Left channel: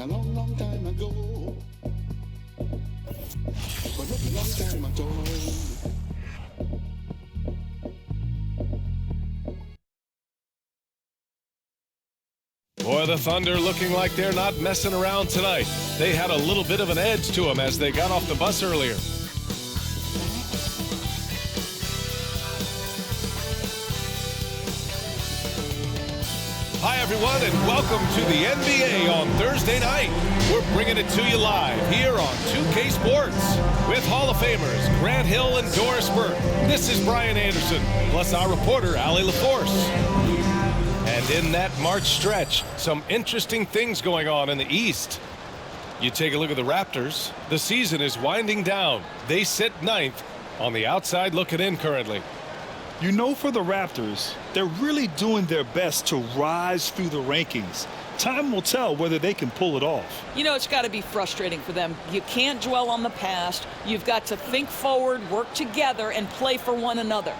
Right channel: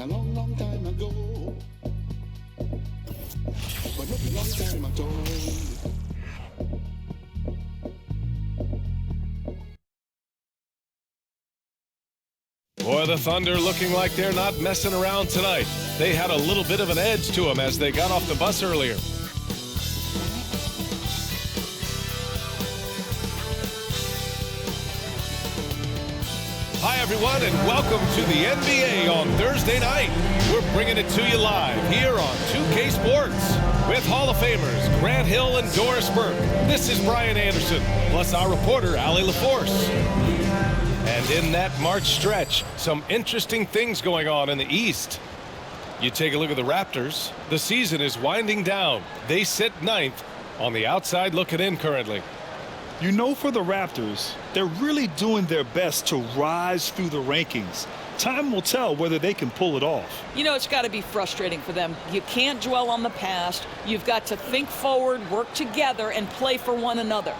a long, long time ago. But not a long time at all. Boy, the Thunder looking like they're not messing around tonight. They had a little bit of an edge to them as they got off the bus earlier. Hi, everyone, and welcome to the NBA on Thursday night. We're bringing it to you live here on 2K Sports with Hall of Famers Grant Hill and Doris Burke. This is Brian Anderson, plus our reporter, Allie LaForce. And in that March stretch, some interesting things going on in the East. You take a look at the Raptors. The season is winding down. They sit ninth on the outside looking in currently. You know, for the Raptors, they're really doing their best to rise through the rankings. Time will tell whether they can pull it off. You know, it's got to be frustrating for them. You can't dwell on the past. You've got to think forward, work together, and play for one another.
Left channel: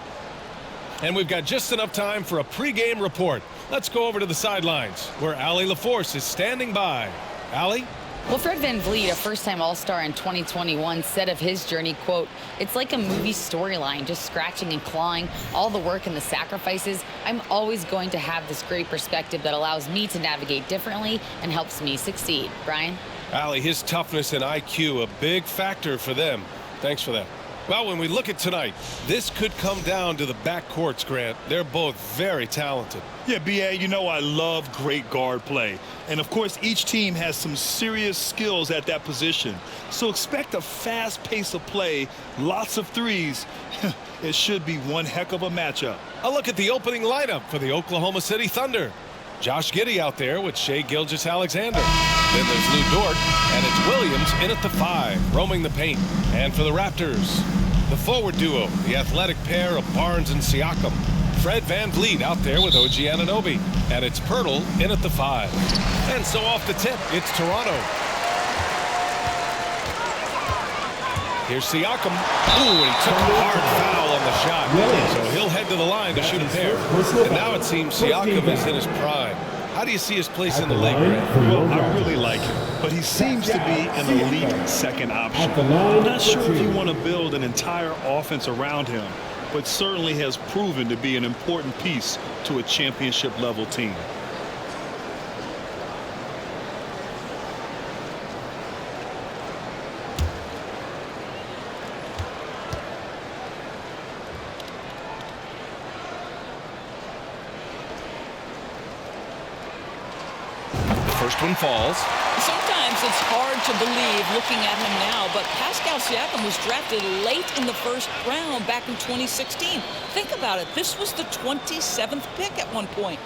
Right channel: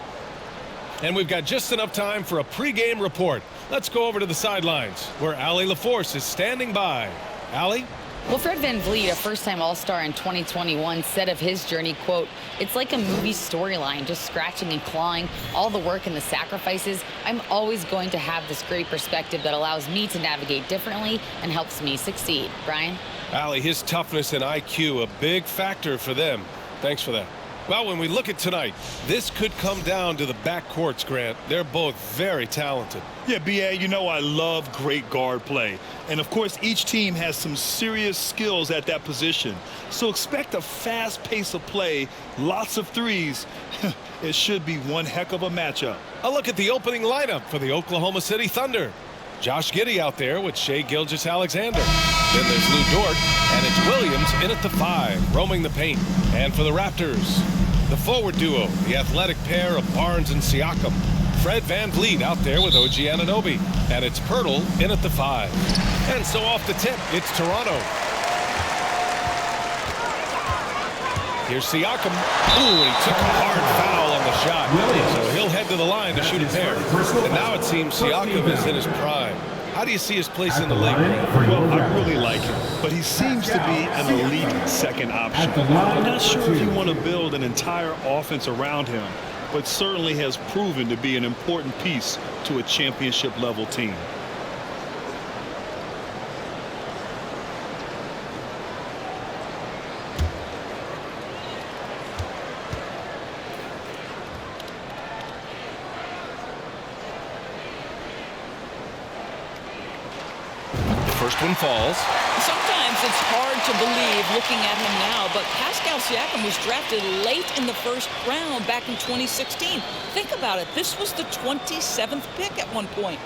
And we've got just enough time for a pregame report. Let's go over to the sidelines where Allie LaForce is standing by. Allie? Well, Fred VanVleet, a first-time All-Star in 2021, said of his journey, quote, "It's like a movie storyline, just scratching and clawing, all the work and the sacrifices. I'm always going to have this great perspective that allows me to navigate differently and helps me succeed." Brian? Allie, his toughness and IQ, a big factor for them. Thanks for that. Well, when we look at tonight, this could come down to the backcourts, Grant. They're both very talented. Yeah, B.A., you know I love great guard play. And, of course, each team has some serious skills at that position. So expect a fast pace of play, lots of threes. It should be one heck of a matchup. A look at the opening lineup for the Oklahoma City Thunder. Josh Giddey out there with Shai Gilgeous-Alexander. Then there's Lou Dort, and it's Williams in at the 5, roaming the paint. And for the Raptors, the forward duo, the athletic pair of Barnes and Siakam. Fred VanVleet out there with OG Anunoby. And it's Pirtle in at the 5. And so off the tip, it's Toronto. Here's Siakam. Ooh, and he took a hard foul on the shot. So he'll head to the line to shoot a pair. And now it seems Siakam is in his prime. How do you see his place in the league, Grant? Well, I really like him, but he seems to be an elite second option. I'm not sure if you want to build an entire offense around him, but certainly has proven to be an important piece to a championship-level team. First one falls. Sometimes it's hard to believe looking at him now, but Pascal Siakam was drafted late in the first round back in 2016. Think about it. This was the 27th pick at one point.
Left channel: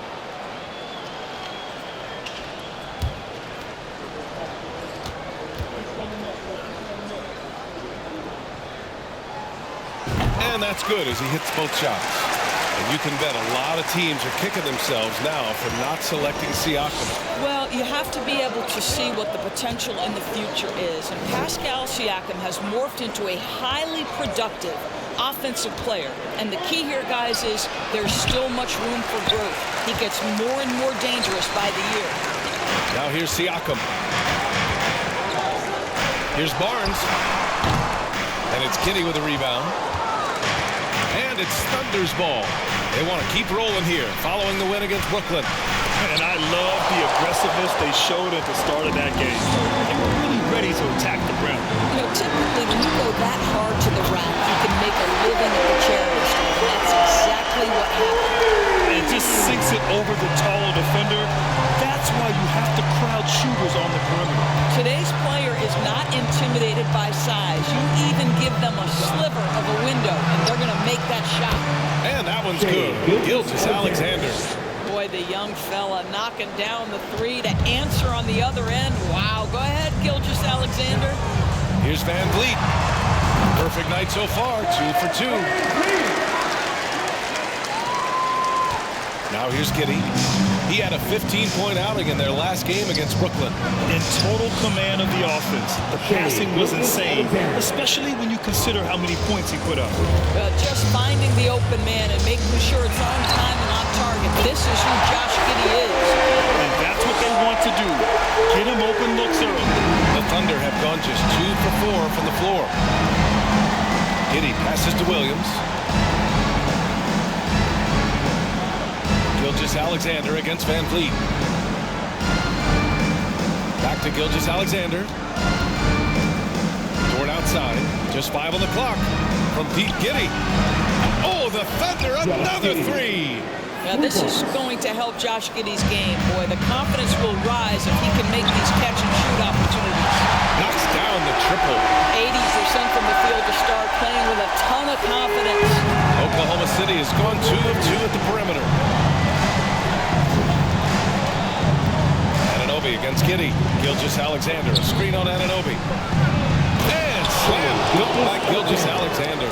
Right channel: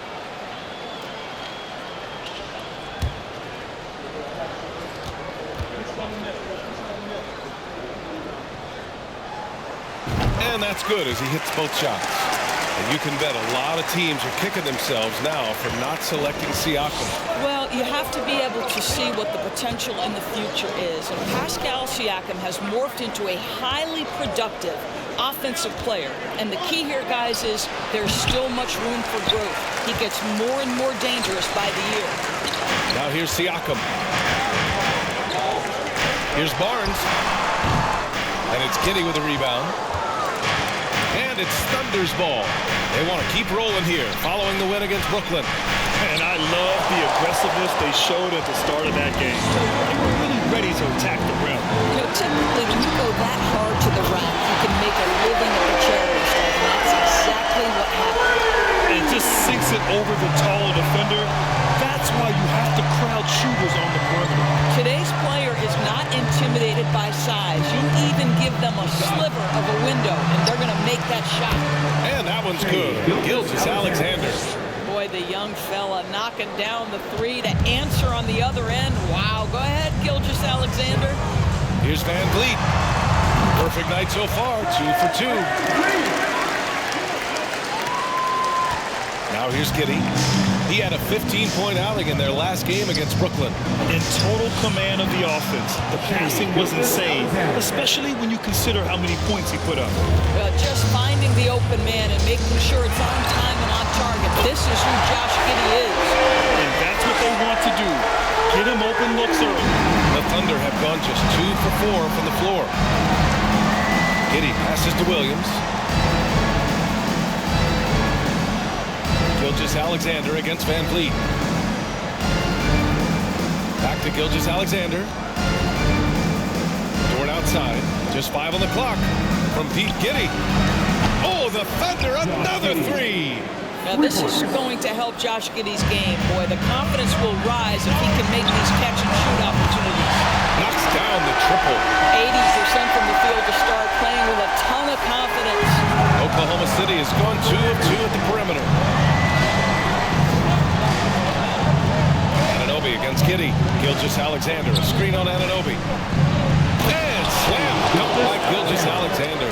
And that's good as he hits both shots. And you can bet a lot of teams are kicking themselves now for not selecting Siakam. Well, you have to be able to see what the potential in the future is. And Pascal Siakam has morphed into a highly productive offensive player. And the key here, guys, is there's still much room for growth. He gets more and more dangerous by the year. Now here's Siakam. Here's Barnes. And it's Kitty with a rebound. And it's Thunder's ball. They want to keep rolling here following the win against Brooklyn. And I love the aggressiveness they showed at the start of that game. They were really ready to attack the rim. You know, typically when you go that hard to the rack, you can make a living at the charity stripe, and that's exactly what happened. And it just sinks it over the taller defender. That's why you have to crowd shooters on the perimeter. Today's player is not intimidated by size. You even give them a sliver of a window, and they're going to make that shot. And that one's good. Gilgeous-Alexander. Boy, the young fella knocking down the three to answer on the other end. Wow. Go ahead, Gilgeous-Alexander. Here's Van Vliet. Perfect night so far, 2 for 2. Now here's Giddey. He had a 15-point outing in their last game against Brooklyn. In total command of the offense. The passing was insane, especially when you consider how many points he put up. Just finding the open man and making sure it's on time and on target. This is who Josh Giddey is. And that's what they want to do. Get him open looks early. The Thunder have gone just 2 for 4 from the floor. Giddey passes to Williams. Gilgeous-Alexander against Van Vliet. Back to Gilgeous-Alexander. Dort outside. Just 5 on the clock from Pete Giddey. Oh, the Thunder, another three. Now, this is going to help Josh Giddey's game, boy. The confidence will rise if he can make these catch-and-shoot opportunities. Knocks down the triple. 80% from the field to start, playing with a ton of confidence. Oklahoma City has gone 2 of 2 at the perimeter. Anunoby against Giddey. Gilgeous-Alexander, a screen on Anunoby. And slam dunk by Gilgeous-Alexander.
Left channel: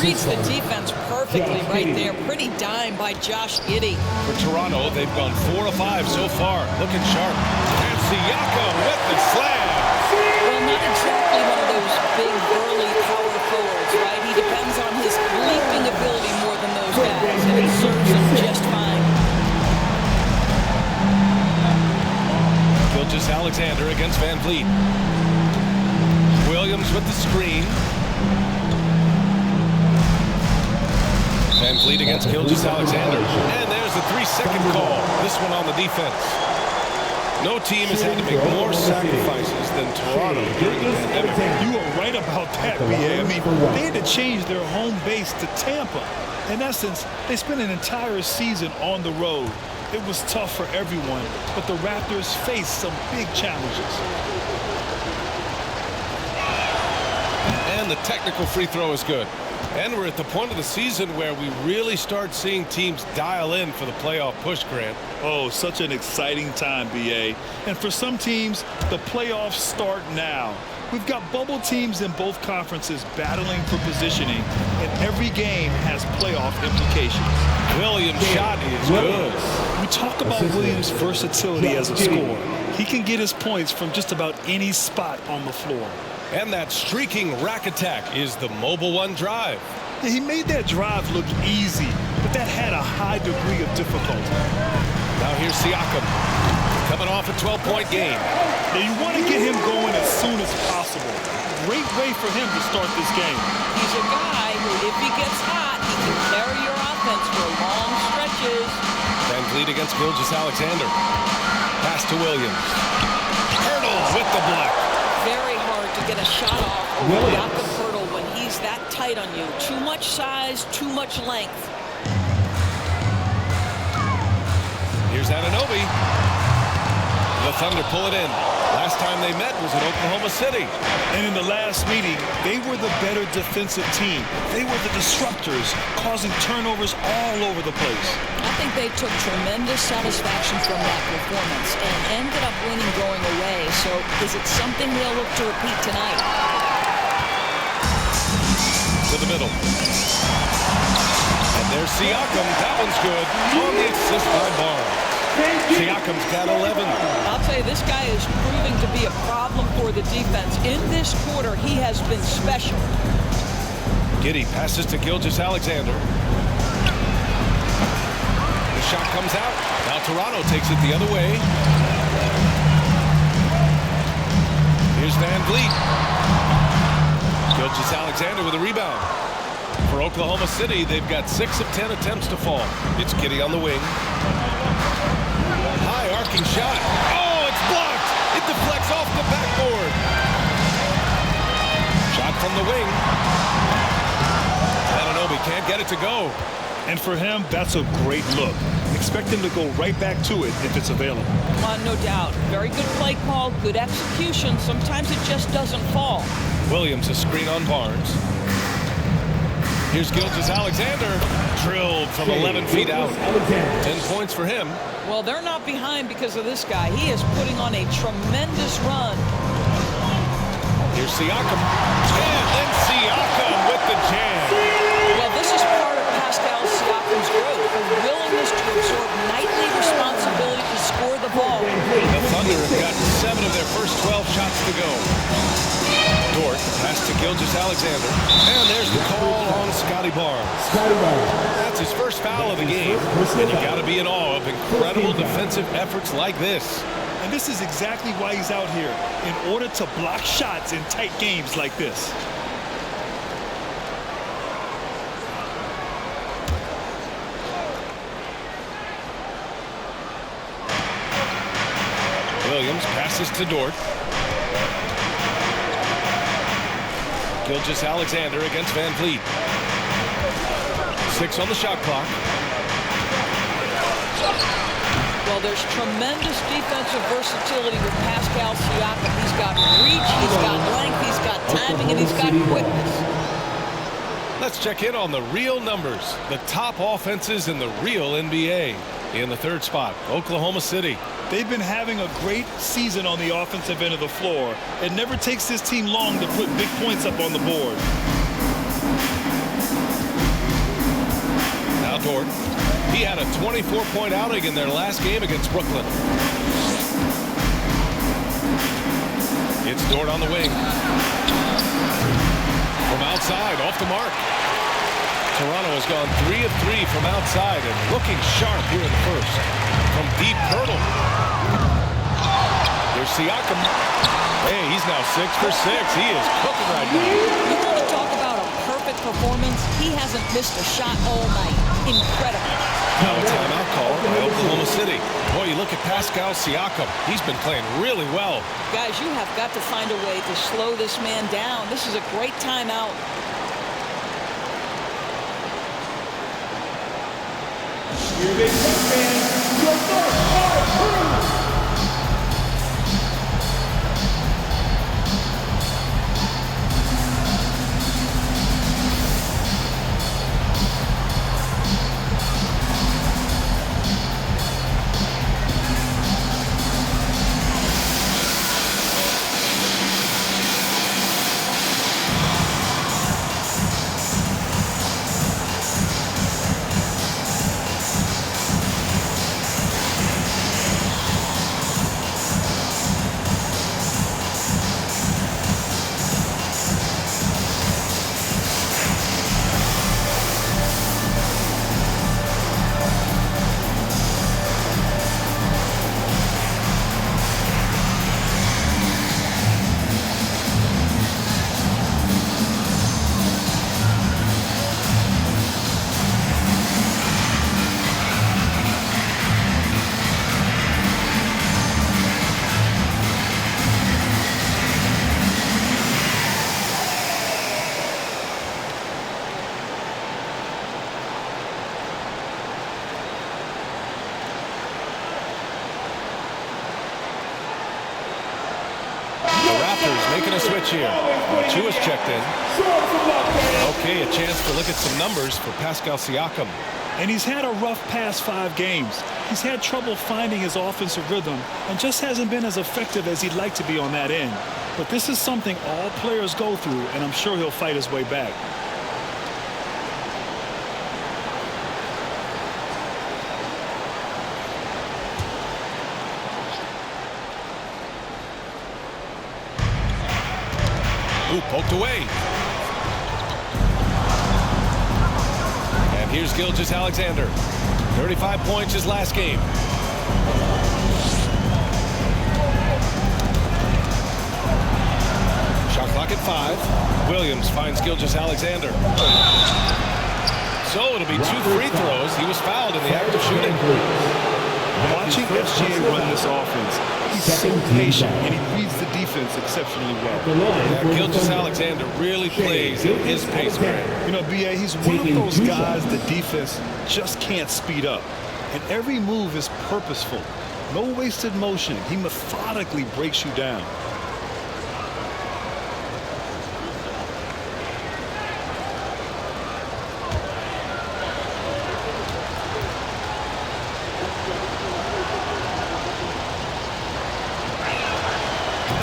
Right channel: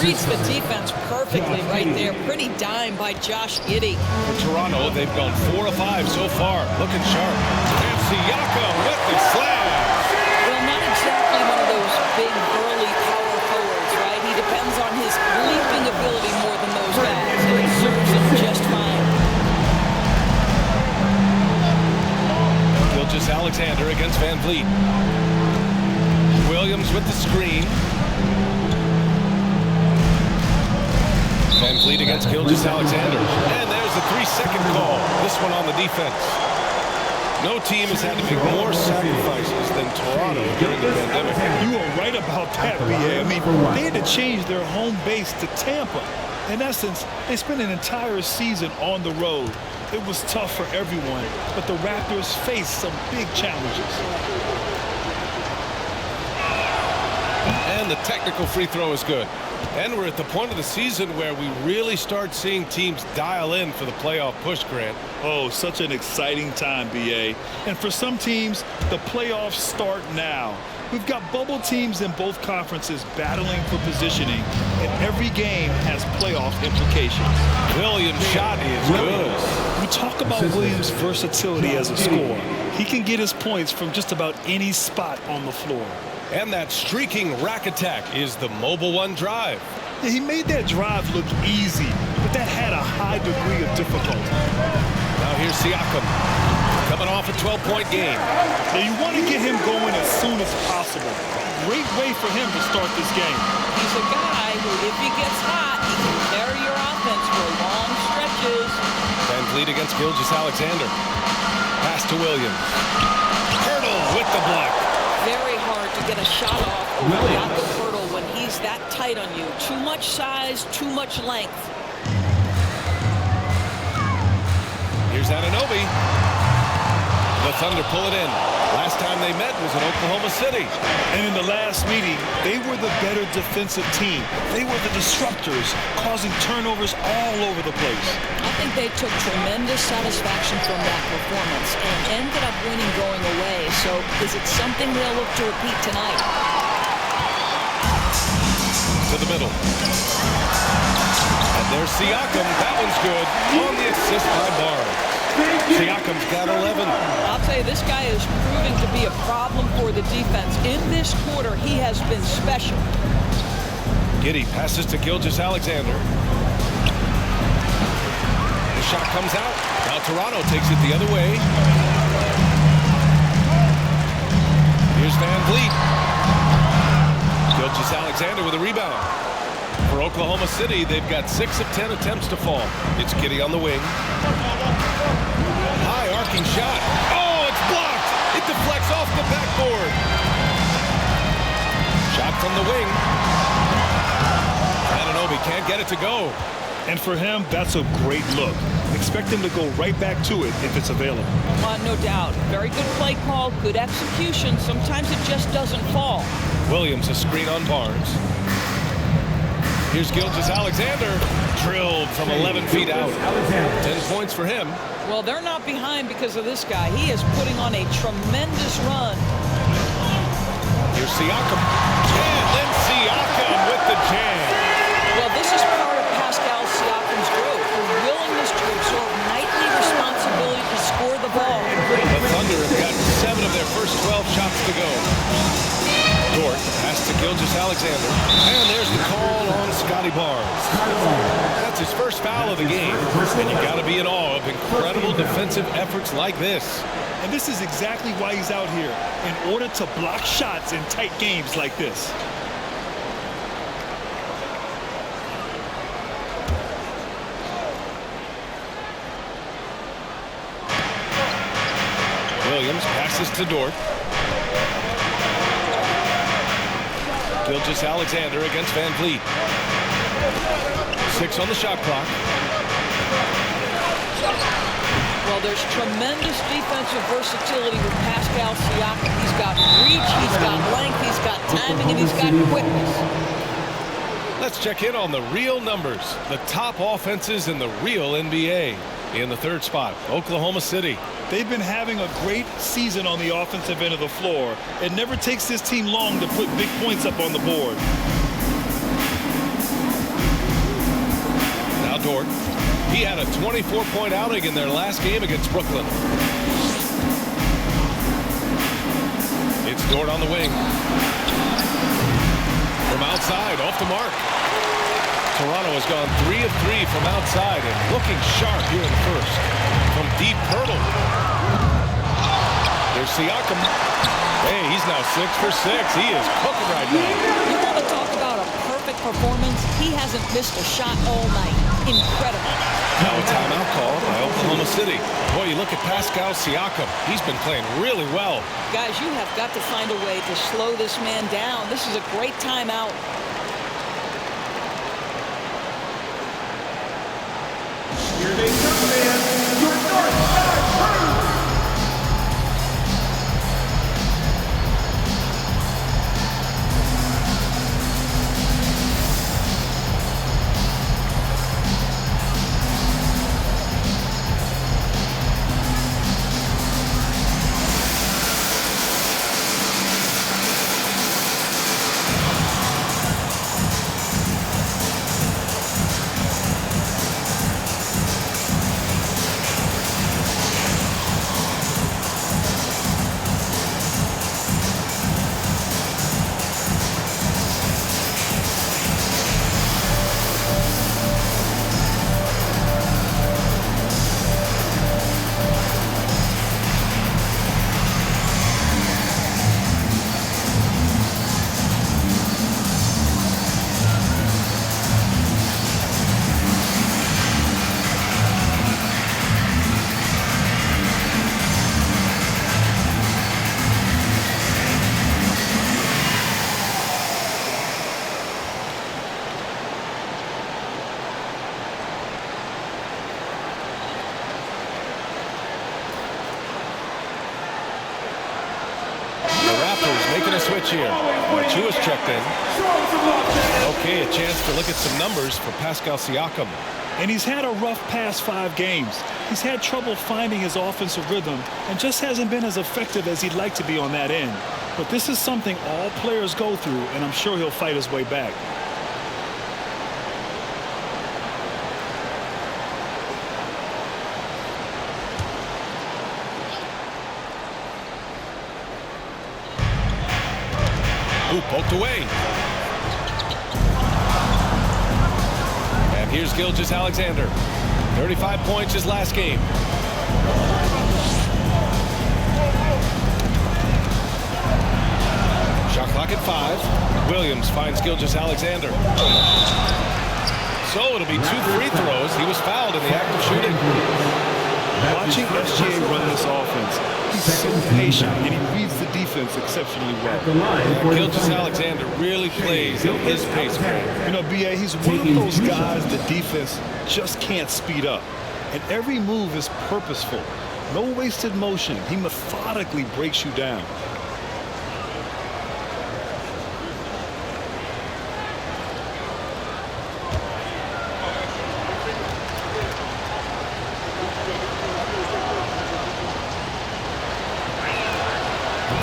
Reads the defense perfectly right there. Pretty dime by Josh Giddey. For Toronto, they've gone 4 of 5 so far. Looking sharp. And Siakam with the slam. Well, not exactly one of those big, burly power forwards, right? He depends on his leaping ability more than those guys, and it serves him just fine. Gilgeous-Alexander against Van Vliet. Williams with the screen. Van Vliet against Gilgeous-Alexander. And there's the 3-second call. This one on the defense. No team has had to make more sacrifices than Toronto during the pandemic. You are right about that, B.A. I mean, they had to change their home base to Tampa. In essence, they spent an entire season on the road. It was tough for everyone, but the Raptors faced some big challenges. And the technical free throw is good. And we're at the point of the season where we really start seeing teams dial in for the playoff push, Grant. Oh, such an exciting time, B.A. And for some teams, the playoffs start now. We've got bubble teams in both conferences battling for positioning, and every game has playoff implications. Williams' shot is good. We talk about Williams' versatility as a scorer. He can get his points from just about any spot on the floor. And that streaking rack attack is the Mobile One drive. Yeah, he made that drive look easy, but that had a high degree of difficulty. Now here's Siakam, coming off a 12-point game. Now you want to get him going as soon as possible. Great way for him to start this game. He's a guy who, if he gets hot, he can carry your offense for long stretches. Van Vliet against Gilgeous-Alexander. Pass to Williams. Hurdle with the block. Very hard to get a shot off over Jakob Poeltl when he's that tight on you. Too much size, too much length. Here's Anunoby. The Thunder pull it in. Last time they met was in Oklahoma City. And in the last meeting, they were the better defensive team. They were the disruptors, causing turnovers all over the place. I think they took tremendous satisfaction from that performance and ended up winning going away. So is it something they'll look to repeat tonight? To the middle. And there's Siakam. That one's good. On the assist by Barnes. Siakam's got 11. I'll tell you, this guy is proving to be a problem for the defense. In this quarter, he has been special. Giddey passes to Gilgeous-Alexander. The shot comes out. Now Toronto takes it the other way. Here's Van Vliet. Gilgeous-Alexander with a rebound. For Oklahoma City, they've got 6 of 10 attempts to fall. It's Giddey on the wing. High arcing shot. Oh, it's blocked. It deflects off the backboard. Shot from the wing. Anunoby can't get it to go. And for him, that's a great look. Expect him to go right back to it if it's available. No doubt. Very good play call, good execution. Sometimes it just doesn't fall. Williams a screen on Barnes. Here's Gilgeous-Alexander. Drilled from 11 feet out. 10 points for him. Well, they're not behind because of this guy. He is putting on a tremendous run. Here's Siakam. And then Siakam with the jam. Well, this is part of Pascal Siakam's growth, the willingness to absorb nightly responsibility to score the ball. The Thunder have gotten 7 of their first 12 shots to go. Dort pass to Gilgeous-Alexander. And there's the call on Scotty Barnes. That's his first foul of the game. And you got to be in awe of incredible defensive efforts like this. And this is exactly why he's out here, in order to block shots in tight games like this. Williams passes to Dort. Gilgeous-Alexander against Van Vliet. 6 on the shot clock. Well, there's tremendous defensive versatility with Pascal Siakam. He's got reach, he's got length, he's got timing, and he's got quickness. Let's check in on the real numbers. The top offenses in the real NBA. In the third spot, Oklahoma City. They've been having a great season on the offensive end of the floor. It never takes this team long to put big points up on the board. Now Dort. He had a 24-point outing in their last game against Brooklyn. It's Dort on the wing. From outside, off the mark. Toronto has gone 3 of 3 from outside and looking sharp here in the first. From deep, Poeltl. Here's Siakam. Hey, he's now 6 for 6. He is cooking right now. You want to talk about a perfect performance? He hasn't missed a shot all night. Incredible. Now a timeout called by Oklahoma City. Boy, you look at Pascal Siakam. He's been playing really well. Guys, you have got to find a way to slow this man down. This is a great timeout. Here they come, man. Your North Star Crew. The Raptors making a switch here. Chua's checked in. Okay, a chance to look at some numbers for Pascal Siakam. And he's had a rough past 5 games. He's had trouble finding his offensive rhythm and just hasn't been as effective as he'd like to be on that end. But this is something all players go through, and I'm sure he'll fight his way back. Ooh, poked away. And here's Gilgeous-Alexander. 35 points his last game. Shot clock at 5. Williams finds Gilgeous-Alexander. So it'll be 2 free throws. He was fouled in the act of shooting. Watching SGA run this offense, he's so patient and he reads the defense exceptionally well. Yeah, Gilgeous-Alexander really plays at his pace, Grant. You know, BA, he's one of those guys the defense just can't speed up. And every move is purposeful. No wasted motion. He methodically breaks you down.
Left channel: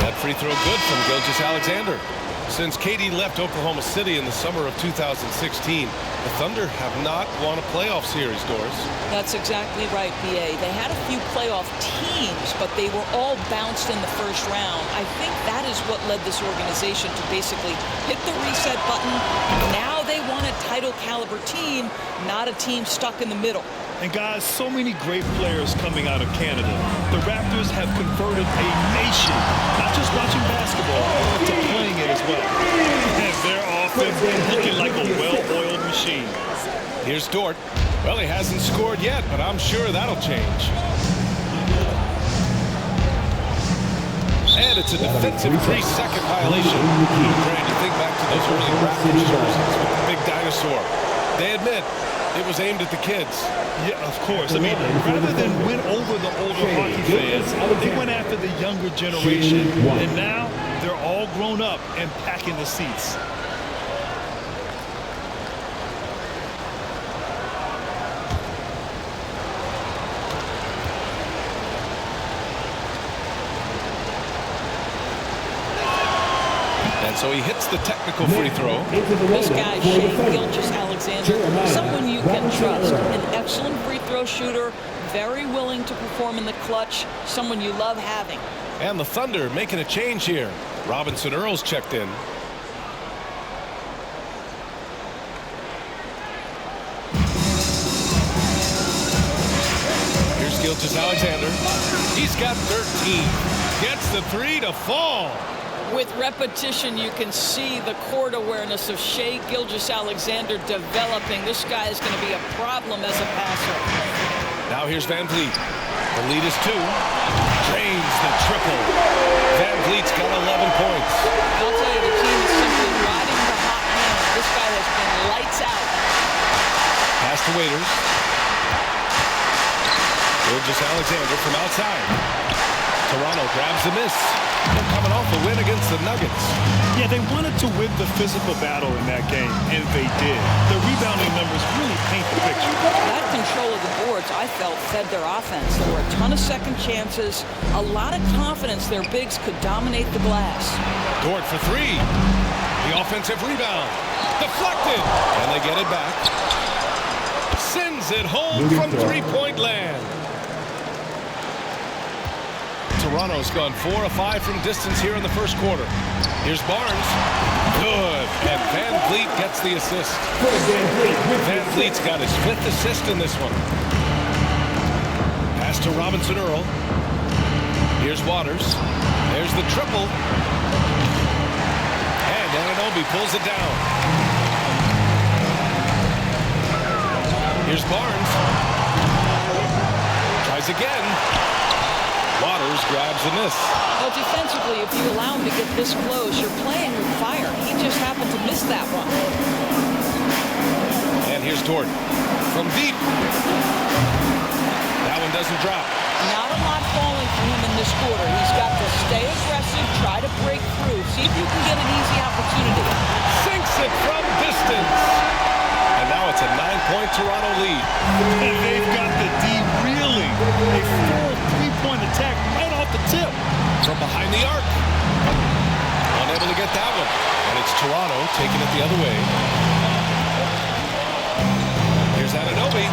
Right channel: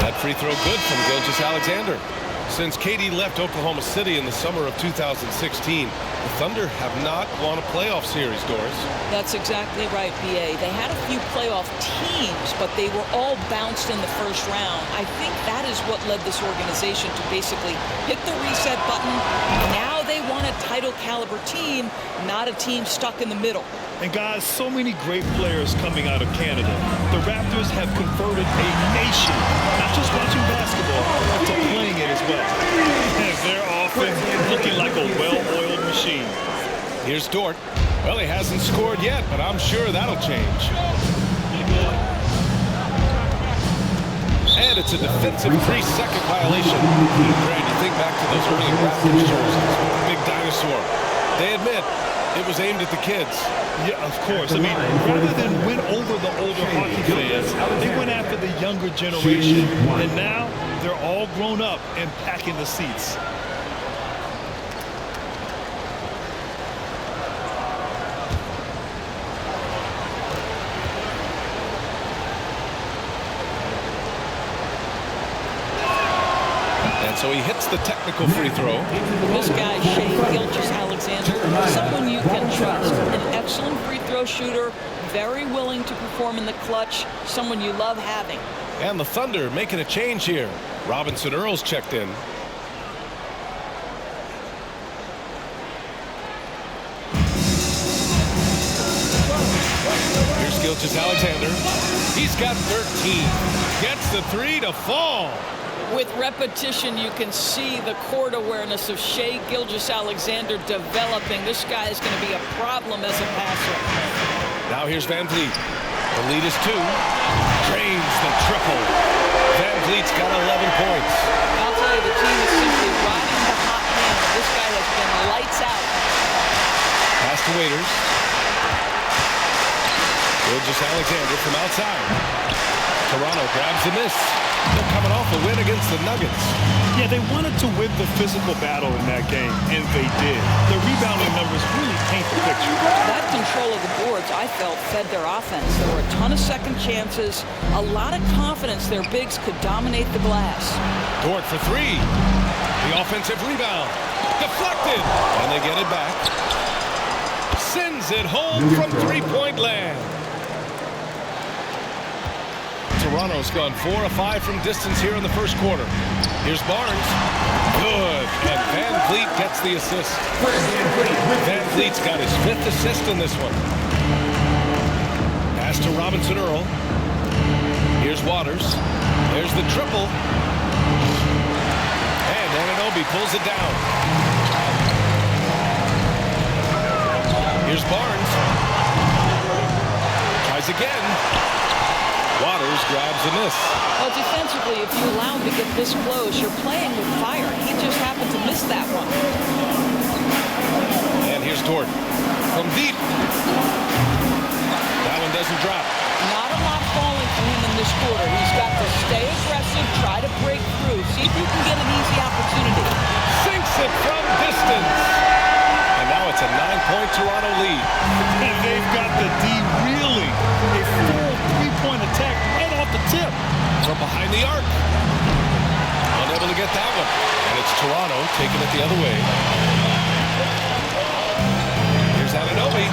That free throw good from Gilgeous-Alexander. Since KD left Oklahoma City in the summer of 2016, the Thunder have not won a playoff series, Doris. That's exactly right, BA. They had a few playoff teams, but they were all bounced in the first round. I think that is what led this organization to basically hit the reset button. Now they want a title caliber team, not a team stuck in the middle. And guys, so many great players coming out of Canada. The Raptors have converted a nation, not just watching basketball, but to playing it as well. And their offense looking like a well-oiled machine. Here's Dort. Well, he hasn't scored yet, but I'm sure that'll change. And it's a defensive 3-second violation. And Grant, you think back to those early Raptors jerseys with the big dinosaur. They admit it was aimed at the kids. Yeah, of course. I mean, rather than win over the older hockey fans, they went after the younger generation. And now they're all grown up and packing the seats. And so he hits the technical free throw. This guy, Gilgeous-Alexander, someone you can trust. An excellent free throw shooter, very willing to perform in the clutch, someone you love having. And the Thunder making a change here. Robinson Earl's checked in. Here's Gilgeous-Alexander. He's got 13. Gets the 3 to fall. With repetition, you can see the court awareness of Gilgeous-Alexander developing. This guy is going to be a problem as a passer. Now here's Van Vliet. The lead is 2. Drains the triple. Van Vliet's got 11 points. I'll tell you, the team is simply riding the hot hand. This guy has been lights out. Pass to Waiters. Gilgeous-Alexander from outside. Toronto grabs the miss. They're coming off a win against the Nuggets. Yeah, they wanted to win the physical battle in that game, and they did. Their rebounding numbers really paint the picture. That control of the boards, I felt, fed their offense. There were a ton of second chances, a lot of confidence their bigs could dominate the glass. Dort for 3. The offensive rebound. Deflected. And they get it back. Sends it home from three-point land. Toronto's gone 4 of 5 from distance here in the first quarter. Here's Barnes. Good. And Van Vliet gets the assist. Van Vliet's got his 5th assist in this one. Pass to Robinson Earl. Here's Waters. There's the triple. And Anunoby pulls it down. Here's Barnes. Tries again. Waters grabs a miss. Well, defensively, if you allow him to get this close, you're playing with fire. He just happened to miss that one. And here's Dort from deep. That one doesn't drop. Not a lot falling for him in this quarter. He's got to stay aggressive, try to break through, see if you can get an easy opportunity. Sinks it from distance. And now it's a 9-point Toronto lead. And they've got the D reeling. A full three-point attack right off the tip. From behind the arc. Unable to get that one. And it's Toronto taking it the other way. Here's Anunoby.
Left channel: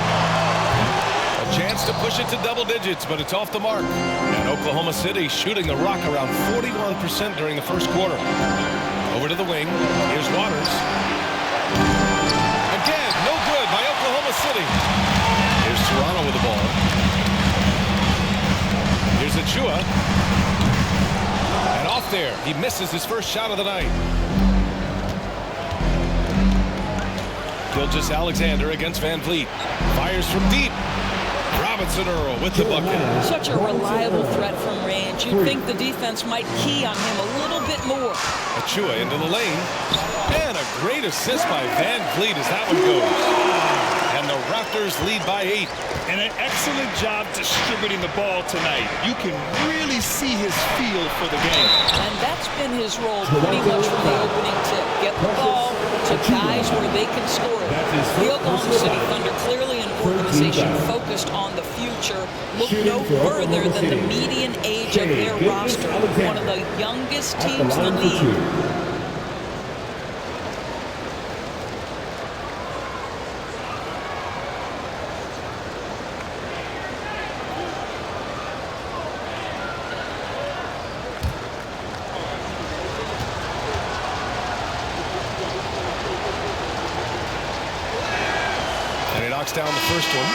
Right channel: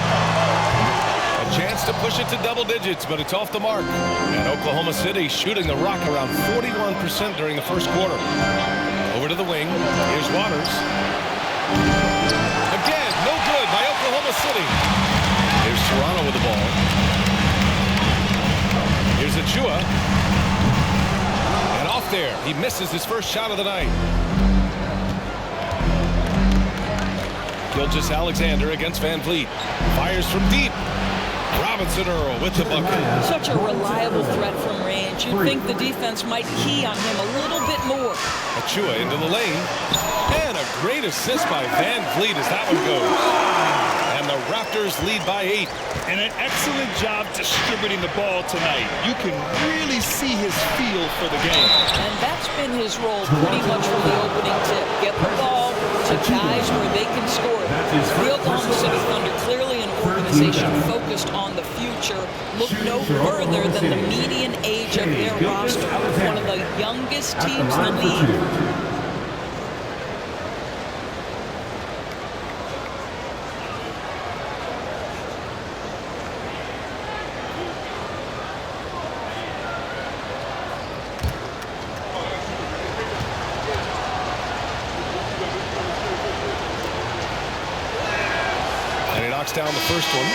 A chance to push it to double digits, but it's off the mark. And Oklahoma City shooting the rock around 41% during the first quarter. Over to the wing. Here's Waters. Again, no good by Oklahoma City. Here's Toronto with the ball. Here's Achua. And off there. He misses his first shot of the night. Gilgeous-Alexander against Van Vliet. Fires from deep. Robinson Earl with the bucket. Such a reliable threat from range. You'd think the defense might key on him a little bit more. Achua into the lane. And a great assist by Van Vliet as that one goes. And the Raptors lead by 8. And an excellent job distributing the ball tonight. You can really see his feel for the game. And that's been his role pretty much from the opening tip. Get the ball to guys where they can score it. The Oklahoma City Thunder, clearly an organization focused on the future, look no further than the median age of their roster. One of the youngest teams in the league. Down the first one.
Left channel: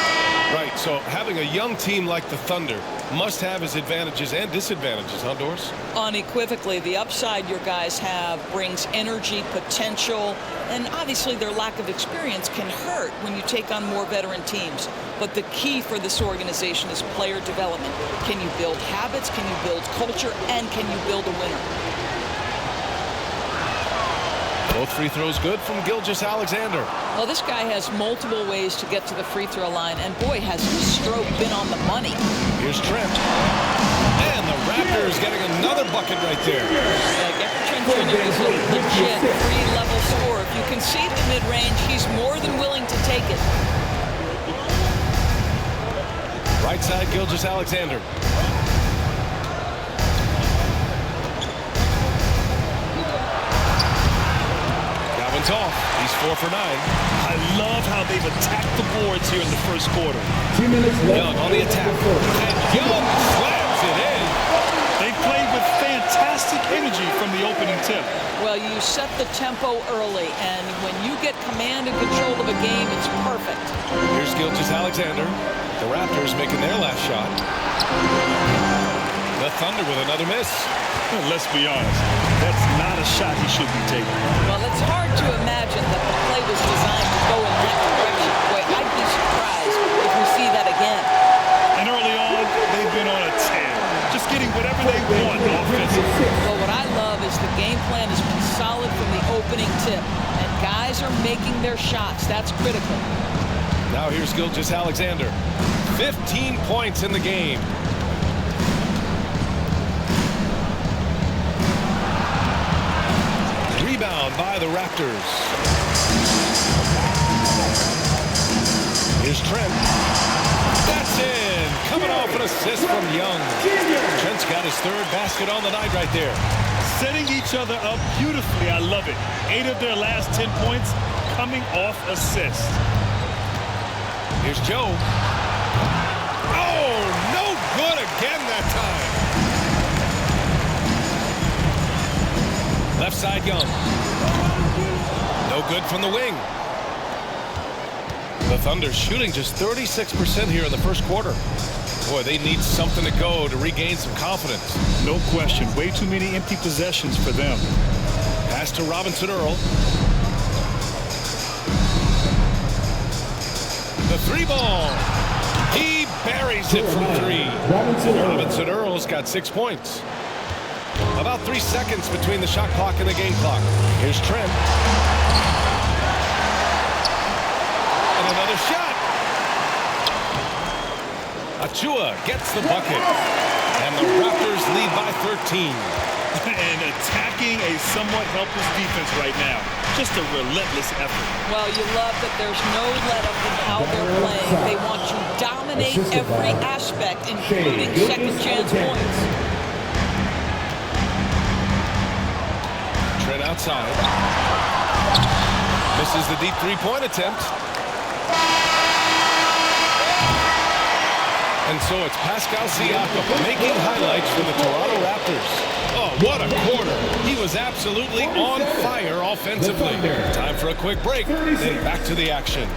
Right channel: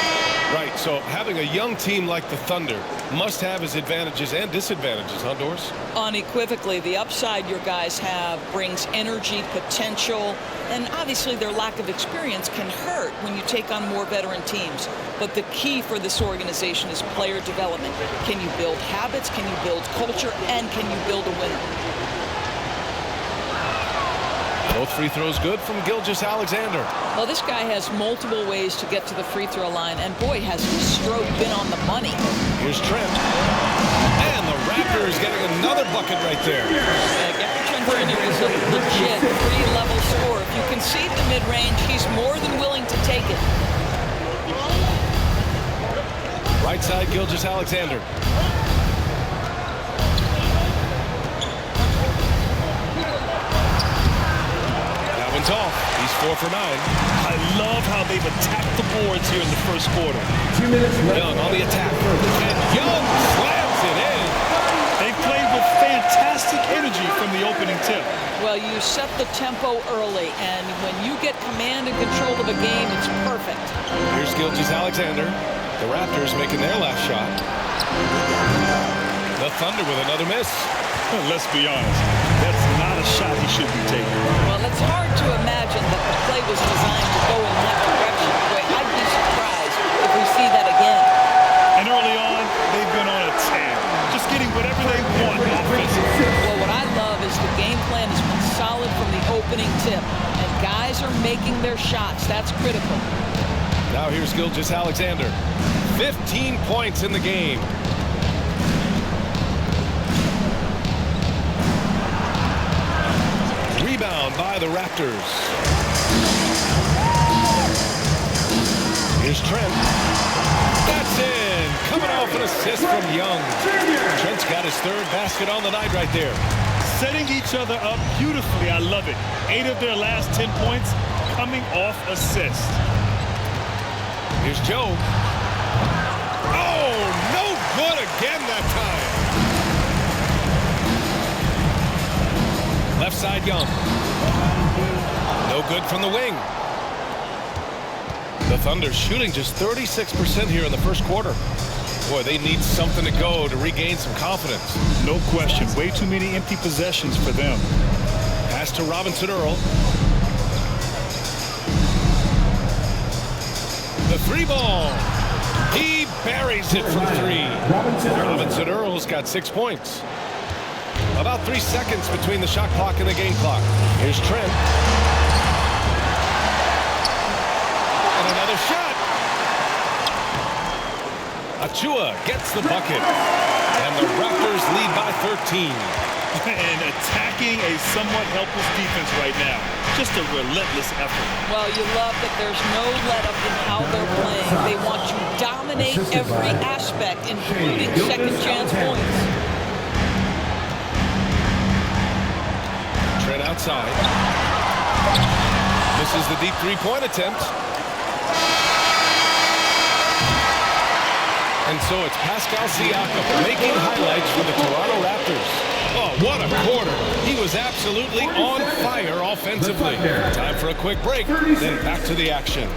Right, so having a young team like the Thunder must have its advantages and disadvantages, huh, Doris? Unequivocally, the upside your guys have brings energy, potential, and obviously their lack of experience can hurt when you take on more veteran teams. But the key for this organization is player development. Can you build habits? Can you build culture? And can you build a winner? Both free throws good from Gilgeous-Alexander. Well, this guy has multiple ways to get to the free throw line, and boy, has his stroke been on the money. Here's Trent. And the Raptors getting another bucket right there. Yeah, Gary Trent Jr. is a legit three-level scorer. If you concede the mid-range, he's more than willing to take it. Right side, Gilgeous-Alexander. One's off. He's 4 for 9. I love how they've attacked the boards here in the first quarter. 2 minutes left. Young on the attack. And Young slams it in. They played with fantastic energy from the opening tip. Well, you set the tempo early, and when you get command and control of a game, it's perfect. Here's Gilgeous-Alexander. The Raptors making their last shot. The Thunder with another miss. Let's be honest, that's not a shot he should be taking. Well, it's hard to imagine that the play was designed to go in that direction. Boy, I'd be surprised if we see that again. And early on, they've been on a tear, just getting whatever they want offensively. Well, what I love is the game plan has been solid from the opening tip, and guys are making their shots. That's critical. Now here's Gilgeous-Alexander. 15 points in the game. Rebound by the Raptors. Here's Trent. That's in. Coming off an assist from Young. Trent's got his third basket on the night right there. Setting each other up beautifully. I love it. 8 of their last 10 points coming off assists. Here's Joe. Oh, no good again that time. Left side, Young. No good from the wing. The Thunder shooting just 36% here in the first quarter. Boy, they need something to go to regain some confidence. No question. Way too many empty possessions for them. Pass to Robinson Earl. The three ball. He buries it from 3. Robinson Earl's got 6 points. About 3 seconds between the shot clock and the game clock. Here's Trent. And another shot. Achua gets the bucket. And the Raptors lead by 13. And attacking a somewhat helpless defense right now. Just a relentless effort. Well, you love that there's no let-up in how they're playing. They want to dominate every aspect, including second-chance points. Trent outside. Misses the deep three-point attempt. And so it's Pascal Siakam making highlights for the Toronto Raptors. Oh, what a quarter. He was absolutely on fire offensively. Time for a quick break, then back to the action.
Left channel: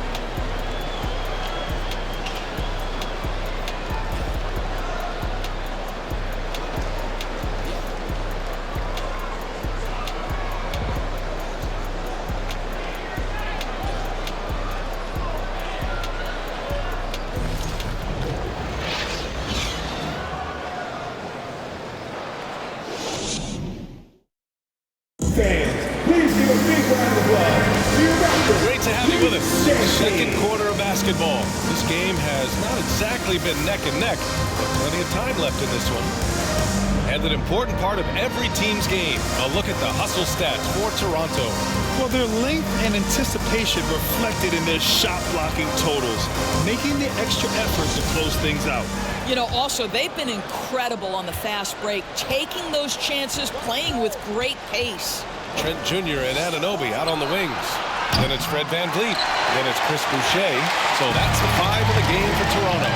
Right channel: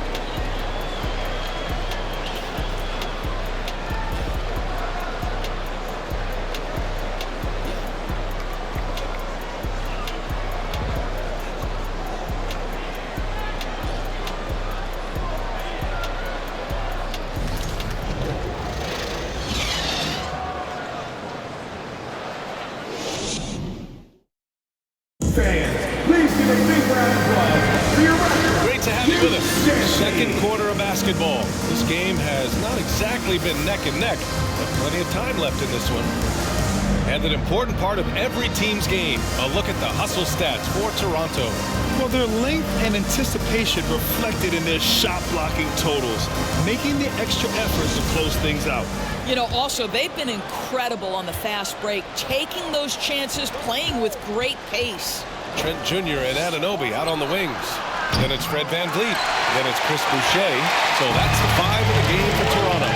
Fans, please give a big round of applause for your Raptors. Great to have you with us. Second quarter of basketball. This game has not exactly been neck and neck, but plenty of time left in this one. And an important part of every team's game, a look at the hustle stats for Toronto. Well, their length and anticipation reflected in their shot blocking totals, making the extra effort to close things out. You know, also, they've been incredible on the fast break, taking those chances, playing with great pace. Trent Jr. and Anunoby out on the wings. Then it's Fred VanVleet. Then it's Chris Boucher. So that's the 5 in the game for Toronto.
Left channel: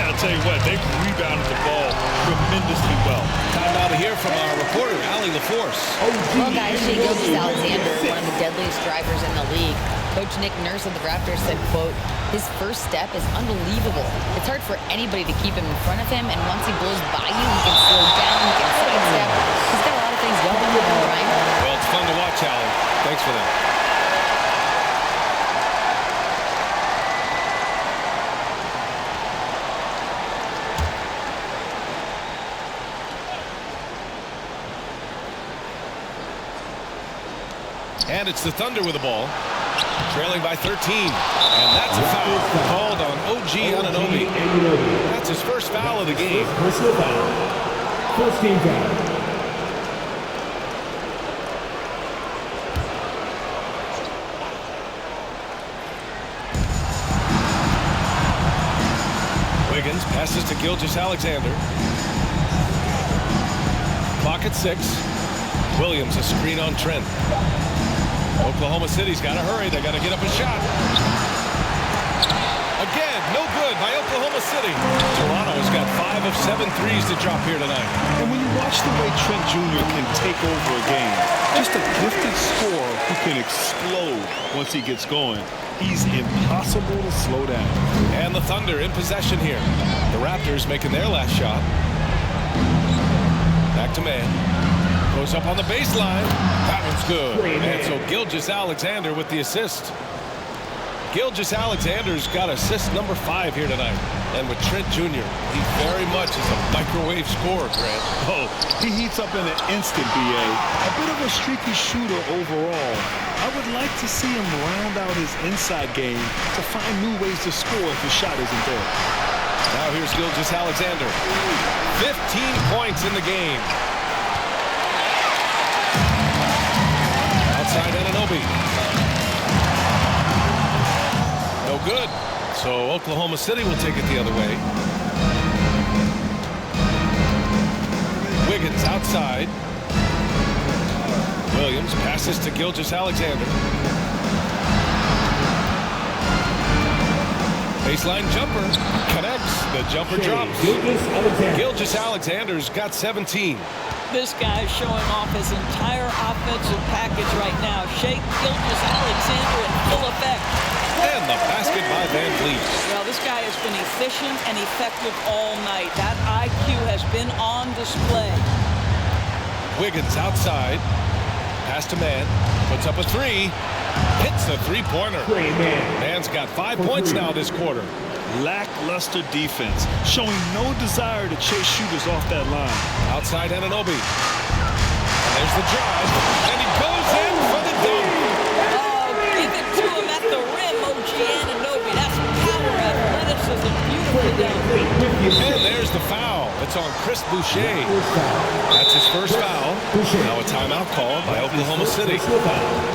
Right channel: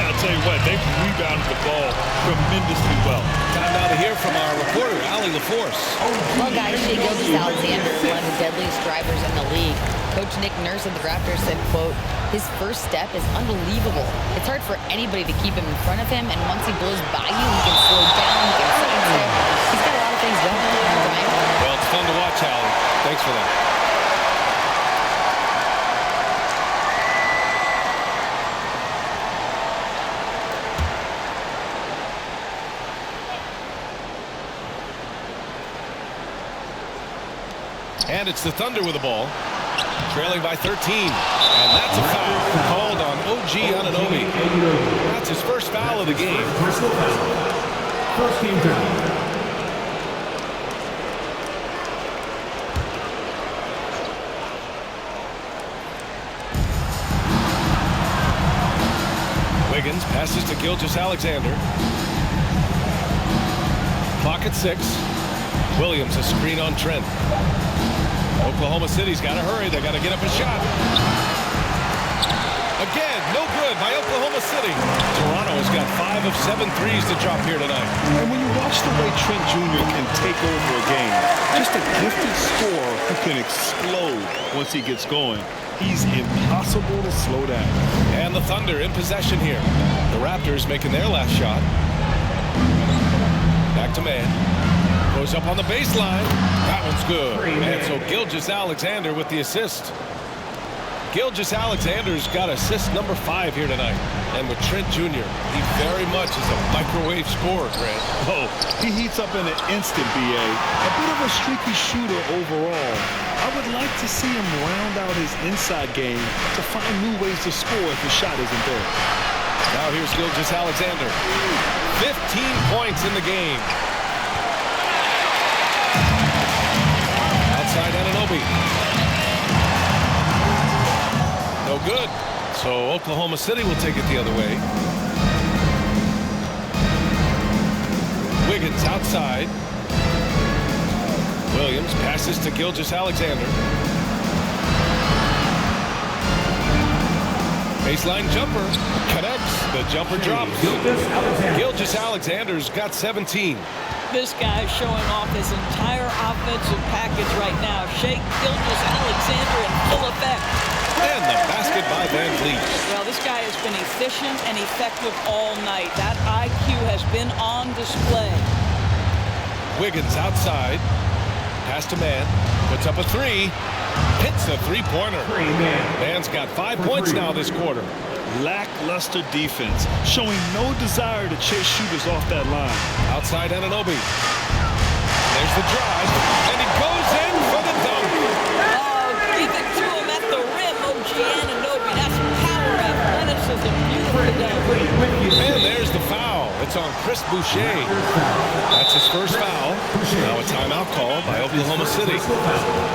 I'll tell you what, they've rebounded the ball tremendously well. Time now to hear from our reporter, Allie LaForce. Well, guys, Shai Gilgeous-Alexander, one of the deadliest drivers in the league. Coach Nick Nurse of the Raptors said, quote, his first step is unbelievable. It's hard for anybody to keep him in front of him, and once he blows by you, he can slow down, he can sidestep. He's got a lot of things going, Brian. Well, it's fun to watch, Allie. Thanks for that. And it's the Thunder with the ball, trailing by 13. And that's a foul called on OG Anunoby. That's his first foul of the game. Personal foul. First team foul. Wiggins passes to Gilgeous-Alexander. Clock at 6. Williams a screen on Trent. Oklahoma City's got to hurry. They got to get up a shot. Again, no good by Oklahoma City. Toronto has got 5 of 7 threes to drop here tonight. And when you watch the way Trent Jr. can take over a game, just a gifted scorer who can explode once he gets going. He's impossible to slow down. And the Thunder in possession here. The Raptors making their last shot. Back to man. Goes up on the baseline. That one's good. And so Gilgeous-Alexander with the assist. Gilgeous-Alexander's got assist number 5 here tonight. And with Trent Jr., he very much is a microwave scorer, Grant. Oh, he heats up in an instant, B.A. A bit of a streaky shooter overall. I would like to see him round out his inside game to find new ways to score if his shot isn't there. Now here's Gilgeous-Alexander. 15 points in the game. Outside Anunoby. No good. So Oklahoma City will take it the other way. Wiggins outside. Williams passes to Gilgeous-Alexander. Baseline jumper connects. The jumper drops. Gilgeous-Alexander's got 17. This guy's showing off his entire offensive package right now. Shai Gilgeous-Alexander in full effect. And the basket by VanVleet. Well, this guy has been efficient and effective all night. That IQ has been on display. Wiggins outside. Pass to man. Puts up a 3. Hits a three-pointer. Man's got 5 points now this quarter. Lackluster defense, showing no desire to chase shooters off that line. Outside Anunoby. And there's the drive. And he goes in for the dunk. Oh, give it to him at the rim, OG Anunoby. That's power, misses it beautifully down. And there's the foul. It's on Chris Boucher. That's his first foul. Now a timeout called by Oklahoma City.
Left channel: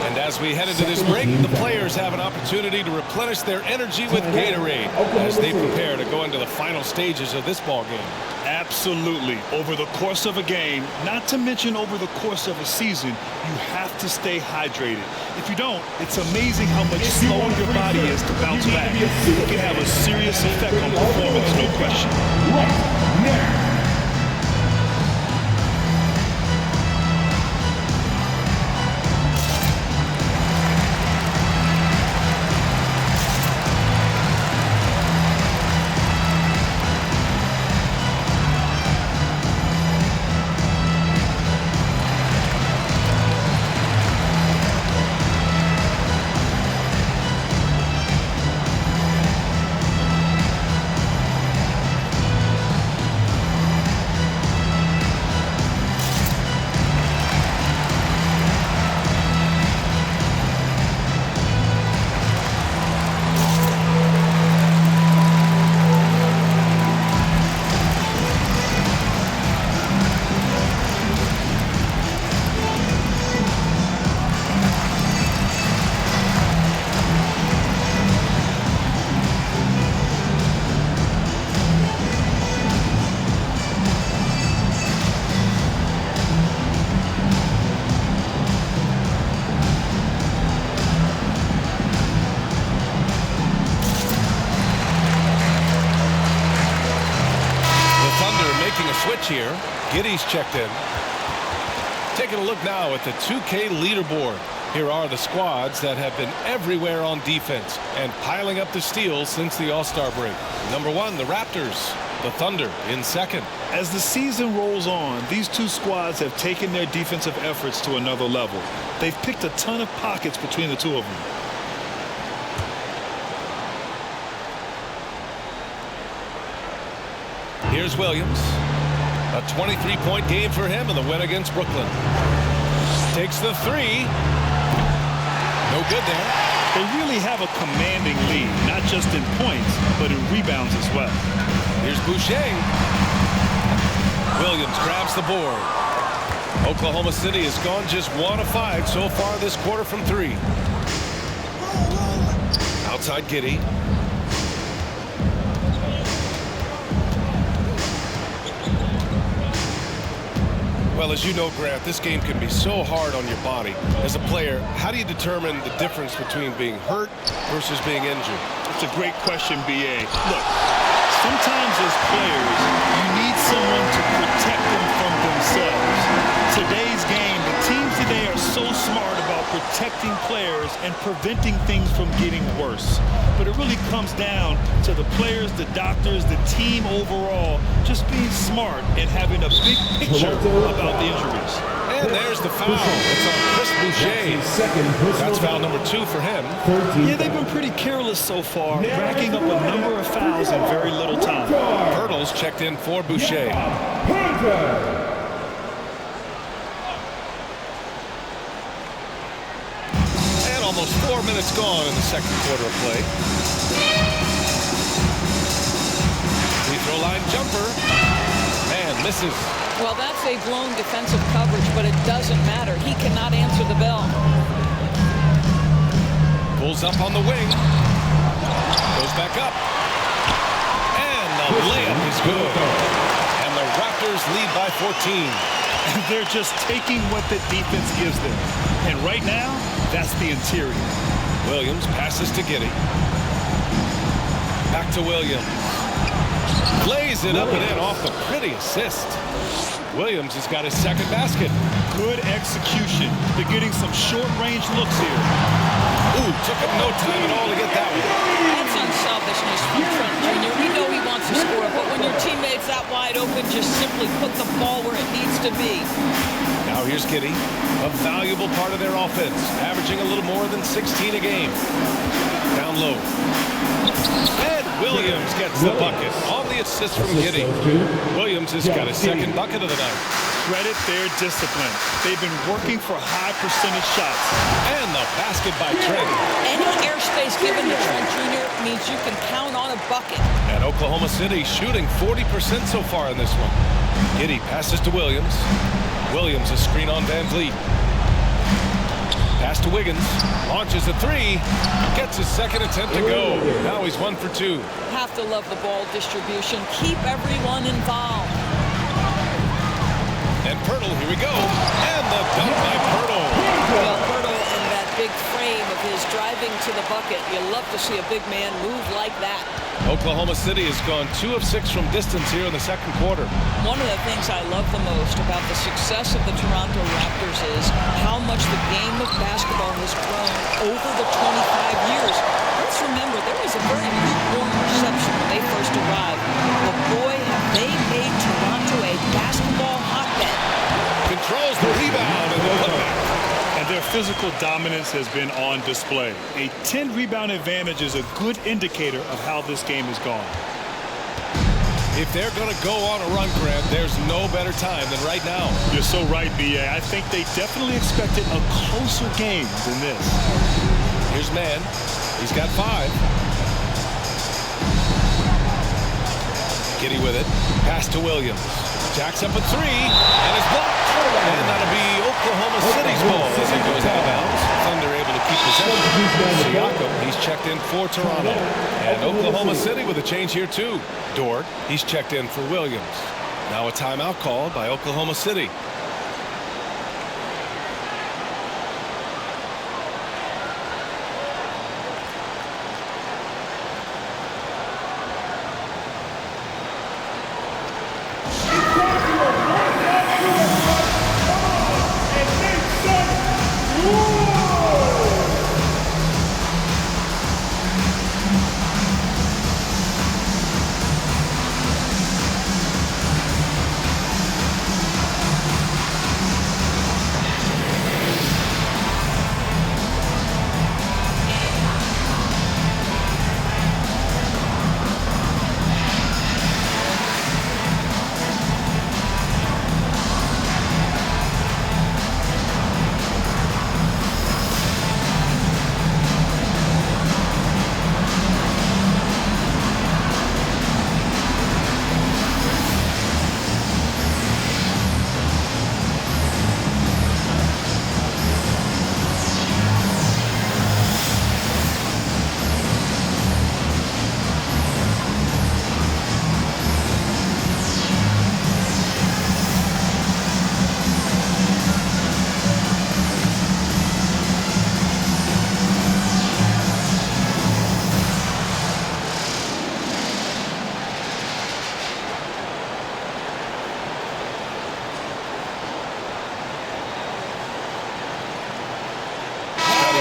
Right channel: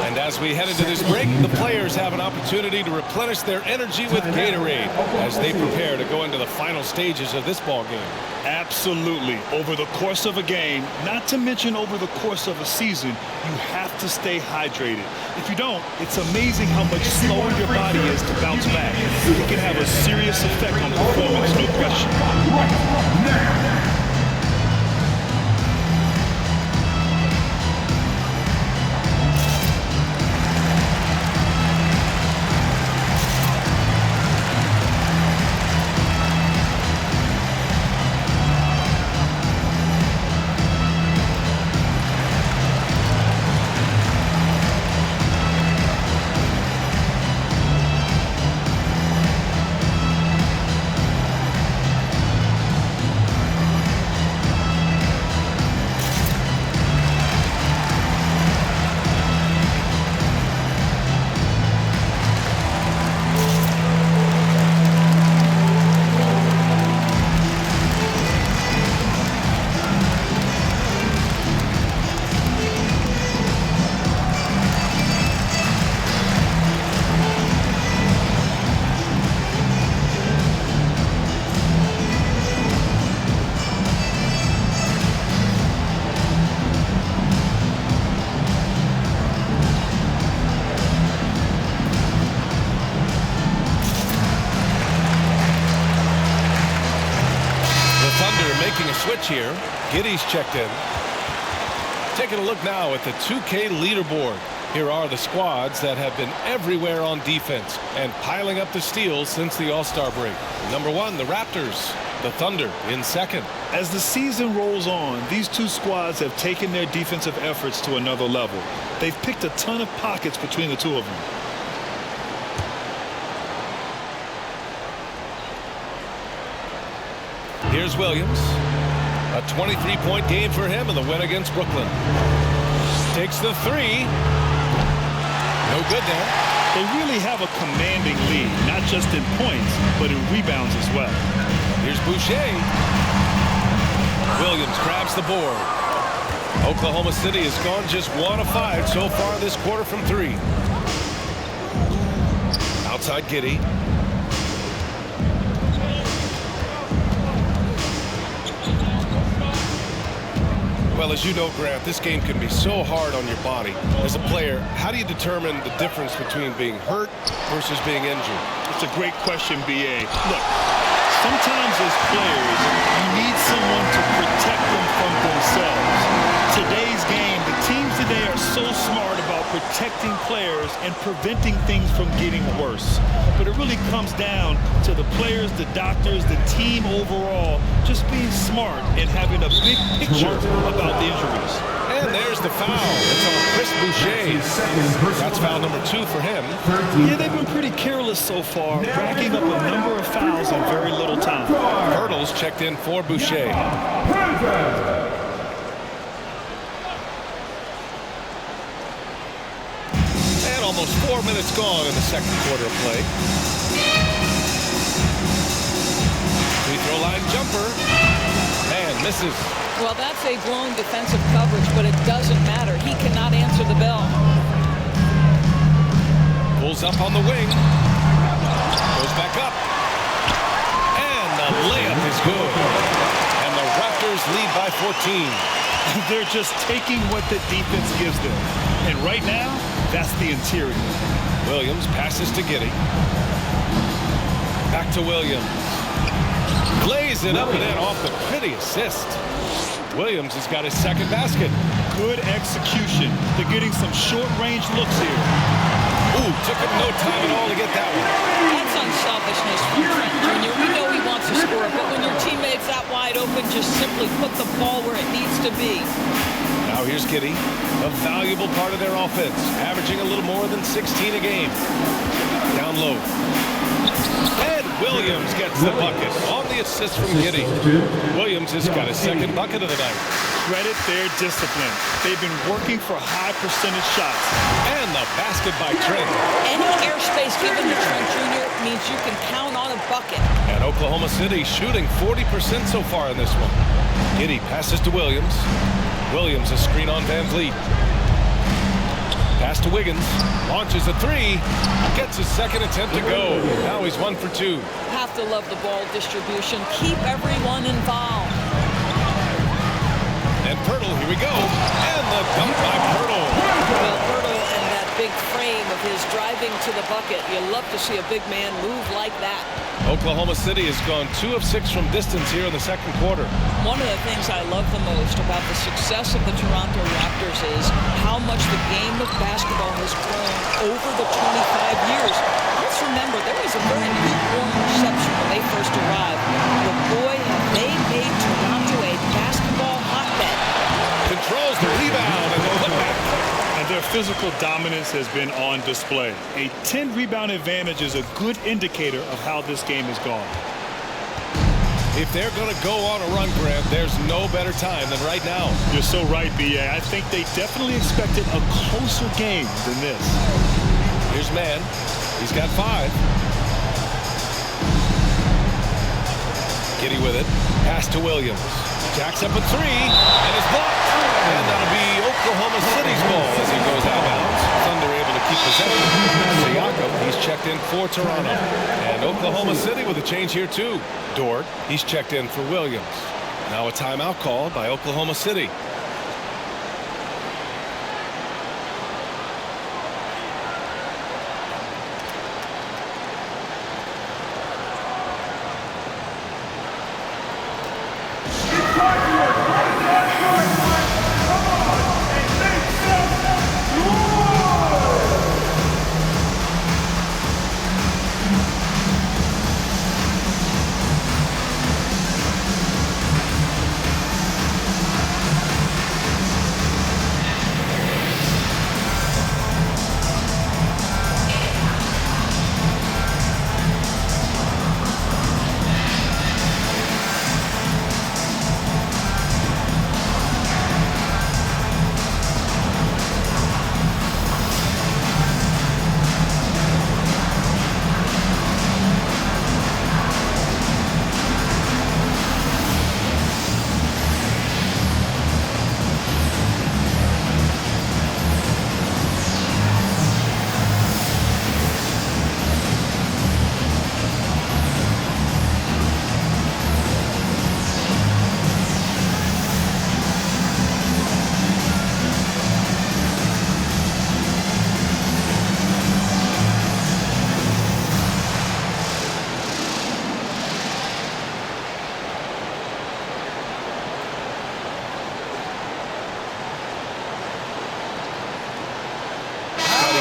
And as we head into this break, the players have an opportunity to replenish their energy with Gatorade as they prepare to go into the final stages of this ball game. Absolutely. Over the course of a game, not to mention over the course of a season, you have to stay hydrated. If you don't, it's amazing how much slower your body is to bounce back. It can have a serious effect on performance, no question. Right now. Making a switch here. Giddey's checked in. Taking a look now at the 2K leaderboard. Here are the squads that have been everywhere on defense and piling up the steals since the All-Star break. Number 1, the Raptors. The Thunder in second. As the season rolls on, these two squads have taken their defensive efforts to another level. They've picked a ton of pockets between the two of them. Here's Williams. A 23-point game for him in the win against Brooklyn. Takes the three. No good there. They really have a commanding lead, not just in points, but in rebounds as well. Here's Boucher. Williams grabs the board. Oklahoma City has gone just 1 of 5 so far this quarter from 3. Outside Giddey. Well, as you know, Grant, this game can be so hard on your body. As a player, how do you determine the difference between being hurt versus being injured? It's a great question, B.A. Look, sometimes as players, you need someone to protect them from themselves. Today's game, the teams today are so smart about protecting players and preventing things from getting worse. But it really comes down to the players, the doctors, the team overall, just being smart and having a big picture about the injuries. And there's the foul. It's on Chris Boucher. That's foul number 2 for him. Yeah, they've been pretty careless so far, racking up a number of fouls in very little time. Hurdles checked in for Boucher. And almost 4 minutes gone in the second quarter of play. Free throw line jumper. Man, misses. Well, that's a blown defensive coverage, but it doesn't matter. He cannot answer the bell. Pulls up on the wing. Goes back up. And the layup is good. And the Raptors lead by 14. They're just taking what the defense gives them. And right now, that's the interior. Williams passes to Giddey. Back to Williams. Lays it up and in off the pretty assist. Williams has got his second basket. Good execution. They're getting some short-range looks here. Ooh, took him no time at all to get that one. That's unselfishness from Trent Jr. We know he wants to score, but when your teammate's that wide open, just simply put the ball where it needs to be. Now here's Giddey, a valuable part of their offense, averaging a little more than 16 a game. Down low. And Williams gets the bucket on the assist from Giddey. Williams has got his second bucket of the night. Credit their discipline. They've been working for high percentage shots. And the basket by Trent. Any airspace given to Trent Jr. means you can count on a bucket. And Oklahoma City shooting 40% so far in this one. Giddey passes to Williams. Williams a screen on Van Vliet. Pass to Wiggins. Launches a three. Gets his second attempt to go. Now he's 1 for 2. Have to love the ball distribution. Keep everyone involved. And Pirtle, here we go. And the dunk by Pirtle. Well, Pirtle and that big frame of his driving to the bucket. You love to see a big man move like that. Oklahoma City has gone 2 of 6 from distance here in the second quarter. One of the things I love the most about the success of the Toronto Raptors is how much the game of basketball has grown over the 25 years. Let's remember, there was a very lukewarm reception when they first arrived. But boy, have they made Toronto a basketball hotbed. Controls the rebound and the putback. And their physical dominance has been on display. A 10-rebound advantage is a good indicator of how this game has gone. If they're going to go on a run, Grant, there's no better time than right now. You're so right, B.A. I think they definitely expected a closer game than this. Here's Mann. He's got 5. Giddey with it. Pass to Williams. Jacks up a 3 and is blocked. And that'll be Oklahoma City's ball as it goes out of bounds. Thunder able to keep possession. Siakam, he's checked in for Toronto. And Oklahoma City with a change here too. Dort, he's checked in for Williams. Now a timeout called by Oklahoma City.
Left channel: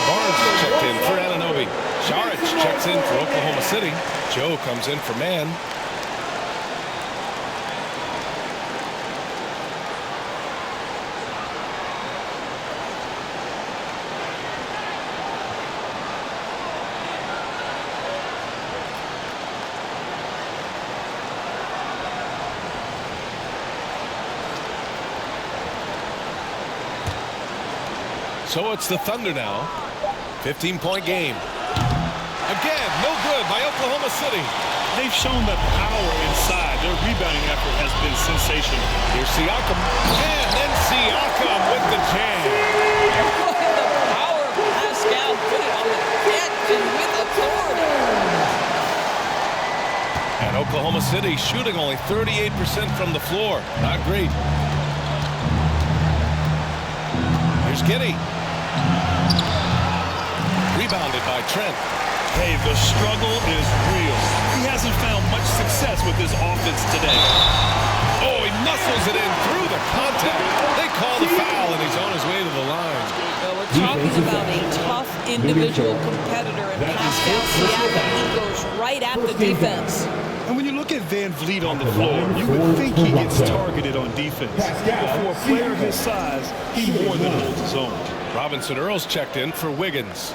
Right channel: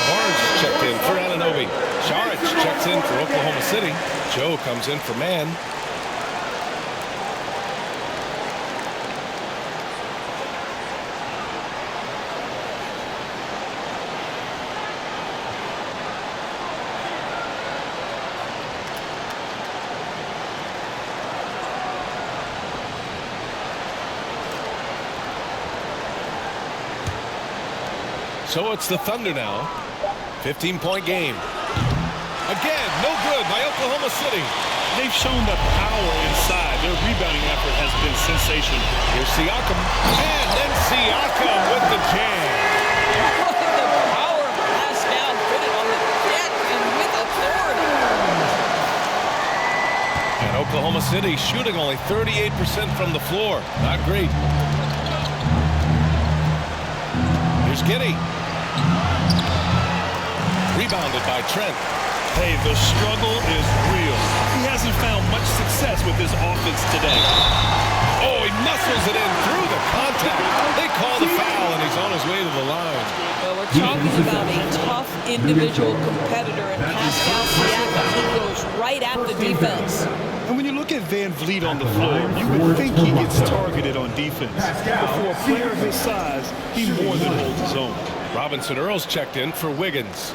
Barnes checked in for Anunoby. Saric checks in for Oklahoma City. Joe comes in for Mann. So it's the Thunder now. 15-point game. Again, no good by Oklahoma City. They've shown the power inside. Their rebounding effort has been sensational. Here's Siakam. And then Siakam with the jam. The power of Pascal put it on the deck and with authority. And Oklahoma City shooting only 38% from the floor. Not great. Here's Giddey. Rebounded by Trent. Hey, the struggle is real. He hasn't found much success with his offense today. Oh, he muscles it in through the contact. They call the foul, and he's on his way to the line. Well, we're talking about a tough individual competitor in Pascal Siakam. He goes right at the defense. And when you look at Van Vliet on the floor, you would think he gets targeted on defense. But for a player of his size, he more than holds his own. Robinson Earls checked in for Wiggins.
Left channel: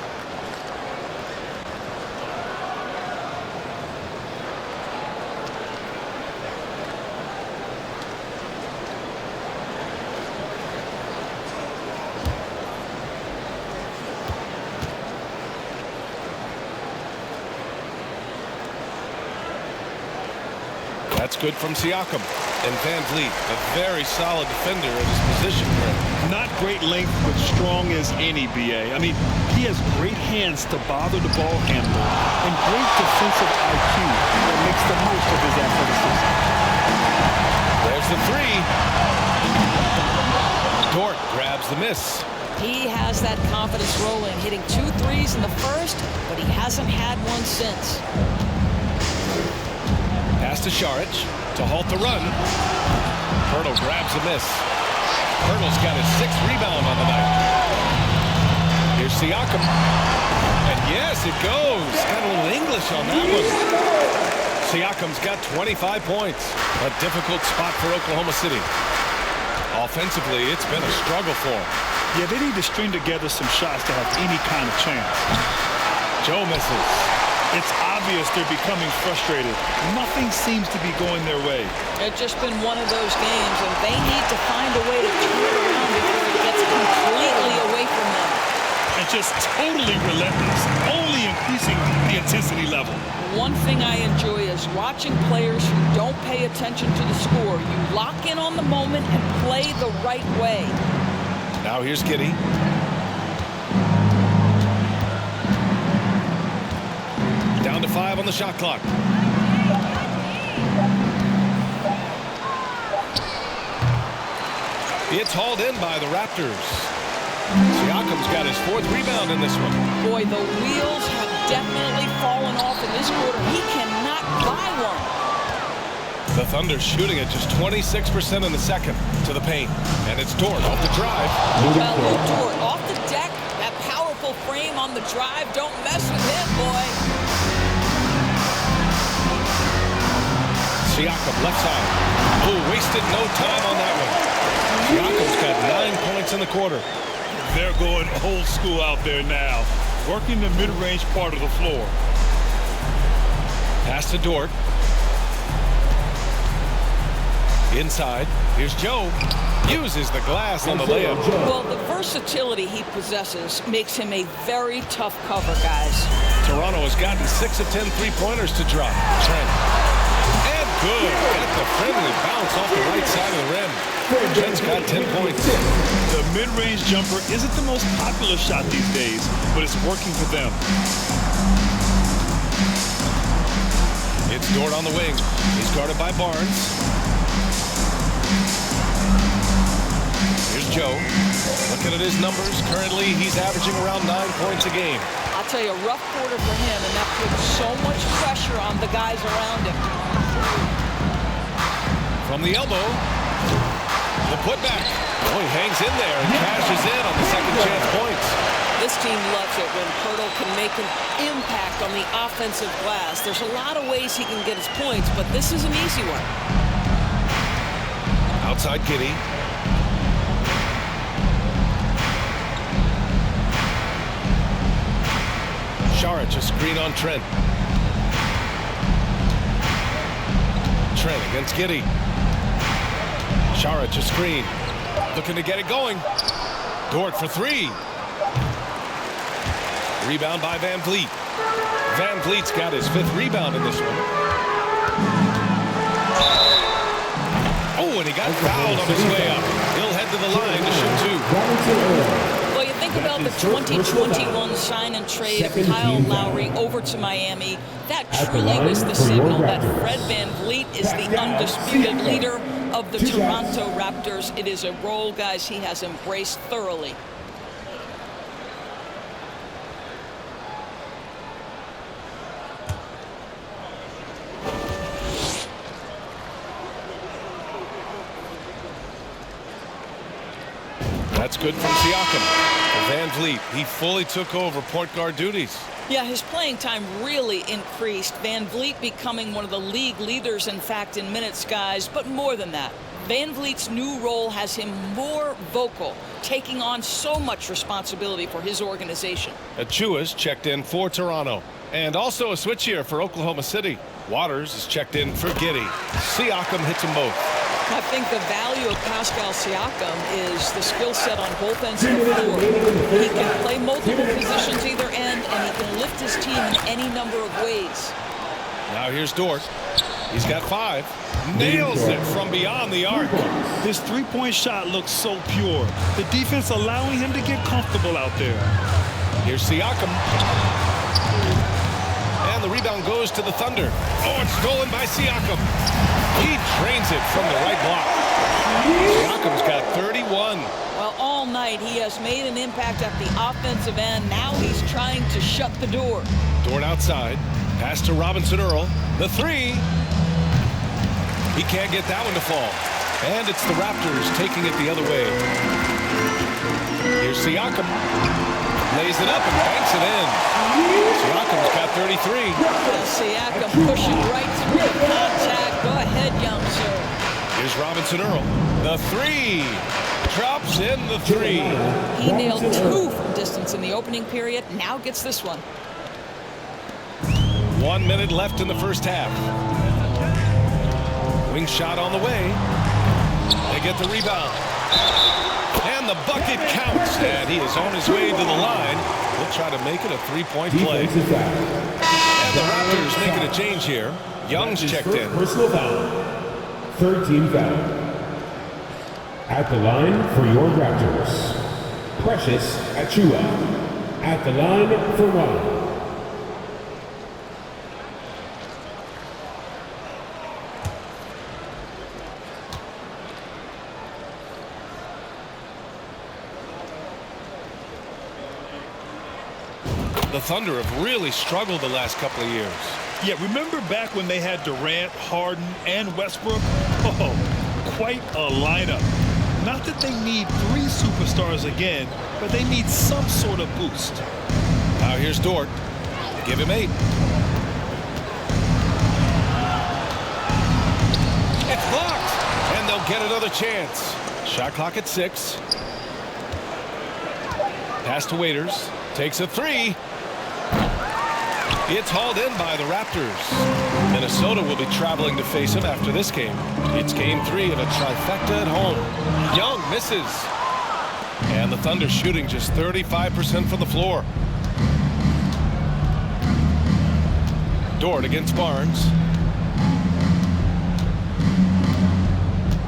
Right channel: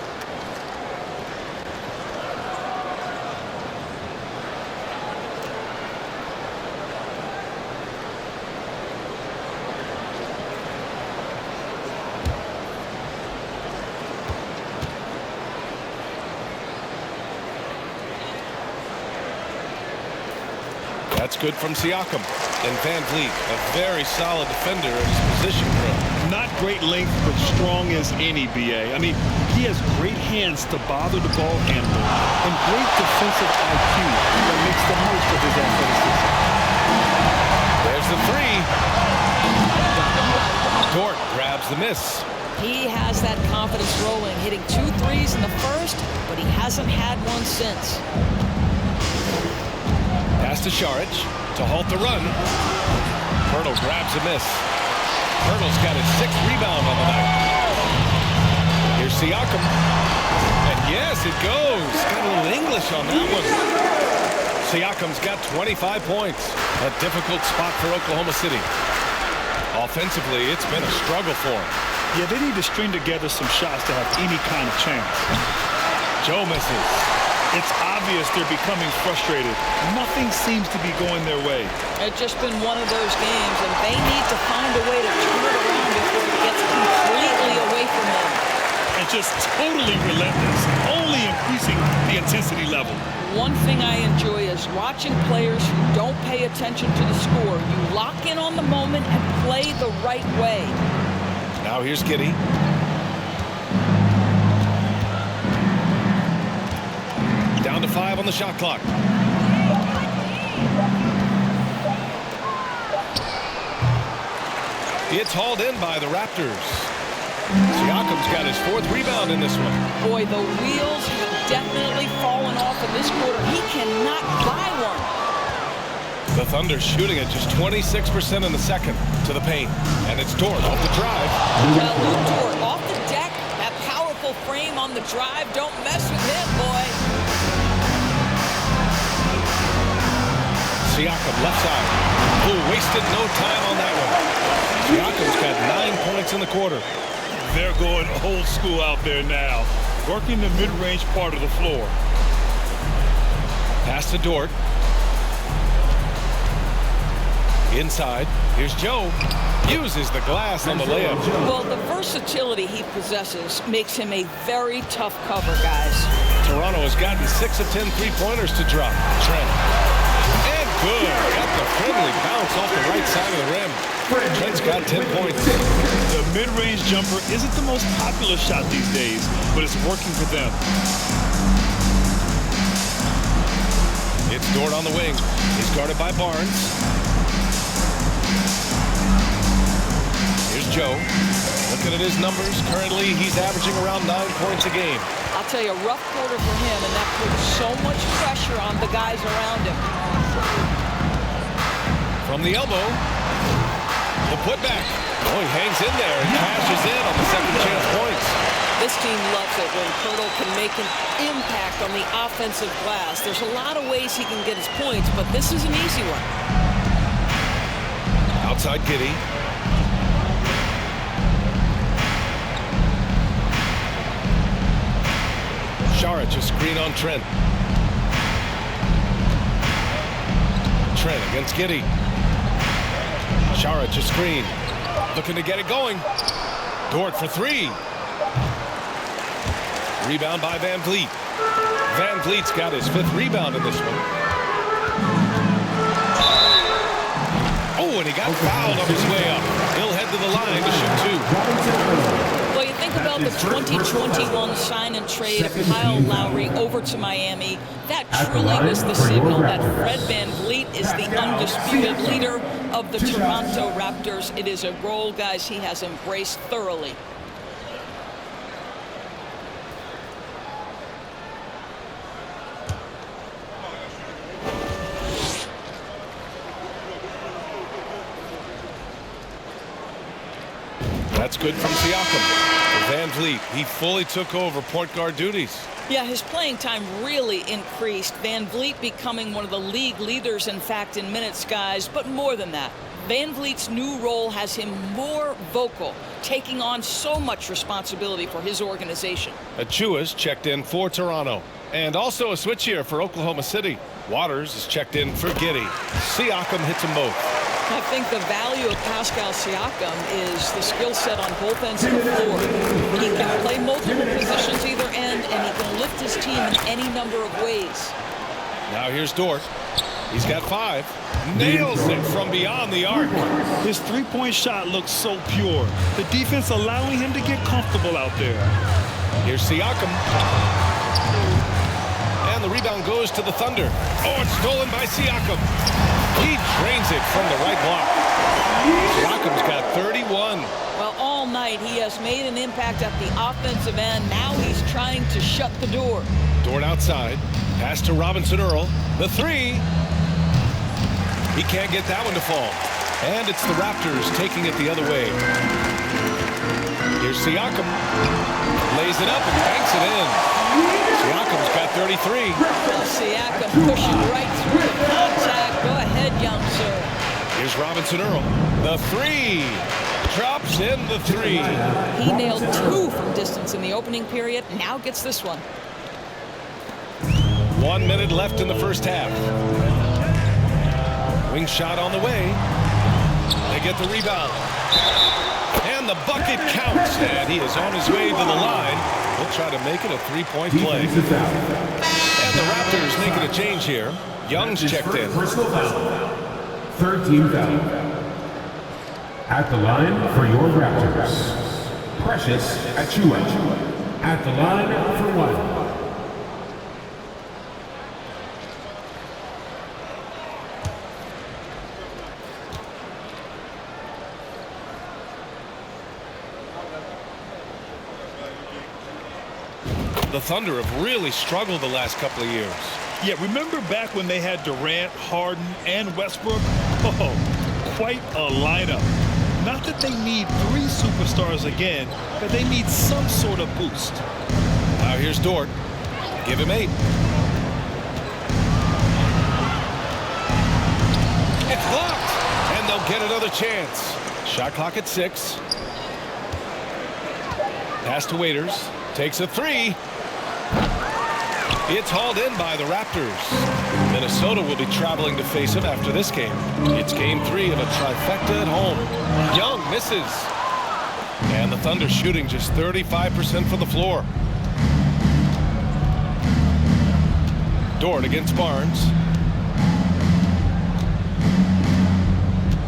That's good from Siakam. And Van Vliet, a very solid defender at his position grid. Not great length, but strong as any, BA. I mean, he has great hands to bother the ball handler and great defensive IQ that makes the most of his athleticism. There's the three. Dort grabs the miss. He has that confidence rolling, hitting 2 threes in the first, but he hasn't had one since. Pass to Saric to halt the run. Pirtle grabs a miss. Pirtle's got his 6th rebound on the night. Here's Siakam. And yes, it goes. Got a little English on that one. Siakam's got 25 points. A difficult spot for Oklahoma City. Offensively, it's been a struggle for him. Yeah, they need to string together some shots to have any kind of chance. Joe misses. It's obvious they're becoming frustrated. Nothing seems to be going their way. It's just been one of those games, and they need to find a way to turn it around before it gets completely away from them. And just totally relentless, only increasing the intensity level. One thing I enjoy is watching players who don't pay attention to the score. You lock in on the moment and play the right way. Now here's Giddey. Down to 5 on the shot clock. It's hauled in by the Raptors. Siakam's got his 4th rebound in this one. Boy, the wheels have definitely fallen off in this quarter. He cannot buy one. The Thunder shooting at just 26% in the second to the paint. And it's Dort off the drive. Well, Luke Dort off the deck. That powerful frame on the drive. Don't mess with him, boy. Siakam left side. Oh, wasted no time on that one. Siakam's got 9 points in the quarter. They're going old school out there now, working the mid-range part of the floor. Pass to Dort. Inside. Here's Joe. Uses the glass on the layup. Well, the versatility he possesses makes him a very tough cover, guys. Toronto has gotten 6 of 10 three-pointers to drop. Trent. And good. Got the friendly bounce off the right side of the rim. Trent's got 10 points. The mid-range jumper isn't the most popular shot these days, but it's working for them. It's Dort on the wing. He's guarded by Barnes. Here's Joe. Looking at his numbers, currently he's averaging around 9 points a game. I'll tell you, a rough quarter for him, and that puts so much pressure on the guys around him. From the elbow, the putback. Oh, he hangs in there and cashes in on the second chance points. This team loves it when Pirtle can make an impact on the offensive glass. There's a lot of ways he can get his points, but this is an easy one. Outside Giddey. Saric, a screen on Trent. Trent against Giddey. Saric, a screen. Looking to get it going. Dort for 3. Rebound by Van Vliet. Van Vliet's got his 5th rebound in this one. Oh, and he got fouled on his way up. He'll head to the line to shoot 2. Well, you think about the 2021 sign and trade of Kyle Lowry over to Miami. That truly was the signal that Fred Van Vliet is the undisputed leader of the Toronto Raptors. It is a role, guys, he has embraced thoroughly. That's good from Siakam. For Van Vliet, he fully took over point guard duties. Yeah, his playing time really increased. Van Vliet becoming one of the league leaders, in fact, in minutes, guys. But more than that, Van Vliet's new role has him more vocal, taking on so much responsibility for his organization. Achua's checked in for Toronto. And also a switch here for Oklahoma City. Waters is checked in for Giddey. Siakam hits them both. I think the value of Pascal Siakam is the skill set on both ends of the floor. He can play multiple positions either end, and he can lift his team in any number of ways. Now here's Dort. He's got 5. Nails it from beyond the arc. His three-point shot looks so pure. The defense allowing him to get comfortable out there. Here's Siakam. And the rebound goes to the Thunder. Oh, it's stolen by Siakam. He drains it from the right block. Siakam's got 31. Well, all night he has made an impact at the offensive end. Now he's trying to shut the door. Dort outside. Pass to Robinson Earl. The 3. He can't get that one to fall. And it's the Raptors taking it the other way. Here's Siakam. Lays it up and banks it in. Siakam's got 33. Well, Siakam pushing right through the contact. Go ahead, young sir. Here's Robinson Earl. The 3. Drops in the 3. He nailed 2 from distance in the opening period. Now gets this one. 1 minute left in the first half. Wing shot on the way. They get the rebound. And the bucket counts. And he is on his way to the line. He'll try to make it a 3-point play. And the Raptors making a change here. Young's checked in. Personal foul. Third team foul. At the line for your Raptors, Precious Achiuwa. At the line for 1. The Thunder have really struggled the last couple of years. Yeah, remember back when they had Durant, Harden, and Westbrook? Oh, quite a lineup. Not that they need 3 superstars again, but they need some sort of boost. Now here's Dort. Give him 8. It's blocked, and they'll get another chance. Shot clock at 6. Pass to Waiters. Takes a 3. It's hauled in by the Raptors. Minnesota will be traveling to face him after this game. It's game 3 of a trifecta at home. Young misses. And the Thunder shooting just 35% from the floor. Dort against Barnes.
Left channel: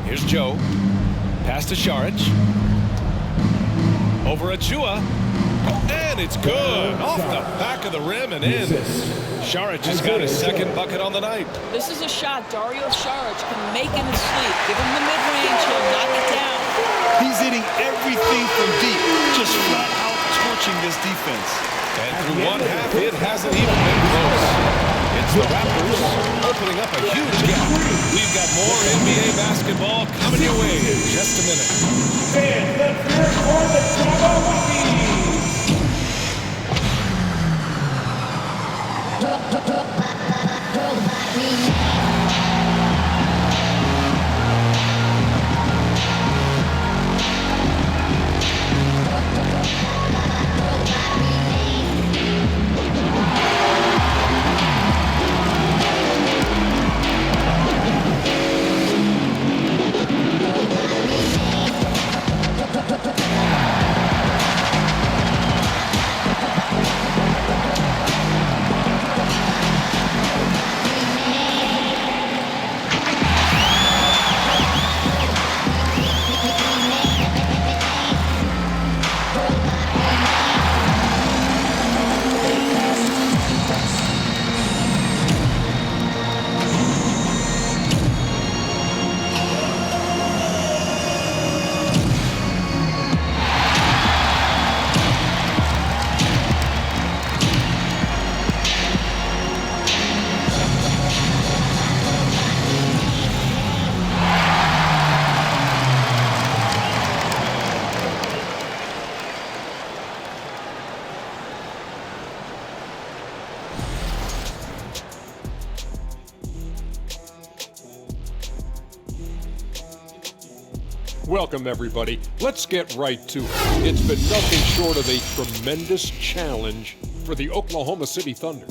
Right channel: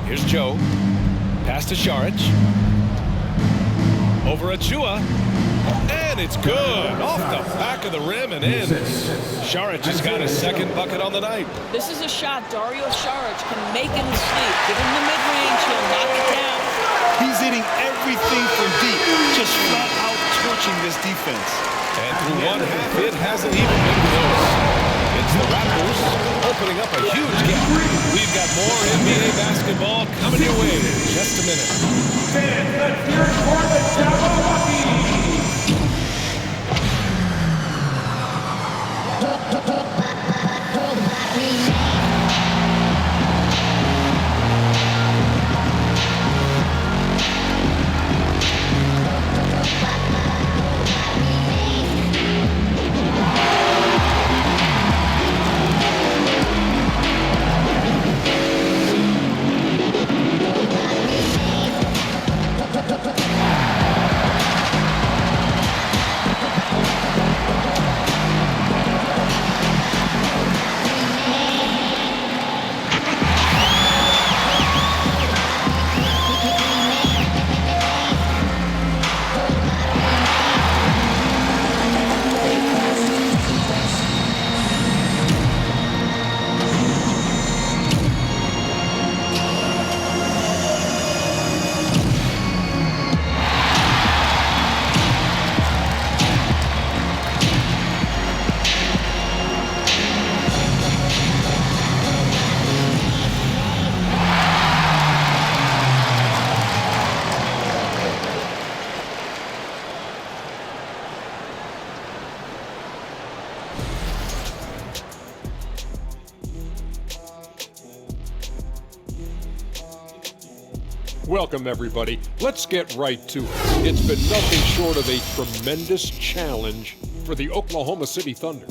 Here's Joe. Pass to Saric. Over Achiuwa. And it's good. Off the back of the rim and in. Saric has got his second bucket on the night. This is a shot Dario Saric can make in his sleep. Give him the mid-range, he'll knock it down. He's hitting everything from deep, just flat out torching this defense. And through one half, it hasn't even been close. It's the Raptors opening up a huge gap. We've got more NBA basketball coming your way in just a minute. Fans, let's hear it for the Jabberwockies. Welcome, everybody. Let's get right to it. It's been nothing short of a tremendous challenge for the Oklahoma City Thunder.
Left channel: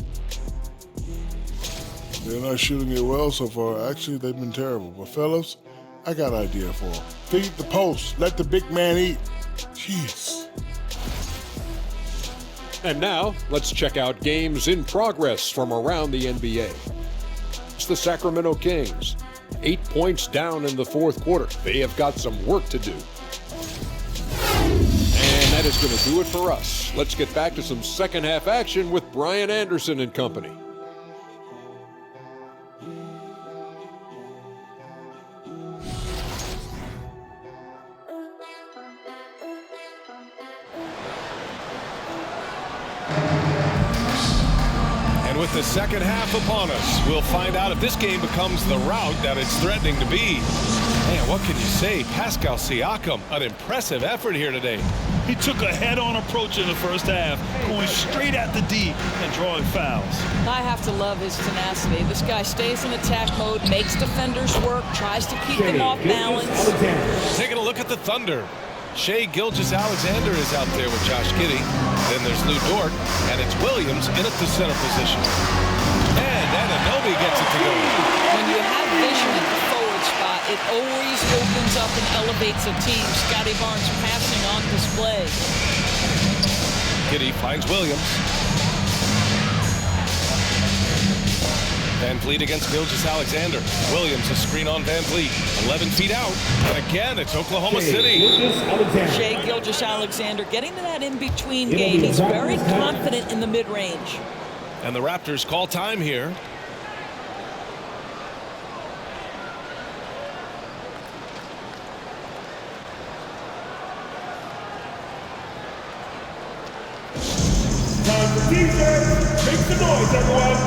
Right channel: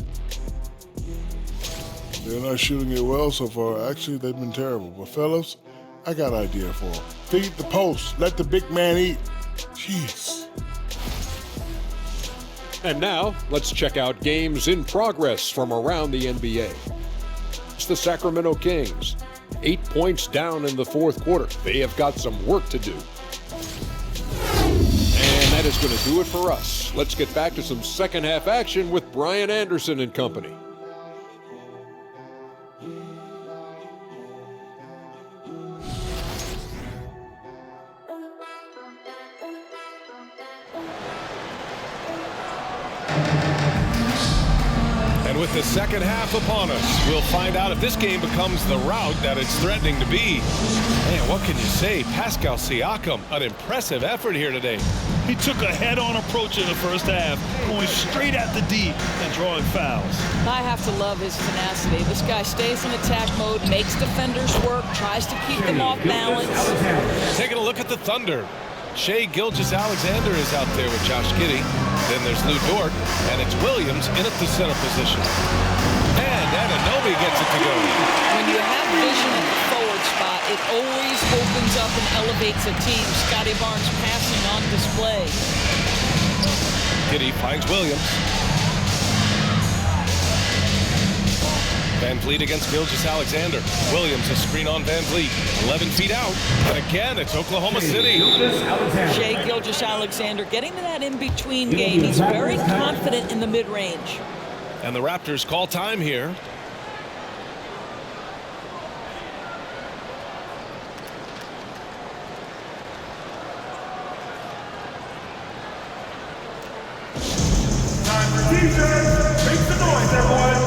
They're not shooting it well so far. Actually, they've been terrible. But fellas, I got an idea for them. Feed the post. Let the big man eat. Jeez. And now, let's check out games in progress from around the NBA. against the Sacramento Kings. 8 points down in the fourth quarter. They have got some work to do. And that is going to do it for us. Let's get back to some second half action with Brian Anderson and company. And with the second half upon us, we'll find out if this game becomes the rout that it's threatening to be. Man, what can you say? Pascal Siakam, an impressive effort here today. He took a head-on approach in the first half, going straight at the D and drawing fouls. I have to love his tenacity. This guy stays in attack mode, makes defenders work, tries to keep them off balance. Taking a look at the Thunder. Shai Gilgeous-Alexander is out there with Josh Giddey. Then there's Lou Dort, and it's Williams in at the center position. And Anunoby gets it to go. When you have vision at the forward spot, it always opens up and elevates a team. Scotty Barnes passing on display. Giddey finds Williams. Van Vliet against Gilgeous-Alexander. Williams a screen on Van Vliet. 11 feet out. And again, it's Oklahoma City. Shai Gilgeous-Alexander getting to that in-between game. He's very confident in the mid-range. And the Raptors call time here. Time for teasers. Make some noise, everyone.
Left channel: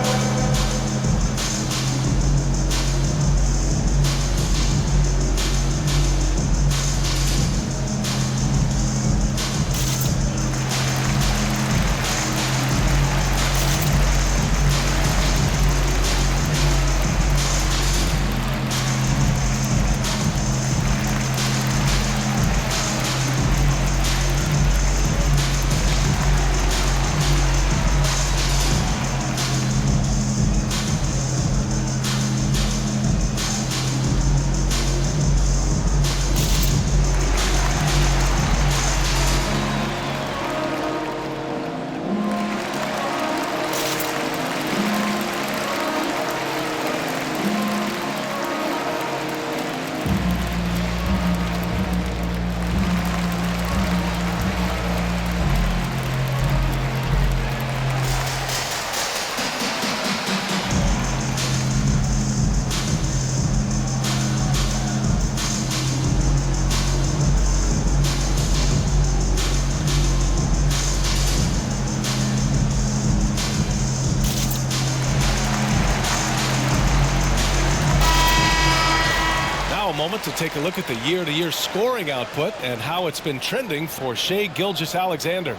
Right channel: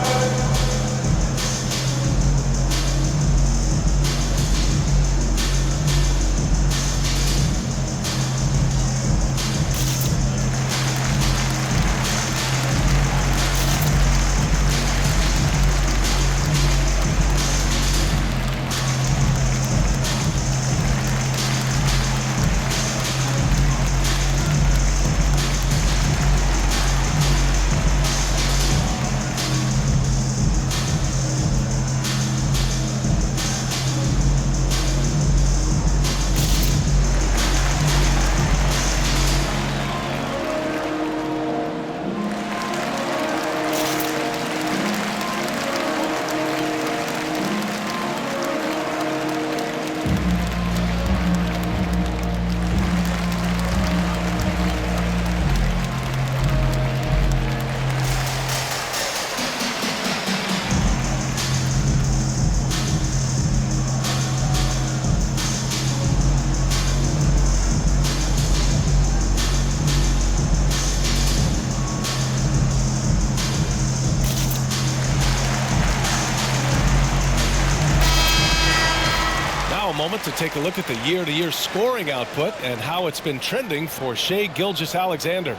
A moment to take a look at the year-to-year scoring output and how it's been trending for Shai Gilgeous-Alexander.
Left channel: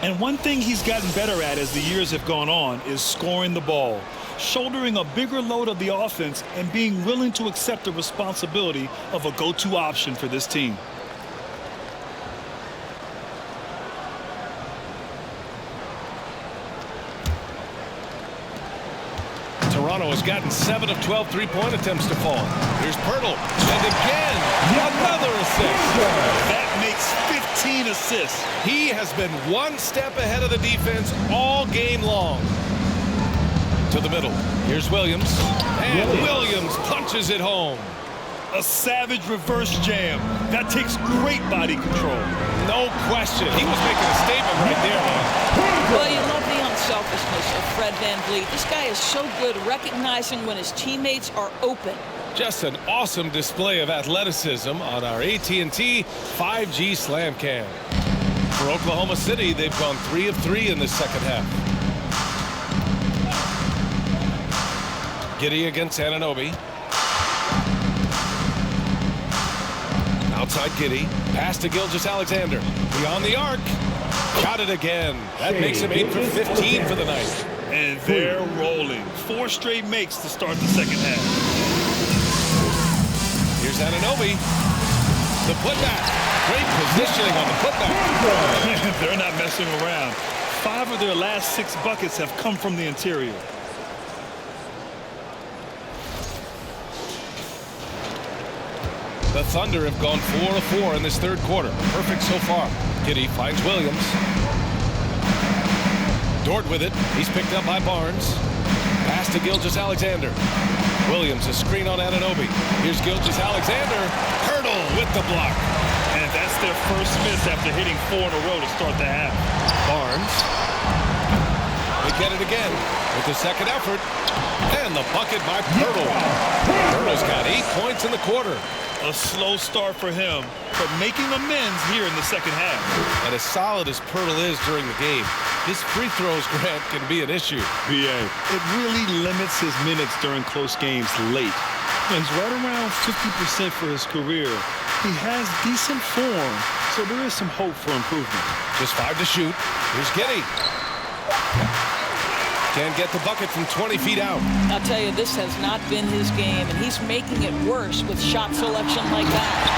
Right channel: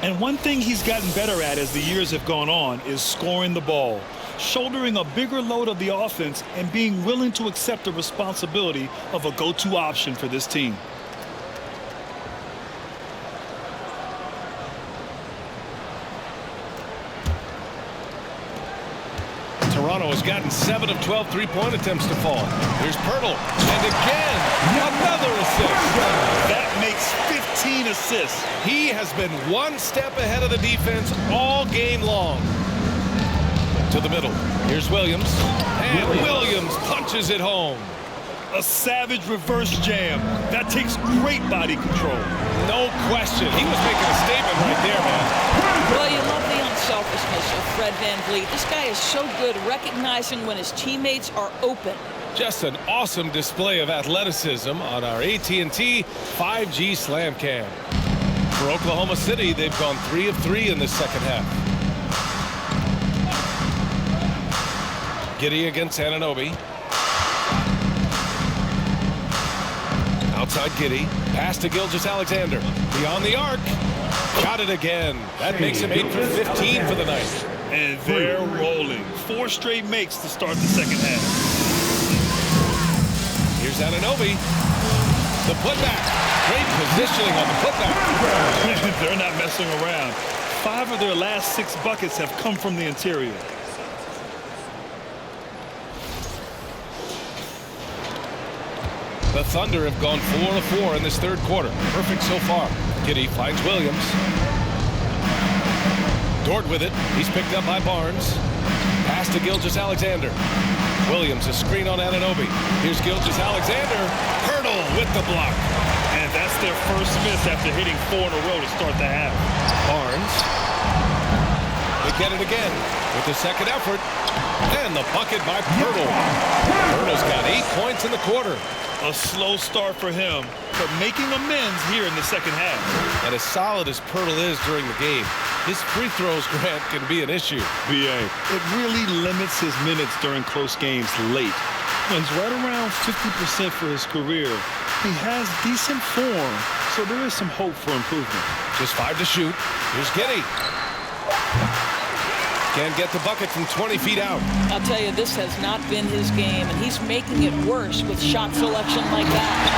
And one thing he's gotten better at as the years have gone on is scoring the ball, shouldering a bigger load of the offense and being willing to accept the responsibility of a go-to option for this team. Toronto has gotten 7 of 12 three-point attempts to fall. Here's Pirtle. And again, another assist. That makes 15 assists. He has been one step ahead of the defense all game long. To the middle. Here's Williams. And Williams punches it home. A savage reverse jam. That takes great body control. No question. He was making a statement right there, man. Well, you love the unselfishness of Fred Van Vliet. This guy is so good recognizing when his teammates are open. Just an awesome display of athleticism on our AT&T 5G Slam Cam. For Oklahoma City, they've gone 3 of 3 in the second half. Giddey against Anunoby. Outside Giddey. Pass to Gilgeous-Alexander. Beyond the arc. Got it again. That makes him 8 for 15 for the night. And they're rolling. 4 straight makes to start the second half. Here's Anunoby. The putback. Great positioning on the putback. They're not messing around. 5 of their last 6 buckets have come from the interior. The Thunder have gone 4 of 4 in this third quarter. Perfect so far. Giddey finds Williams. Dort with it. He's picked up by Barnes. Pass to Gilgeous-Alexander. Williams, a screen on Anunoby. Here's Gilgeous-Alexander. Hurdle with the block. And that's their first miss after hitting 4 in a row to start the half. Barnes. They get it again with the second effort. And the bucket by Pirtle. Pirtle's got 8 points in the quarter. A slow start for him, but making amends here in the second half. And as solid as Pirtle is during the game, his free throws, Grant, can be an issue. BA. It really limits his minutes during close games late. He's right around 50% for his career. He has decent form, so there is some hope for improvement. Just 5 to shoot. Here's Giddey. Can't get the bucket from 20 feet out. I'll tell you, this has not been his game, and he's making it worse with shot selection like that.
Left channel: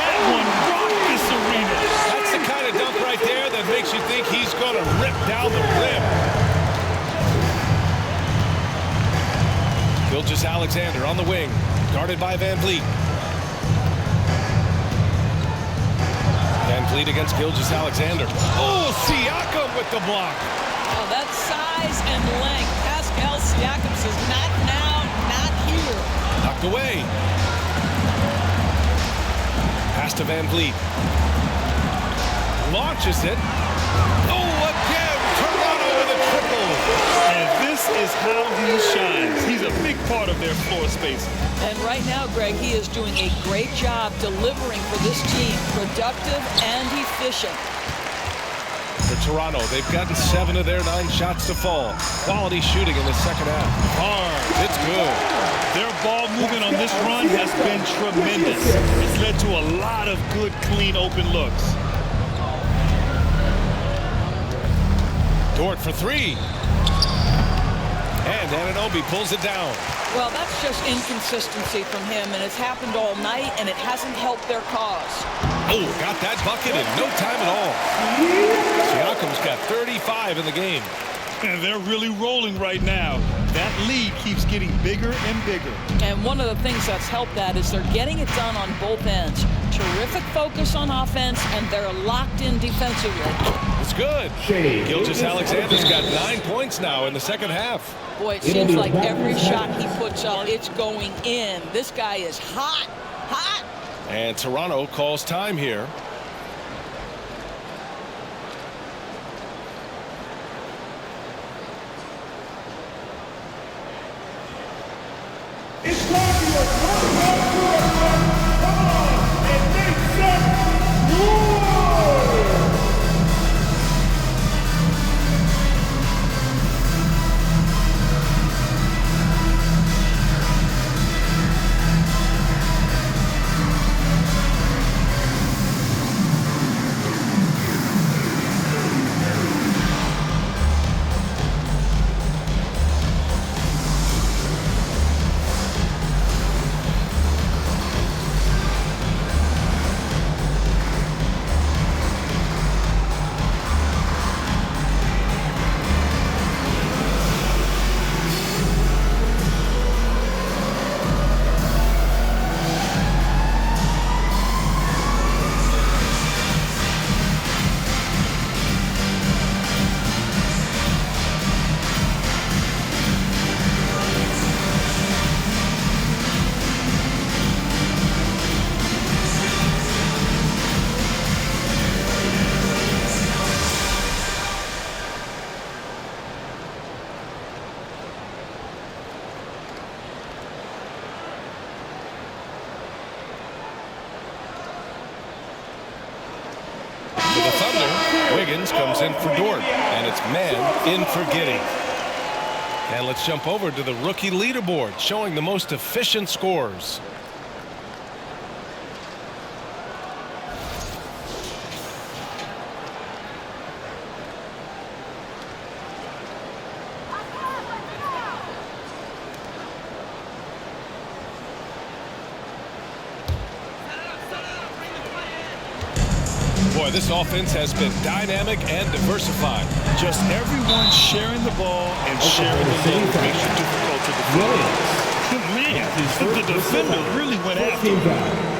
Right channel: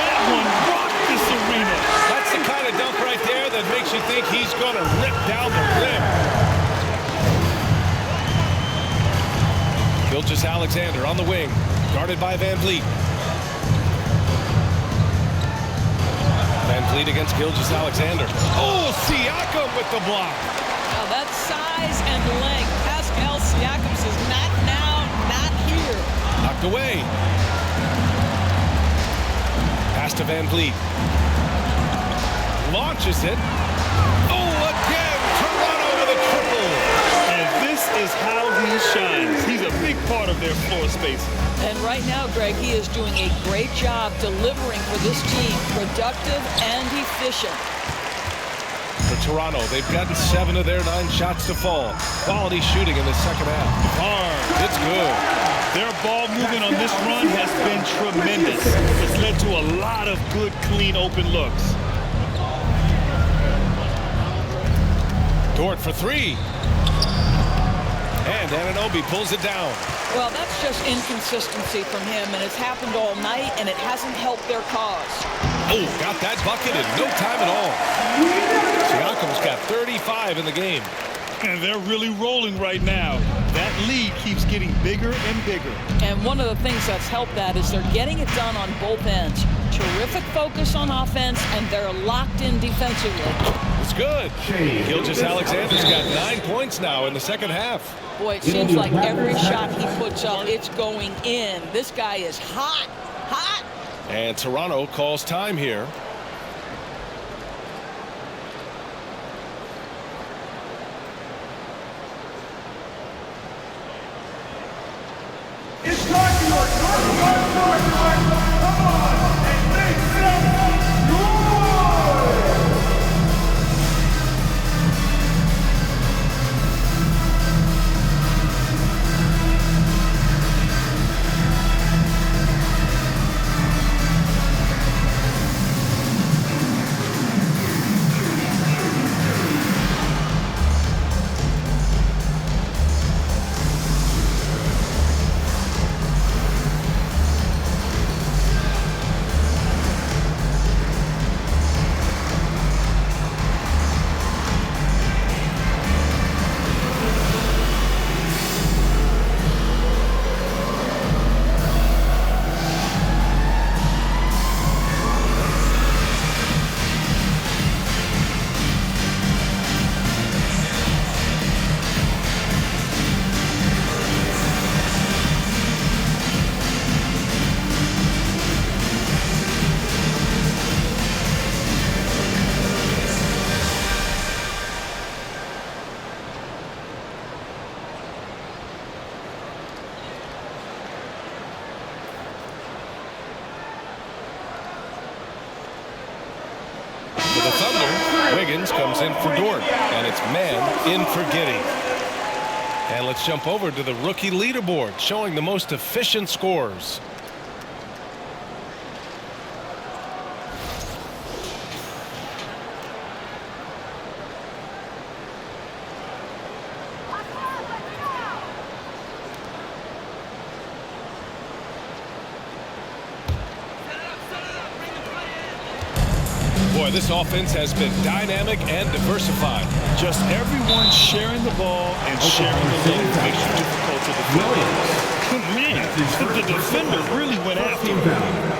That one rocked this arena. That's the kind of dunk right there that makes you think he's going to rip down the rim. Gilgeous-Alexander on the wing, guarded by Van Vliet. Van Vliet against Gilgeous-Alexander. Oh, Siakam with the block. Now that size and length, Pascal Siakam says, not now, not here. Knocked away. Pass to Van Vliet. Launches it. Oh, again, Toronto with a triple. And this is how he shines. He's a big part of their floor space. And right now, Greg, he is doing a great job delivering for this team, productive and efficient. For Toronto, they've gotten 7 of their 9 shots to fall. Quality shooting in the second half. Barnes, it's good. Their ball movement on this run has been tremendous. It's led to a lot of good, clean, open looks. Dort for 3. And Anunoby pulls it down. Well, that's just inconsistency from him, and it's happened all night, and it hasn't helped their cause. Oh, got that bucket in no time at all. Siakam's got 35 in the game. And they're really rolling right now. That lead keeps getting bigger and bigger. And one of the things that's helped that is they're getting it done on both ends. Terrific focus on offense, and they're locked in defensively. It's good. Gilgeous-Alexander's got 9 points now in the second half. Boy, it seems like every shot he puts up, it's going in. This guy is hot, hot. And Toronto calls time here. It's time for your come on and make some noise! For the Thunder, Wiggins comes in for Dort, and it's man in for Giddey. And let's jump over to the rookie leaderboard, showing the most efficient scores. Boy, this offense has been dynamic and diversified. Just everyone sharing the ball and sharing the load makes you difficult to defend. Man, the defender really went after him.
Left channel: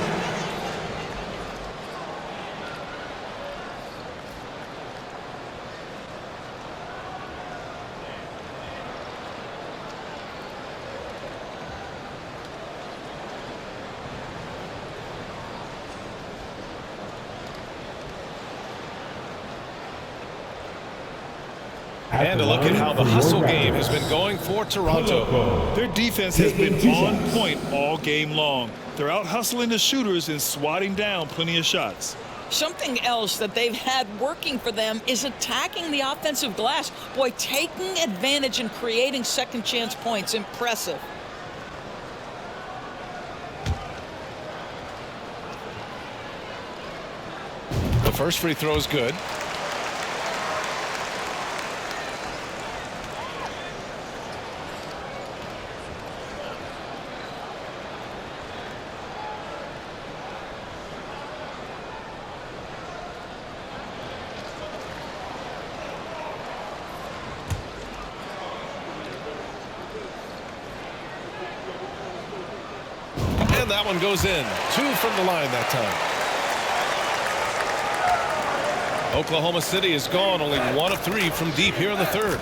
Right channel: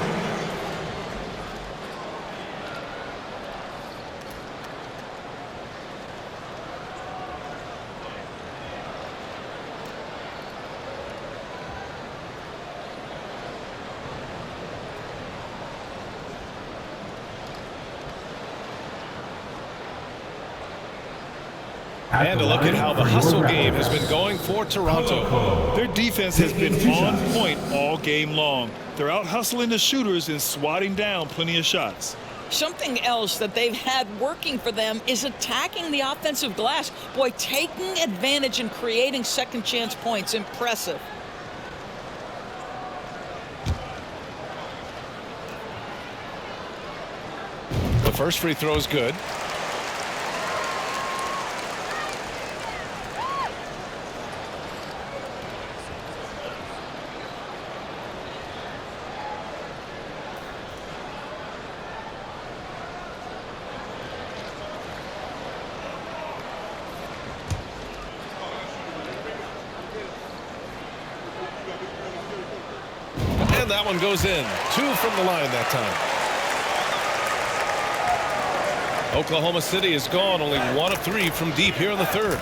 And a look at how the hustle game has been going for Toronto. Their defense has been on point all game long. They're out hustling the shooters and swatting down plenty of shots. Something else that they've had working for them is attacking the offensive glass. Boy, taking advantage and creating second chance points. Impressive. The first free throw is good. And that one goes in. 2 from the line that time. Oklahoma City is gone only 1 of 3 from deep here in the third.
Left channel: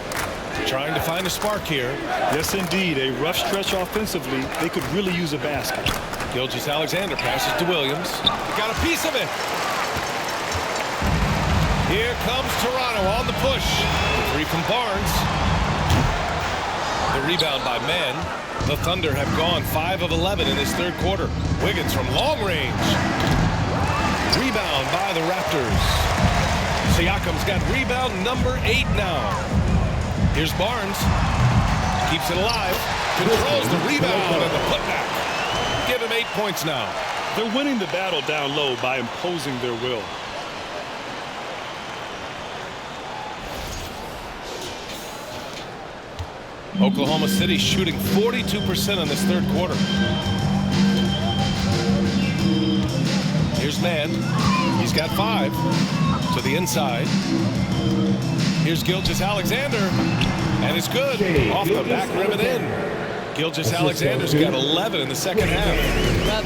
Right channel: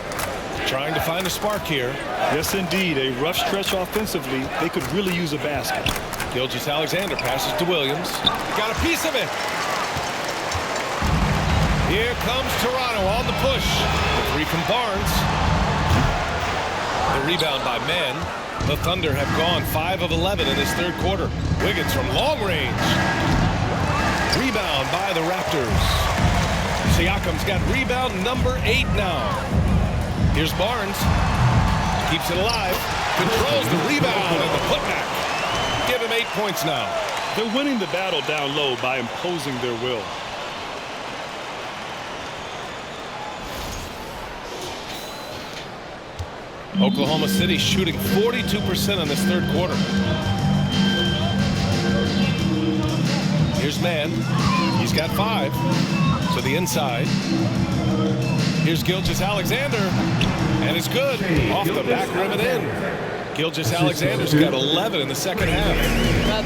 Trying to find a spark here. Yes, indeed. A rough stretch offensively. They could really use a basket. Gilgeous-Alexander passes to Williams. Got a piece of it. Here comes Toronto on the push. The 3 from Barnes. The rebound by Mann. The Thunder have gone 5 of 11 in this third quarter. Wiggins from long range. Rebound by the Raptors. Siakam's got rebound number 8 now. Here's Barnes. Keeps it alive. Controls the rebound and the putback. Give him 8 points now. They're winning the battle down low by imposing their will. Oklahoma City shooting 42% in this third quarter. Here's Mann. He's got 5 to the inside. Here's Gilgeous-Alexander, and it's good off the back rim and in. Gilgeous-Alexander's got 11 in the second half.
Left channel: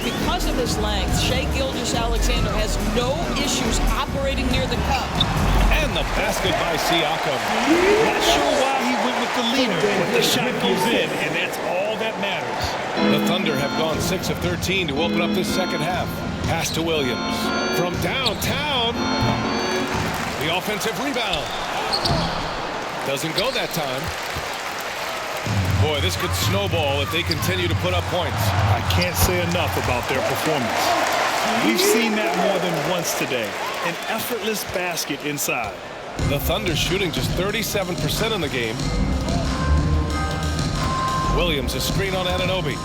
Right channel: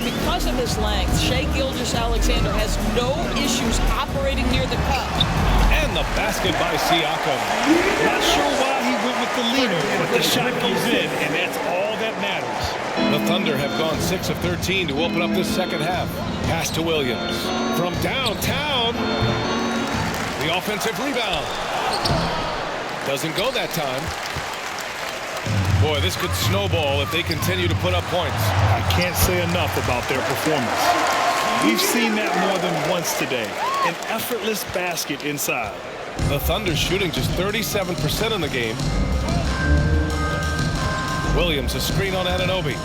Because of his length, Shai Gilgeous-Alexander has no issues operating near the cup. And the basket by Siakam. Not sure why he went with the leaner, but the shot goes in, and that's all that matters. The Thunder have gone 6 of 13 to open up this second half. Pass to Williams. From downtown. The offensive rebound. Doesn't go that time. Boy, this could snowball if they continue to put up points. I can't say enough about their performance. We've seen that more than once today. An effortless basket inside. The Thunder shooting just 37% in the game. Williams a screen on Anunoby.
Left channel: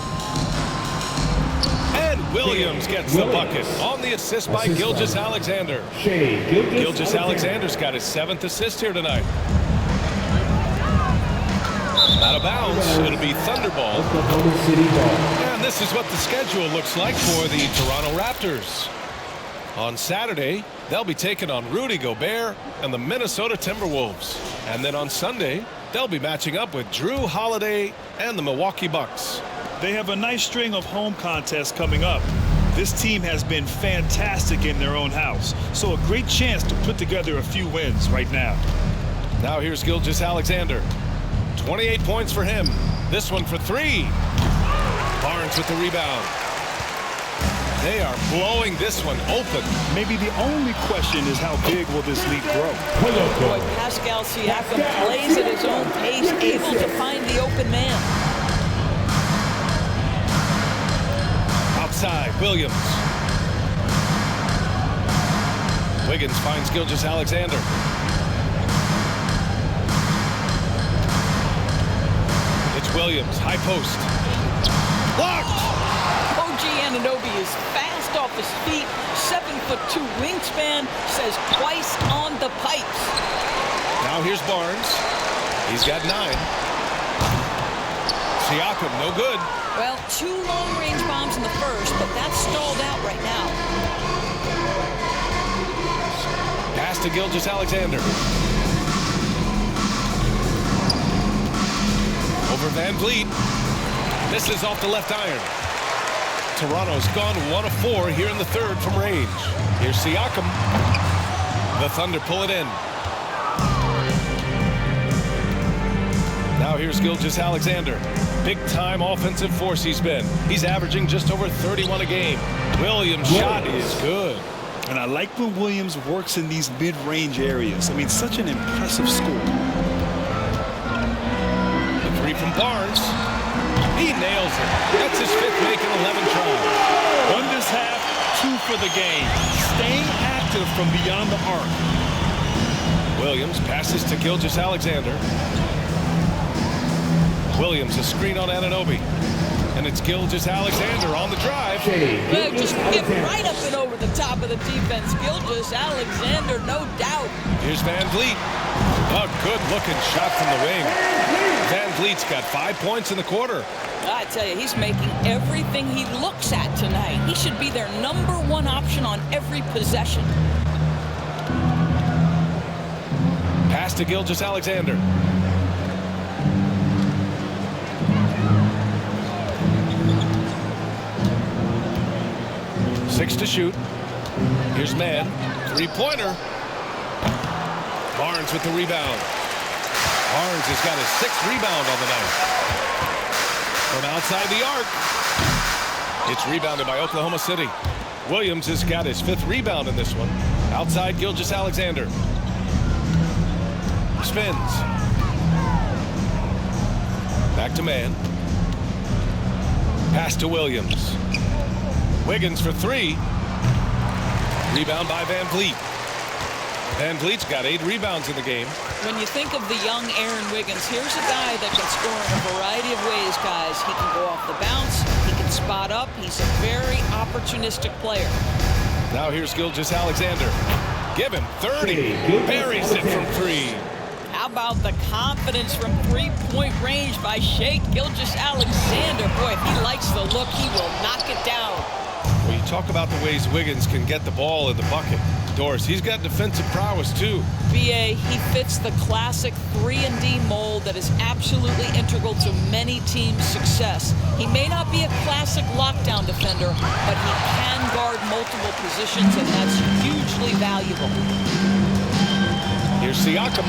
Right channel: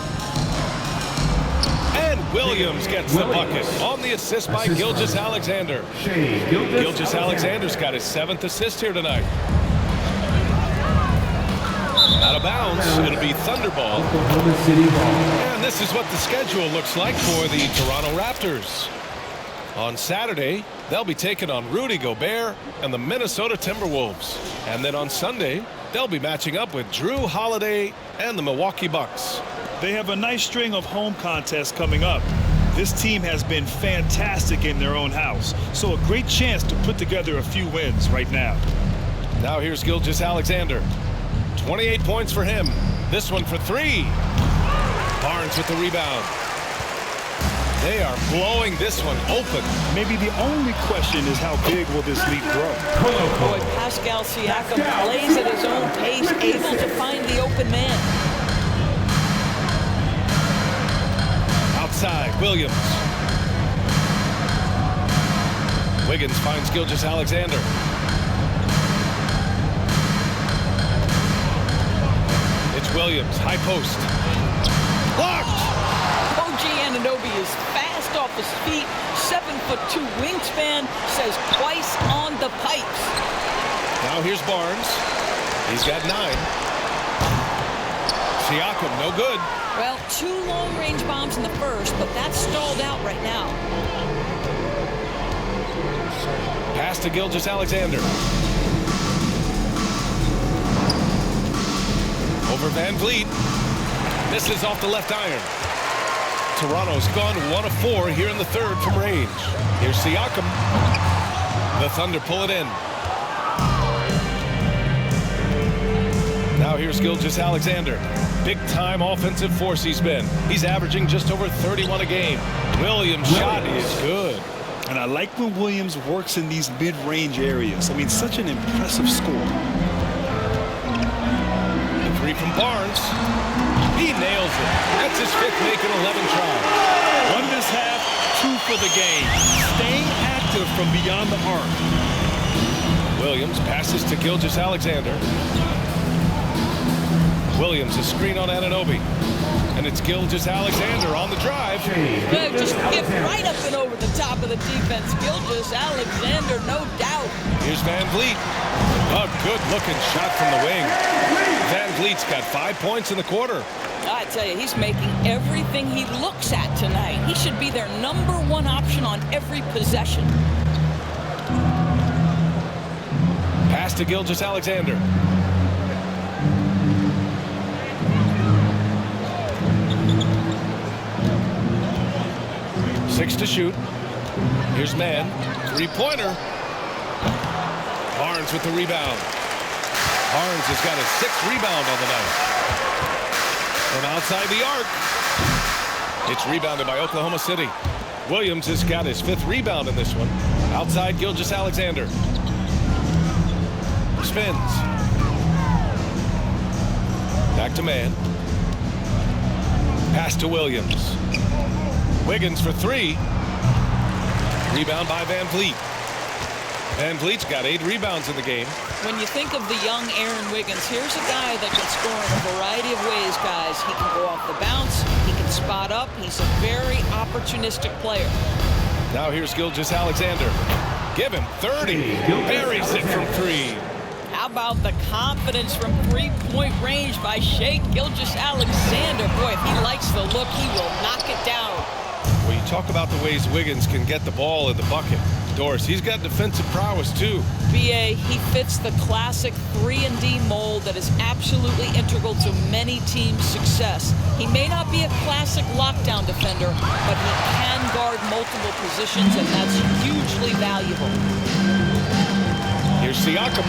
And Williams gets the bucket on the assist by Gilgeous-Alexander. Gilgeous-Alexander's got his 7th assist here tonight. Out of bounds, it'll be Thunder ball. And this is what the schedule looks like for the Toronto Raptors. On Saturday, they'll be taking on Rudy Gobert and the Minnesota Timberwolves. And then on Sunday, they'll be matching up with Drew Holiday and the Milwaukee Bucks. They have a nice string of home contests coming up. This team has been fantastic in their own house, so a great chance to put together a few wins right now. Now here's Gilgeous-Alexander. 28 points for him. This one for 3. Barnes with the rebound. They are blowing this one open. Maybe the only question is how big will this lead grow? Boy, Pascal Siakam plays at his own pace, able to find the open man. Outside, Williams. Wiggins finds Gilgeous-Alexander. It's Williams, high post. Blocked! OG Anunoby is fast off his feet, 7'2" wingspan, says twice on the pipes. Now here's Barnes. He's got 9. Siakam, no good. Well, 2 long-range bombs in the first, but that's stalled out right now. Pass to Gilgeous-Alexander. Over Van Vliet. Misses off the left iron. Toronto's gone 1 of 4 here in the third from range. Here's Siakam. The Thunder pull it in. Now here's Gilgeous-Alexander. Big-time offensive force he's been. He's averaging just over 31 a game. Williams' shot is good. And I like when Williams works in these mid-range areas. I mean, such an impressive score. Three from Barnes. He nails it. That's his 5th make in 11 tries. One this half, 2 for the game. Staying active from beyond the arc. Williams passes to Gilgeous-Alexander. Williams, a screen on Anunoby. And it's Gilgeous-Alexander on the drive. Well, just get right up and over the top of the defense. Gilgeous-Alexander, no doubt. Here's Van Vliet. A good-looking shot from the wing. Van Vliet's got 5 points in the quarter. I tell you, he's making everything he looks at tonight. He should be their #1 option on every possession. Pass to Gilgeous-Alexander. Six to shoot. Here's Mann. Three-pointer. Barnes with the rebound. Barnes has got his 6th rebound on the night. From outside the arc. It's rebounded by Oklahoma City. Williams has got his 5th rebound in this one. Outside Gilgeous-Alexander. Spins. Back to Mann. Pass to Williams. Wiggins for 3. Rebound by Van Vliet. Van Vliet's got 8 rebounds in the game. When you think of the young Aaron Wiggins, here's a guy that can score in a variety of ways, guys. He can go off the bounce. He can spot up. He's a very opportunistic player. Now here's Gilgeous-Alexander. Give him 30. Buries it from 3. How about the confidence from 3-point range by Shai Gilgeous-Alexander? Boy, if he likes the look, he will knock it down. Well, you talk about the ways Wiggins can get the ball in the bucket. Doris, he's got defensive prowess, too. BA, he fits the classic 3-and-D mold that is absolutely integral to many teams' success. He may not be a classic lockdown defender, but he can guard multiple positions, and that's hugely valuable. Here's Siakam.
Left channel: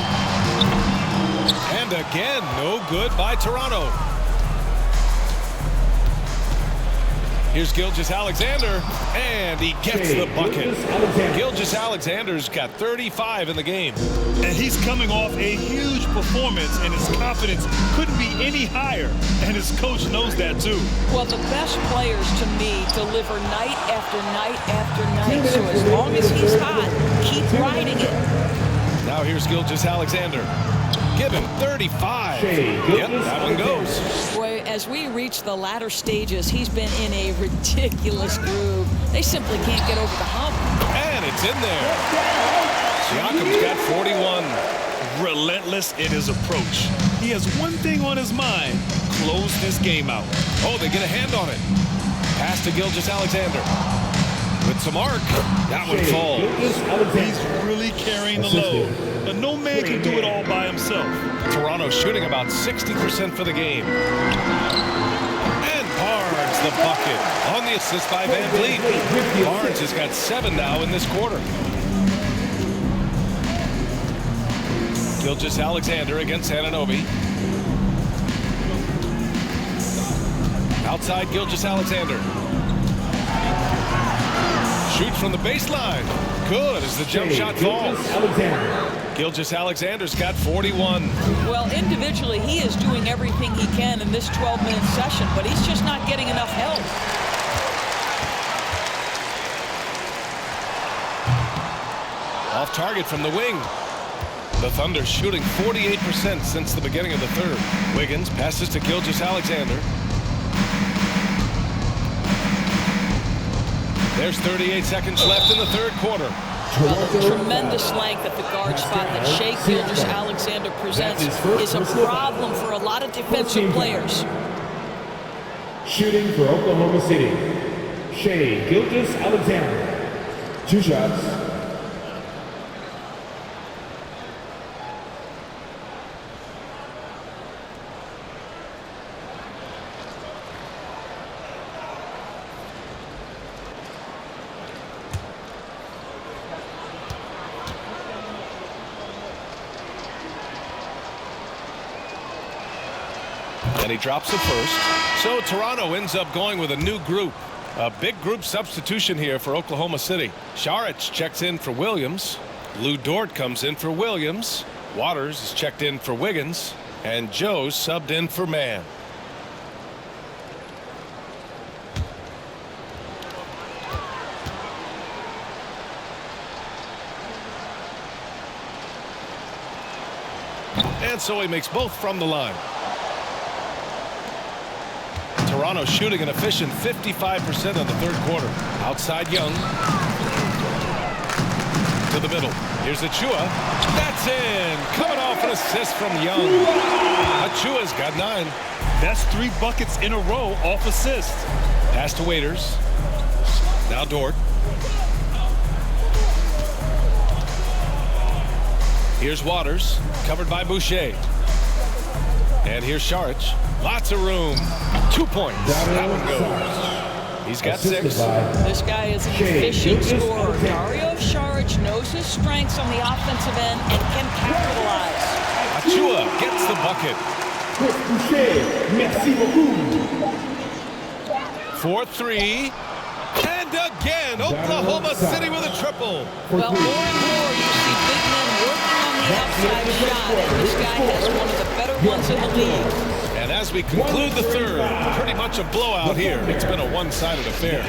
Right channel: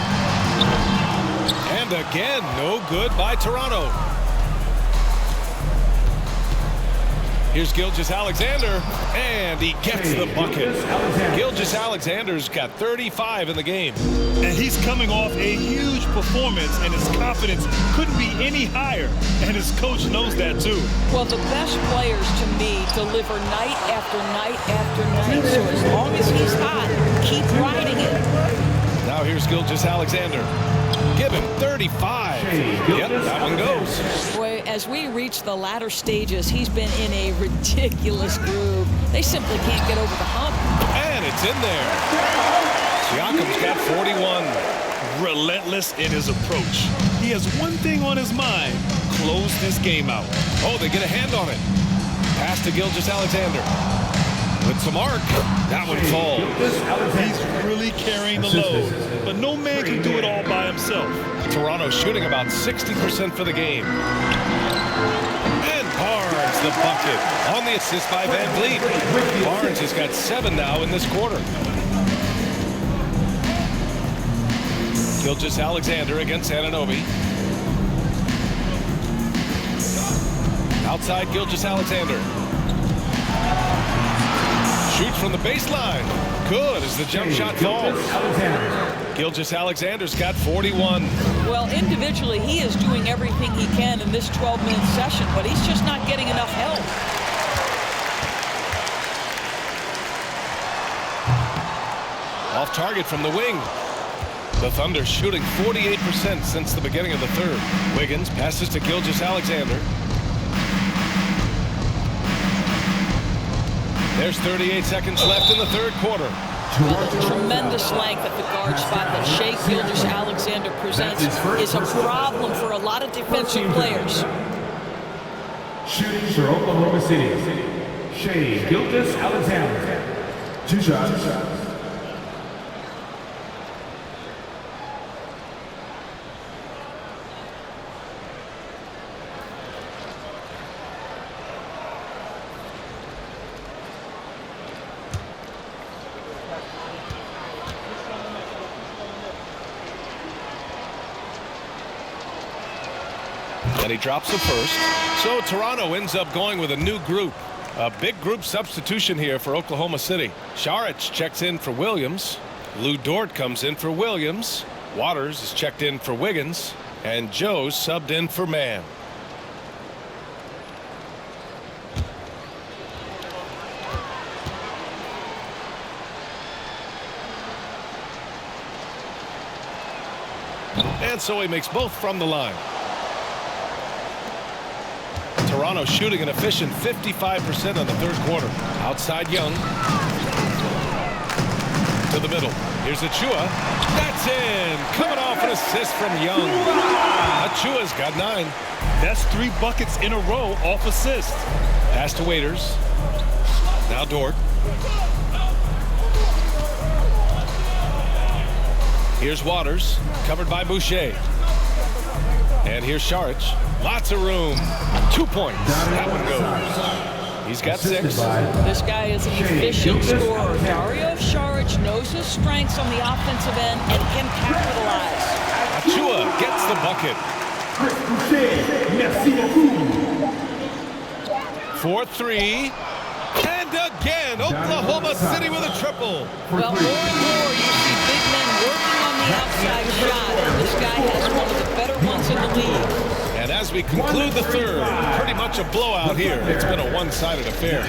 And again, no good by Toronto. Here's Gilgeous-Alexander, and he gets the bucket. Gilgeous-Alexander's got 35 in the game. And he's coming off a huge performance, and his confidence couldn't be any higher. And his coach knows that, too. Well, the best players, to me, deliver night after night after night. So as long as he's hot, keep riding it. Now here's Gilgeous-Alexander. Give him 35. Yep, that one goes. Boy, as we reach the latter stages, he's been in a ridiculous groove. They simply can't get over the hump. And it's in there. Siakam's got 41. Relentless in his approach. He has one thing on his mind: close this game out. Oh, they get a hand on it. Pass to Gilgeous-Alexander. With some arc, that one falls. He's really carrying the load, but no man can do it all by himself. Toronto shooting about 60% for the game. And Barnes the bucket on the assist by Van Vliet. Barnes has got 7 now in this quarter. Gilgeous-Alexander against Anunoby. Outside Gilgeous-Alexander. Shoots from the baseline. Good as the jump shot falls. Gilgeous-Alexander's got 41. Well, individually, he is doing everything he can in this 12-minute session, but he's just not getting enough help. Off target from the wing. The Thunder shooting 48% since the beginning of the third. Wiggins passes to Gilgeous-Alexander. There's 38 seconds left in the third quarter. Well, the tremendous length at the guard spot that Shai Gilgeous-Alexander presents is a problem for a lot of defensive players. Shooting for Oklahoma City, Shai Gilgeous-Alexander. 2 shots. And he drops the first. So Toronto ends up going with a new group. A big group substitution here for Oklahoma City. Saric checks in for Williams. Lou Dort comes in for Williams. Waters is checked in for Wiggins. And Joe subbed in for Man. And so he makes both from the line. Toronto shooting an efficient 55% in the third quarter. Outside Young. To the middle. Here's Achua. That's in. Coming off an assist from Young. Achua's got 9. That's 3 buckets in a row off assist. Pass to Waiters. Now Dort. Here's Waters, covered by Boucher. And here's Saric. Lots of room. 2 points. That one goes. He's got 6. This guy is an efficient scorer. Dario Saric knows his strengths on the offensive end and can capitalize. Achua gets the bucket. 4-3. And again, Oklahoma City with a triple. Well, more and more you see big men working on the outside shot, and this guy has one of the better ones in the league. And as we conclude the third, pretty much a blowout here. It's been a one-sided affair.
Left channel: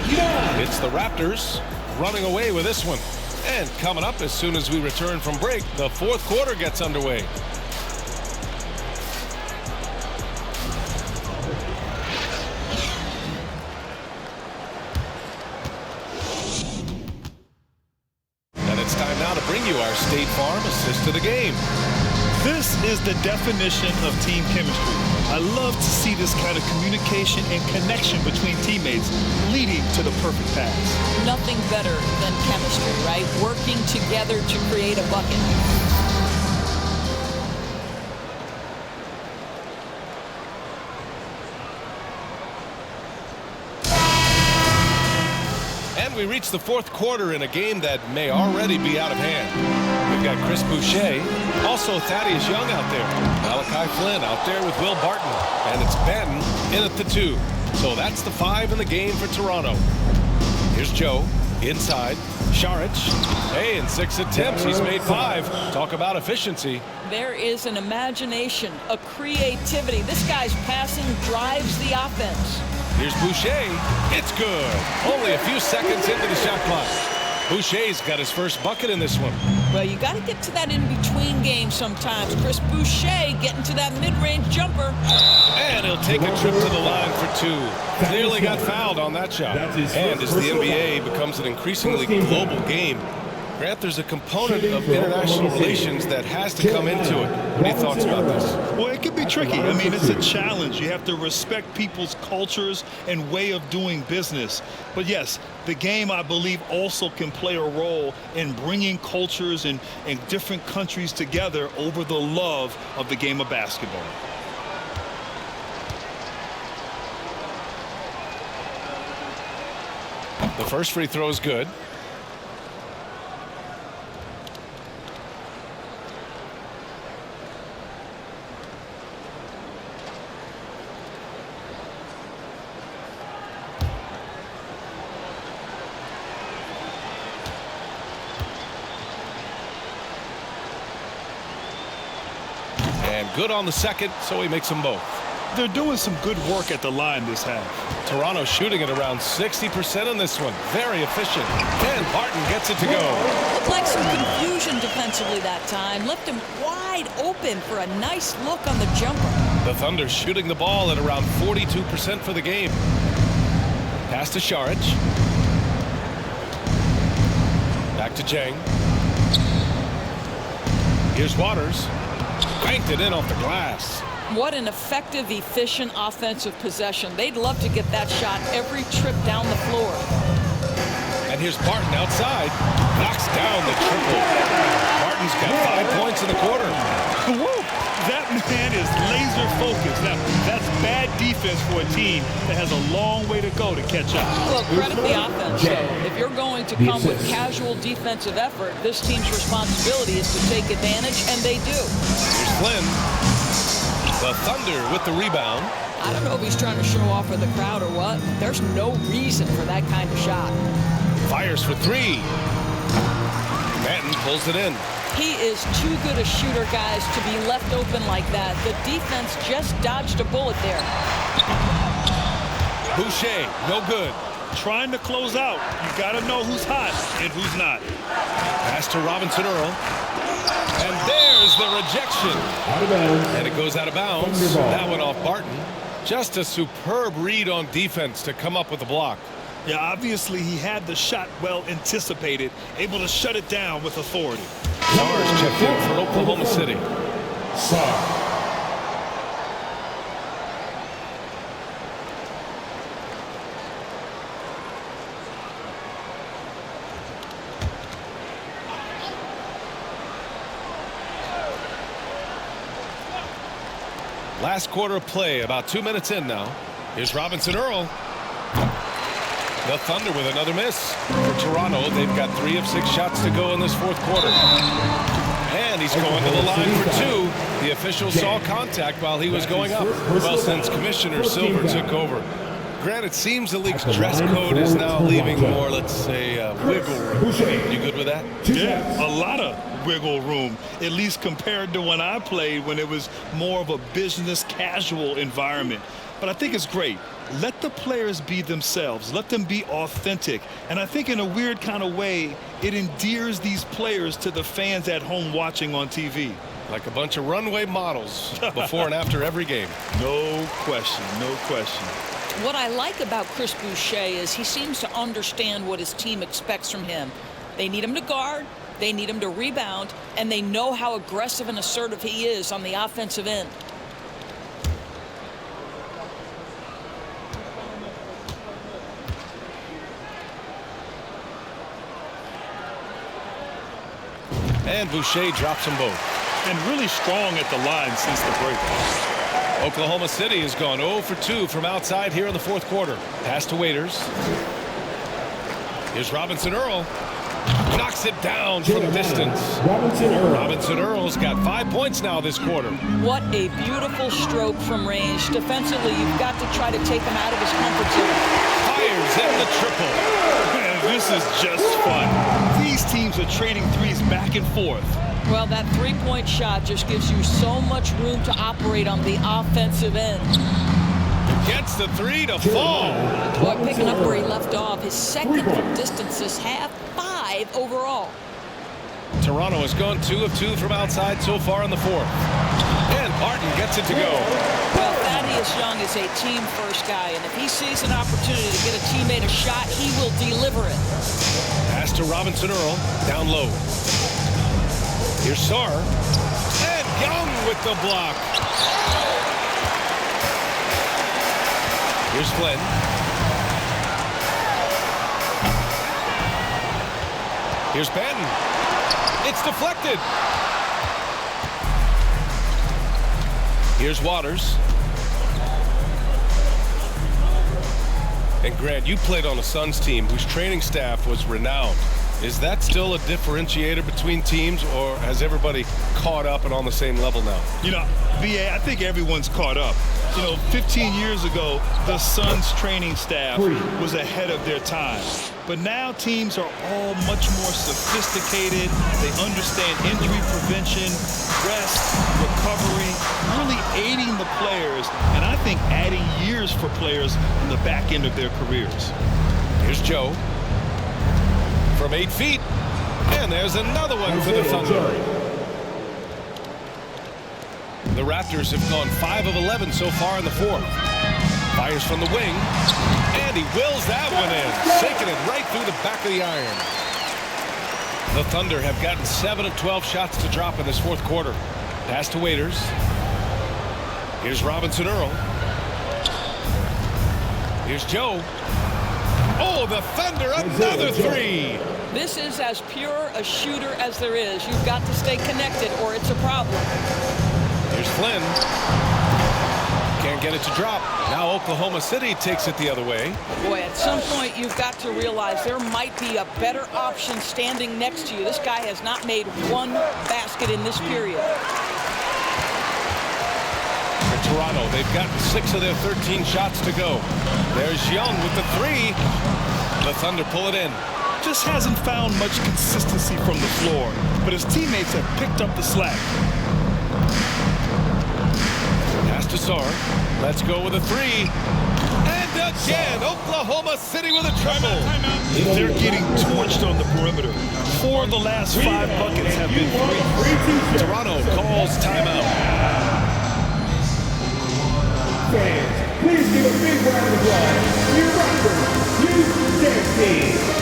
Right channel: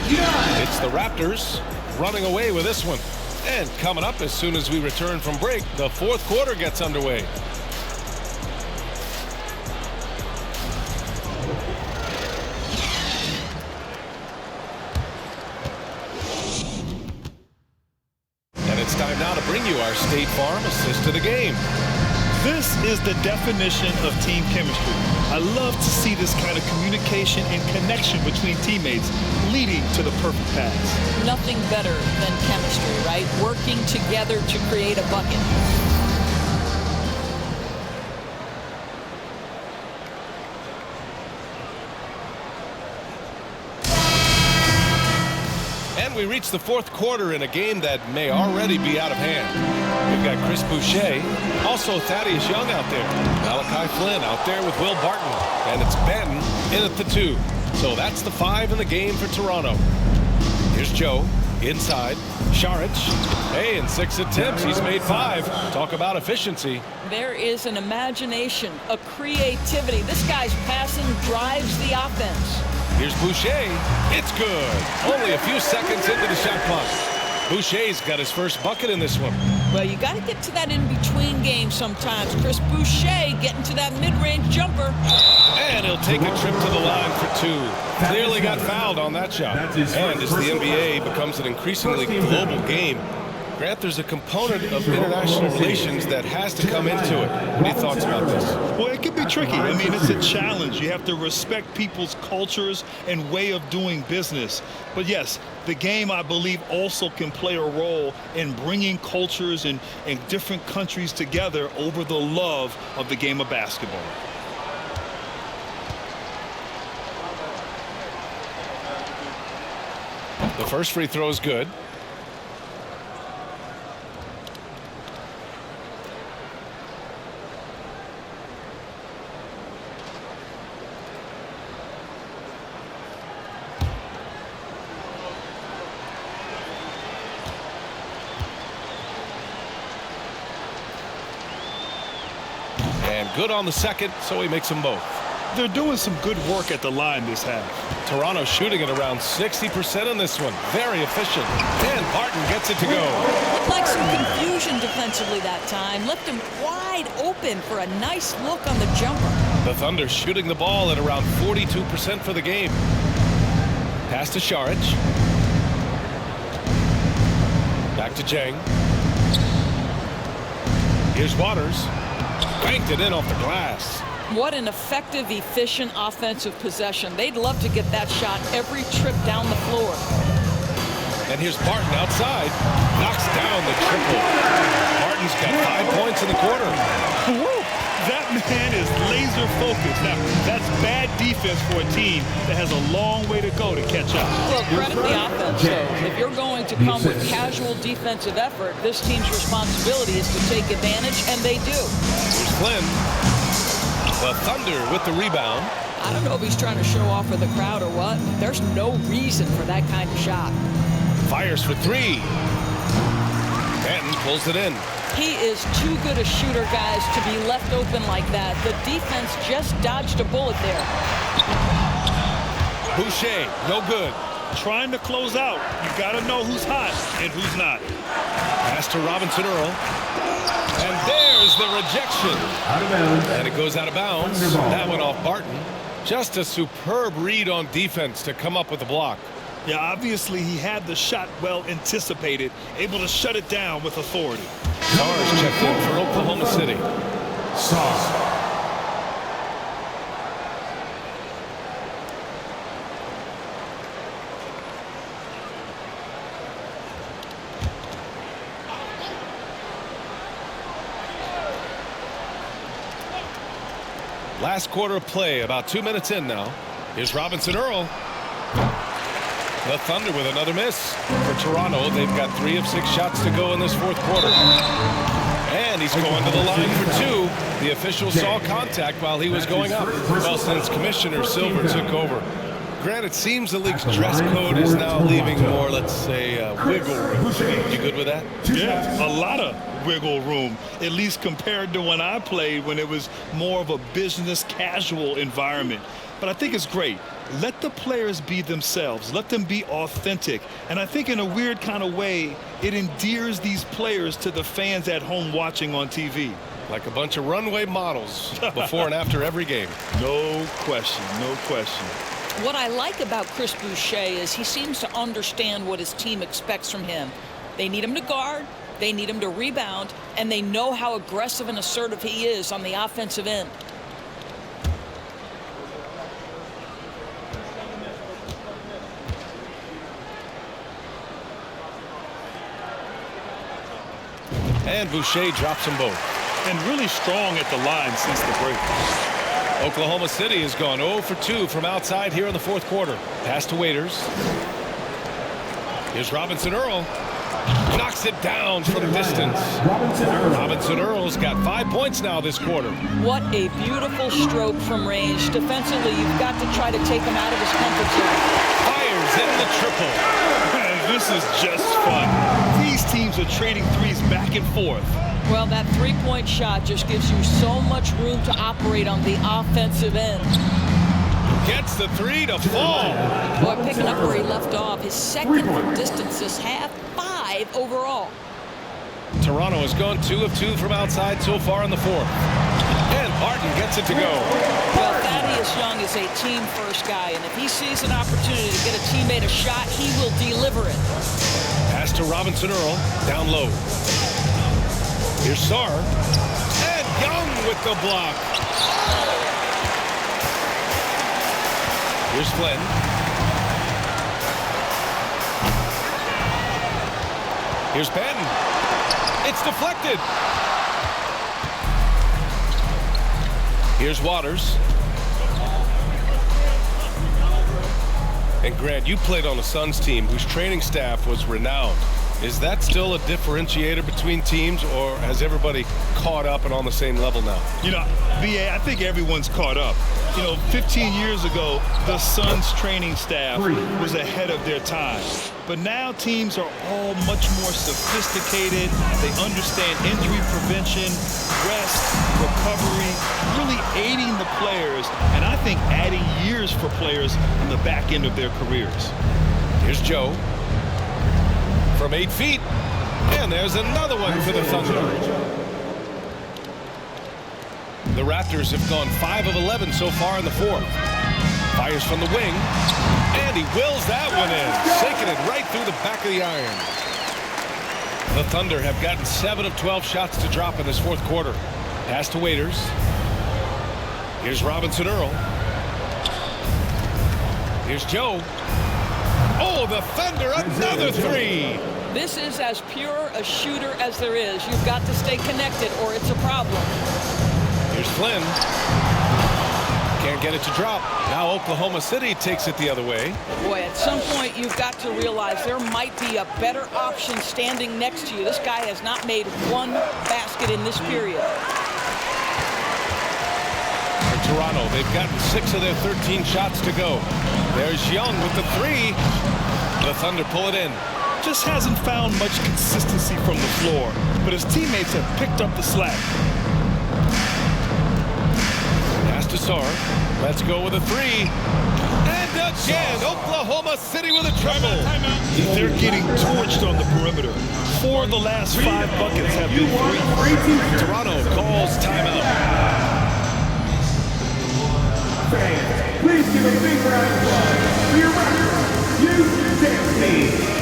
It's the Raptors running away with this one. And coming up as soon as we return from break, the fourth quarter gets underway. It's time now to bring you our State Farm assist of the game. This is the definition of team chemistry. I love to see this kind of communication and connection between teammates leading to the perfect pass. Nothing better than chemistry, right? Working together to create a bucket. And we reach the fourth quarter in a game that may already be out of hand. We've got Chris Boucher, also Thaddeus Young out there. Malachi Flynn out there with Will Barton. And it's Benton in at the 2. So that's the 5 in the game for Toronto. Here's Joe inside. Saric. Hey, in 6 attempts, he's made 5. Talk about efficiency. There is an imagination, a creativity. This guy's passing drives the offense. Here's Boucher. It's good. Only a few seconds into the shot clock. Boucher's got his first bucket in this one. Well, you got to get to that in-between game sometimes. Chris Boucher getting to that mid-range jumper. And he'll take a trip to the line for 2. Clearly got fouled on that shot. And as the NBA becomes an increasingly global game, Grant, there's a component of international relations that has to come into it. What are your thoughts about this? Well, it can be tricky. I mean, it's a challenge. You have to respect people's cultures and way of doing business. But yes, the game, I believe, also can play a role in bringing cultures and different countries together over the love of the game of basketball. The first free throw is good. And good on the second, so he makes them both. They're doing some good work at the line this half. Toronto shooting at around 60% in this one. Very efficient. And Barton gets it to go. Looked like some confusion defensively that time. Left him wide open for a nice look on the jumper. The Thunder shooting the ball at around 42% for the game. Pass to Saric. Back to Jang. Here's Waters. Banked it in off the glass. What an effective, efficient offensive possession. They'd love to get that shot every trip down the floor. And here's Barton outside. Knocks down the triple. Barton's got 5 points in the quarter. Woo! That man is laser focused. Now, that's bad defense for a team that has a long way to go to catch up. Well, credit the offense, though. If you're going to come with casual defensive effort, this team's responsibility is to take advantage, and they do. Here's Flynn. The Thunder with the rebound. I don't know if he's trying to show off for the crowd or what, but there's no reason for that kind of shot. Fires for 3. Benton pulls it in. He is too good a shooter, guys, to be left open like that. The defense just dodged a bullet there. Boucher, no good. Trying to close out. You got to know who's hot and who's not. Pass to Robinson Earl. And there's the rejection. Out of bounds. And it goes out of bounds. That went off Barton. Just a superb read on defense to come up with the block. Yeah, obviously he had the shot well anticipated, able to shut it down with authority. Sar's checked in for Oklahoma City. Sar. Last quarter of play, about 2 minutes in now. Here's Robinson Earl. The Thunder with another miss. For Toronto, they've got 3 of 6 shots to go in this fourth quarter. And he's going to the line for 2. The official saw contact while he was going up. Well, since Commissioner Silver took over. Grant, it seems the league's dress code is now leaving more, let's say, wiggle room. You good with that? Yeah, a lot of wiggle room, at least compared to when I played, when it was more of a business casual environment. But I think it's great. Let the players be themselves. Let them be authentic. And I think in a weird kind of way, it endears these players to the fans at home watching on TV. Like a bunch of runway models before and after every game. No question, no question. What I like about Chris Boucher is he seems to understand what his team expects from him. They need him to guard, they need him to rebound, and they know how aggressive and assertive he is on the offensive end. And Boucher drops them both. And really strong at the line since the break. Oklahoma City has gone 0 for 2 from outside here in the fourth quarter. Pass to Waiters. Here's Robinson Earl. Knocks it down from distance. Robinson Earl's got 5 points now this quarter. What a beautiful stroke from range. Defensively, you've got to try to take him out of his comfort zone. Fires in the triple. Man, this is just fun. These teams are trading threes back and forth. Well, that three-point shot just gives you so much room to operate on the offensive end. Gets the 3 to fall. Boy, picking up where he left off. His second from distance this half, 5 overall. Toronto has gone 2 of 2 from outside so far in the fourth. And Barton gets it to go. Well, Thaddeus Young is a team-first guy, and if he sees an opportunity to get a teammate a shot, he will deliver it. Pass to Robinson Earl, down low. Here's Sar. And Young with the block. Here's Flynn. Here's Benton. It's deflected. Here's Waters. And Grant, you played on a Suns team whose training staff was renowned. Is that still a differentiator between teams, or has everybody caught up and on the same level now? You know, BA, I think everyone's caught up. You know, 15 years ago, the Suns training staff was ahead of their time. But now teams are all much more sophisticated. They understand injury prevention, rest, recovery, really aiding the players, and I think adding years for players on the back end of their careers. Here's Joe. From 8 feet. And there's another one for the Thunder. The Raptors have gone 5 of 11 so far in the fourth. Fires from the wing. And he wills that one in. Sinking it right through the back of the iron. The Thunder have gotten 7 of 12 shots to drop in this fourth quarter. Pass to Waiters. Here's Robinson Earl. Here's Joe. Oh, the Thunder, another 3. This is as pure a shooter as there is. You've got to stay connected or it's a problem. Here's Flynn. Can't get it to drop. Now Oklahoma City takes it the other way. Boy, at some point you've got to realize there might be a better option standing next to you. This guy has not made one basket in this period. For Toronto, they've gotten 6 of their 13 shots to go. There's Young with the 3. The Thunder pull it in. just hasn't found much consistency from the floor, but his teammates have picked up the slack. Pass to Sar. Let's go with a three. And again, Oklahoma City with a trouble. They're getting torched on the perimeter. 4 of the last 5 buckets have been threes. Toronto calls timeout. Fans, please give a big round of applause to your Raptors. Use your dance team.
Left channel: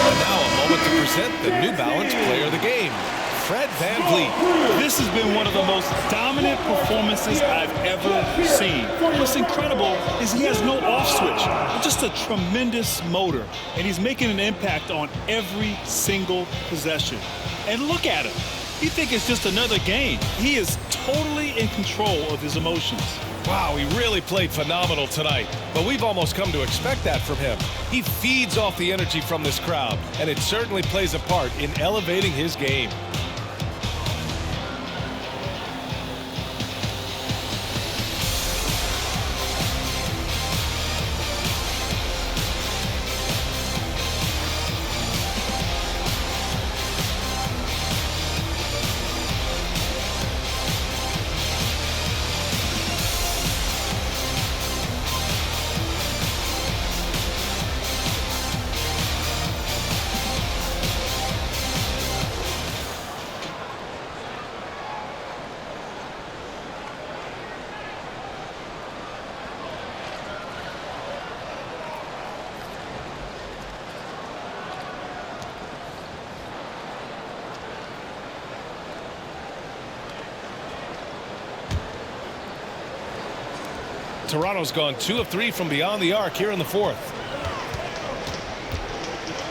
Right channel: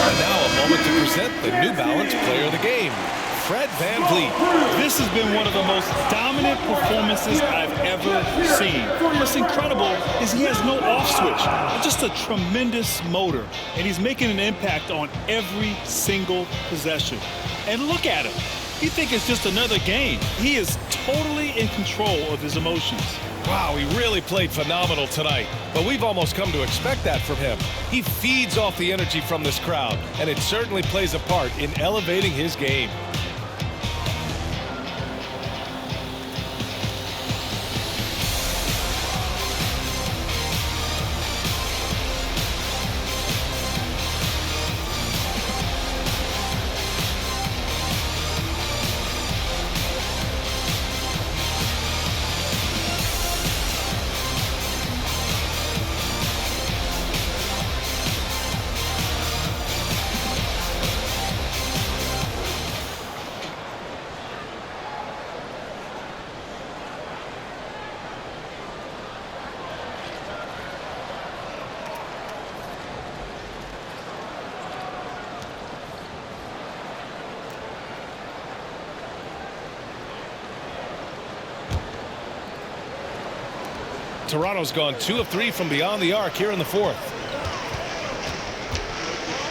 And now a moment to present the New Balance Player of the Game, Fred VanVleet. This has been one of the most dominant performances I've ever seen. What's incredible is he has no off switch, just a tremendous motor, and he's making an impact on every single possession. And look at him. You think it's just another game. He is totally in control of his emotions. Wow, he really played phenomenal tonight, but we've almost come to expect that from him. He feeds off the energy from this crowd, and it certainly plays a part in elevating his game. Toronto's gone 2 of 3 from beyond the arc here in the fourth.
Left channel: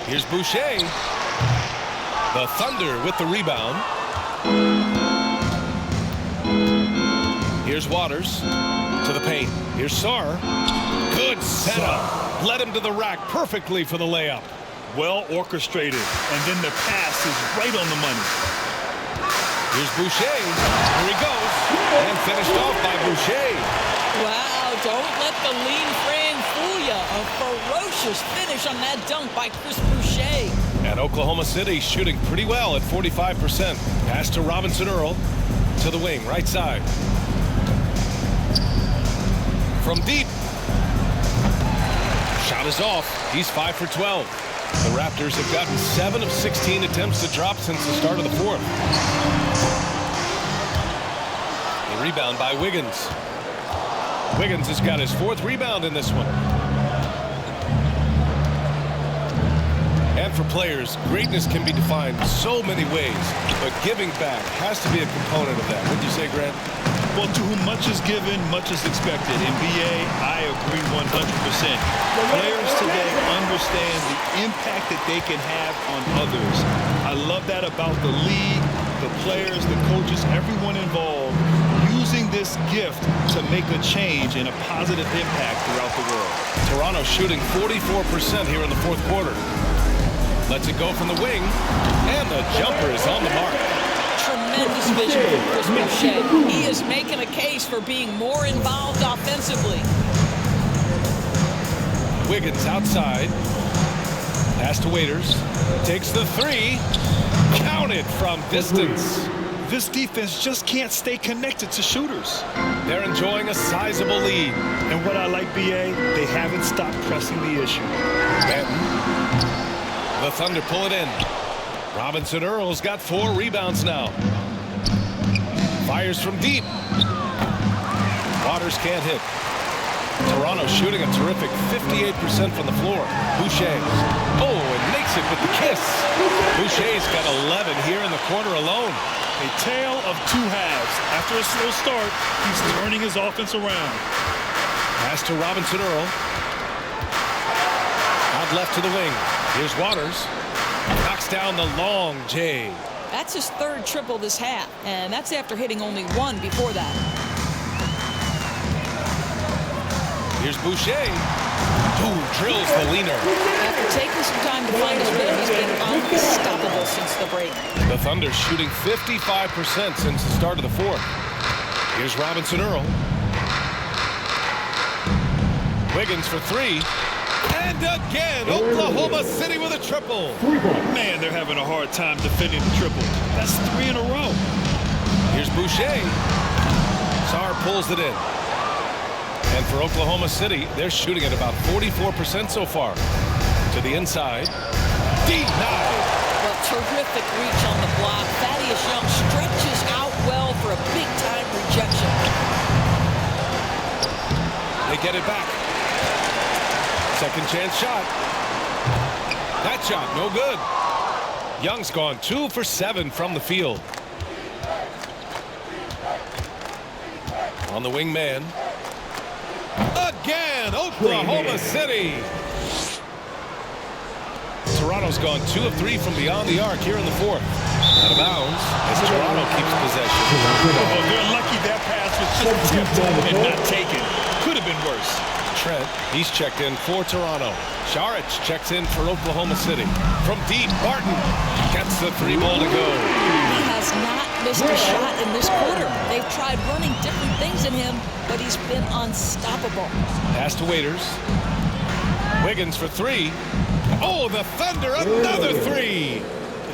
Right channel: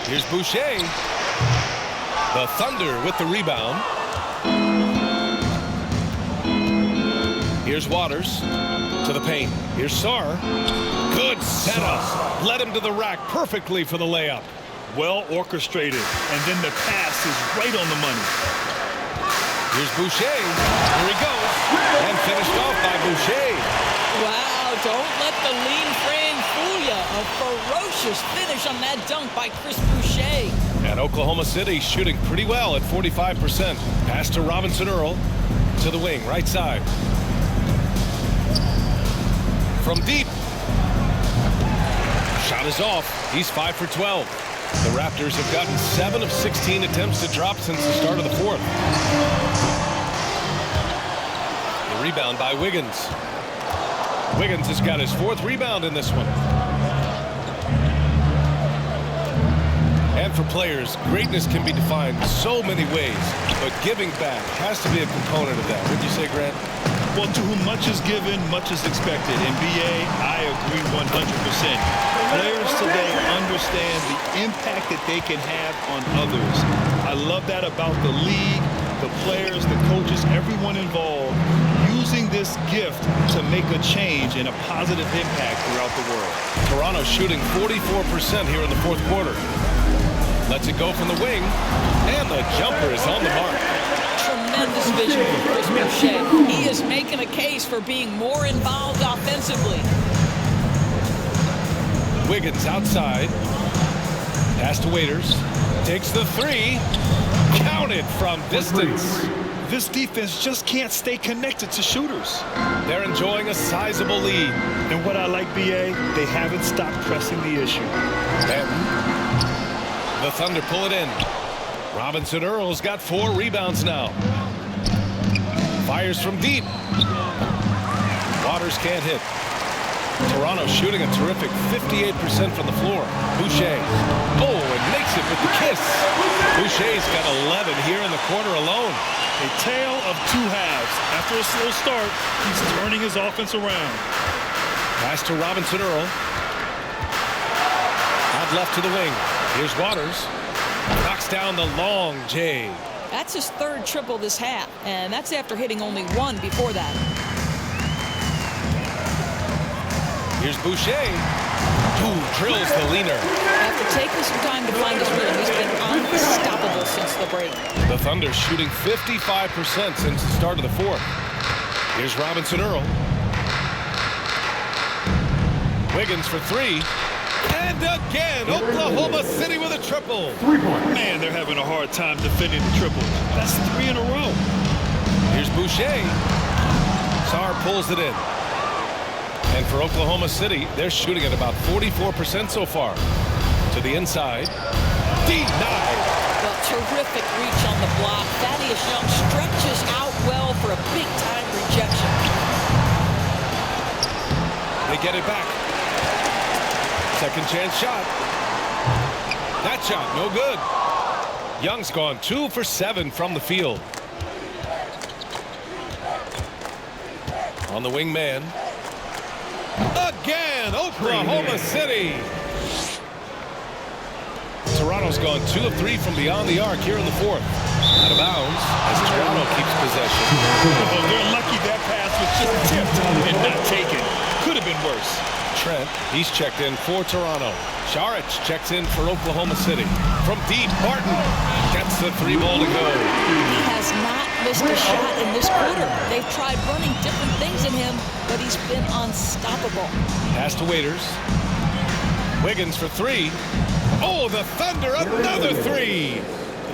Here's Boucher. The Thunder with the rebound. Here's Waters to the paint. Here's Sar. Good setup. Led him to the rack perfectly for the layup. Well orchestrated, and then the pass is right on the money. Here's Boucher. Here he goes. And finished off by Boucher. Wow, don't let the lean frame fool you. A ferocious finish on that dunk by Chris Boucher. And Oklahoma City shooting pretty well at 45%. Pass to Robinson Earl to the wing, right side. From deep. Shot is off. He's 5 for 12. The Raptors have gotten 7 of 16 attempts to drop since the start of the fourth. The rebound by Wiggins. Wiggins has got his 4th rebound in this one. And for players, greatness can be defined so many ways, but giving back has to be a component of that. Wouldn't you say, Grant? Well, to whom much is given, much is expected. In BA, I agree 100%. Players today understand the impact that they can have on others. I love that about the league, the players, the coaches, everyone involved, using this gift to make a change and a positive impact throughout the world. Toronto shooting 44% here in the fourth quarter. Lets it go from the wing, and the jumper is on the mark. Tremendous vision from Chris Boucher. He is making a case for being more involved offensively. Wiggins outside. Pass to Waiters. Takes the three. Counted from distance. This defense just can't stay connected to shooters. They're enjoying a sizable lead. And what I like, BA, they haven't stopped pressing the issue. Benton. The Thunder pull it in. Robinson Earl's got 4 rebounds now. Fires from deep. Waters can't hit. Toronto shooting a terrific 58% from the floor. Boucher. Oh, and makes it with the kiss. Boucher's got 11 here in the quarter alone. A tale of 2 halves. After a slow start, he's turning his offense around. Pass to Robinson Earl. Out left to the wing. Here's Waters. Knocks down the long J. That's his 3rd triple this half, and that's after hitting only 1 before that. Here's Boucher. Drills the leaner. After taking some time to find his rhythm, he's been unstoppable since the break. The Thunder shooting 55% since the start of the 4th. Here's Robinson Earl. Wiggins for 3. And again, Oklahoma City with a triple. Man, they're having a hard time defending the triple. That's 3 in a row. Here's Boucher. Sarr pulls it in. And for Oklahoma City, they're shooting at about 44% so far. To the inside. Denied. Well, terrific reach on the block. Thaddeus Young stretches out well for a big-time rejection. They get it back. Second chance shot. That shot, no good. Young's gone 2 for 7 from the field. On the wing man. Again, Oklahoma City. Toronto's gone 2 of 3 from beyond the arc here in the 4th. Out of bounds as Toronto keeps possession. Oh, they're lucky that pass was just tipped and not taken. Could have been worse. Trent, he's checked in for Toronto. Saric checks in for Oklahoma City. From deep, Barton gets the 3 ball to go. He has not missed a shot in this quarter. They've tried running different things in him, but he's been unstoppable. Pass to Waiters. Wiggins for 3. Oh, the Thunder, another 3.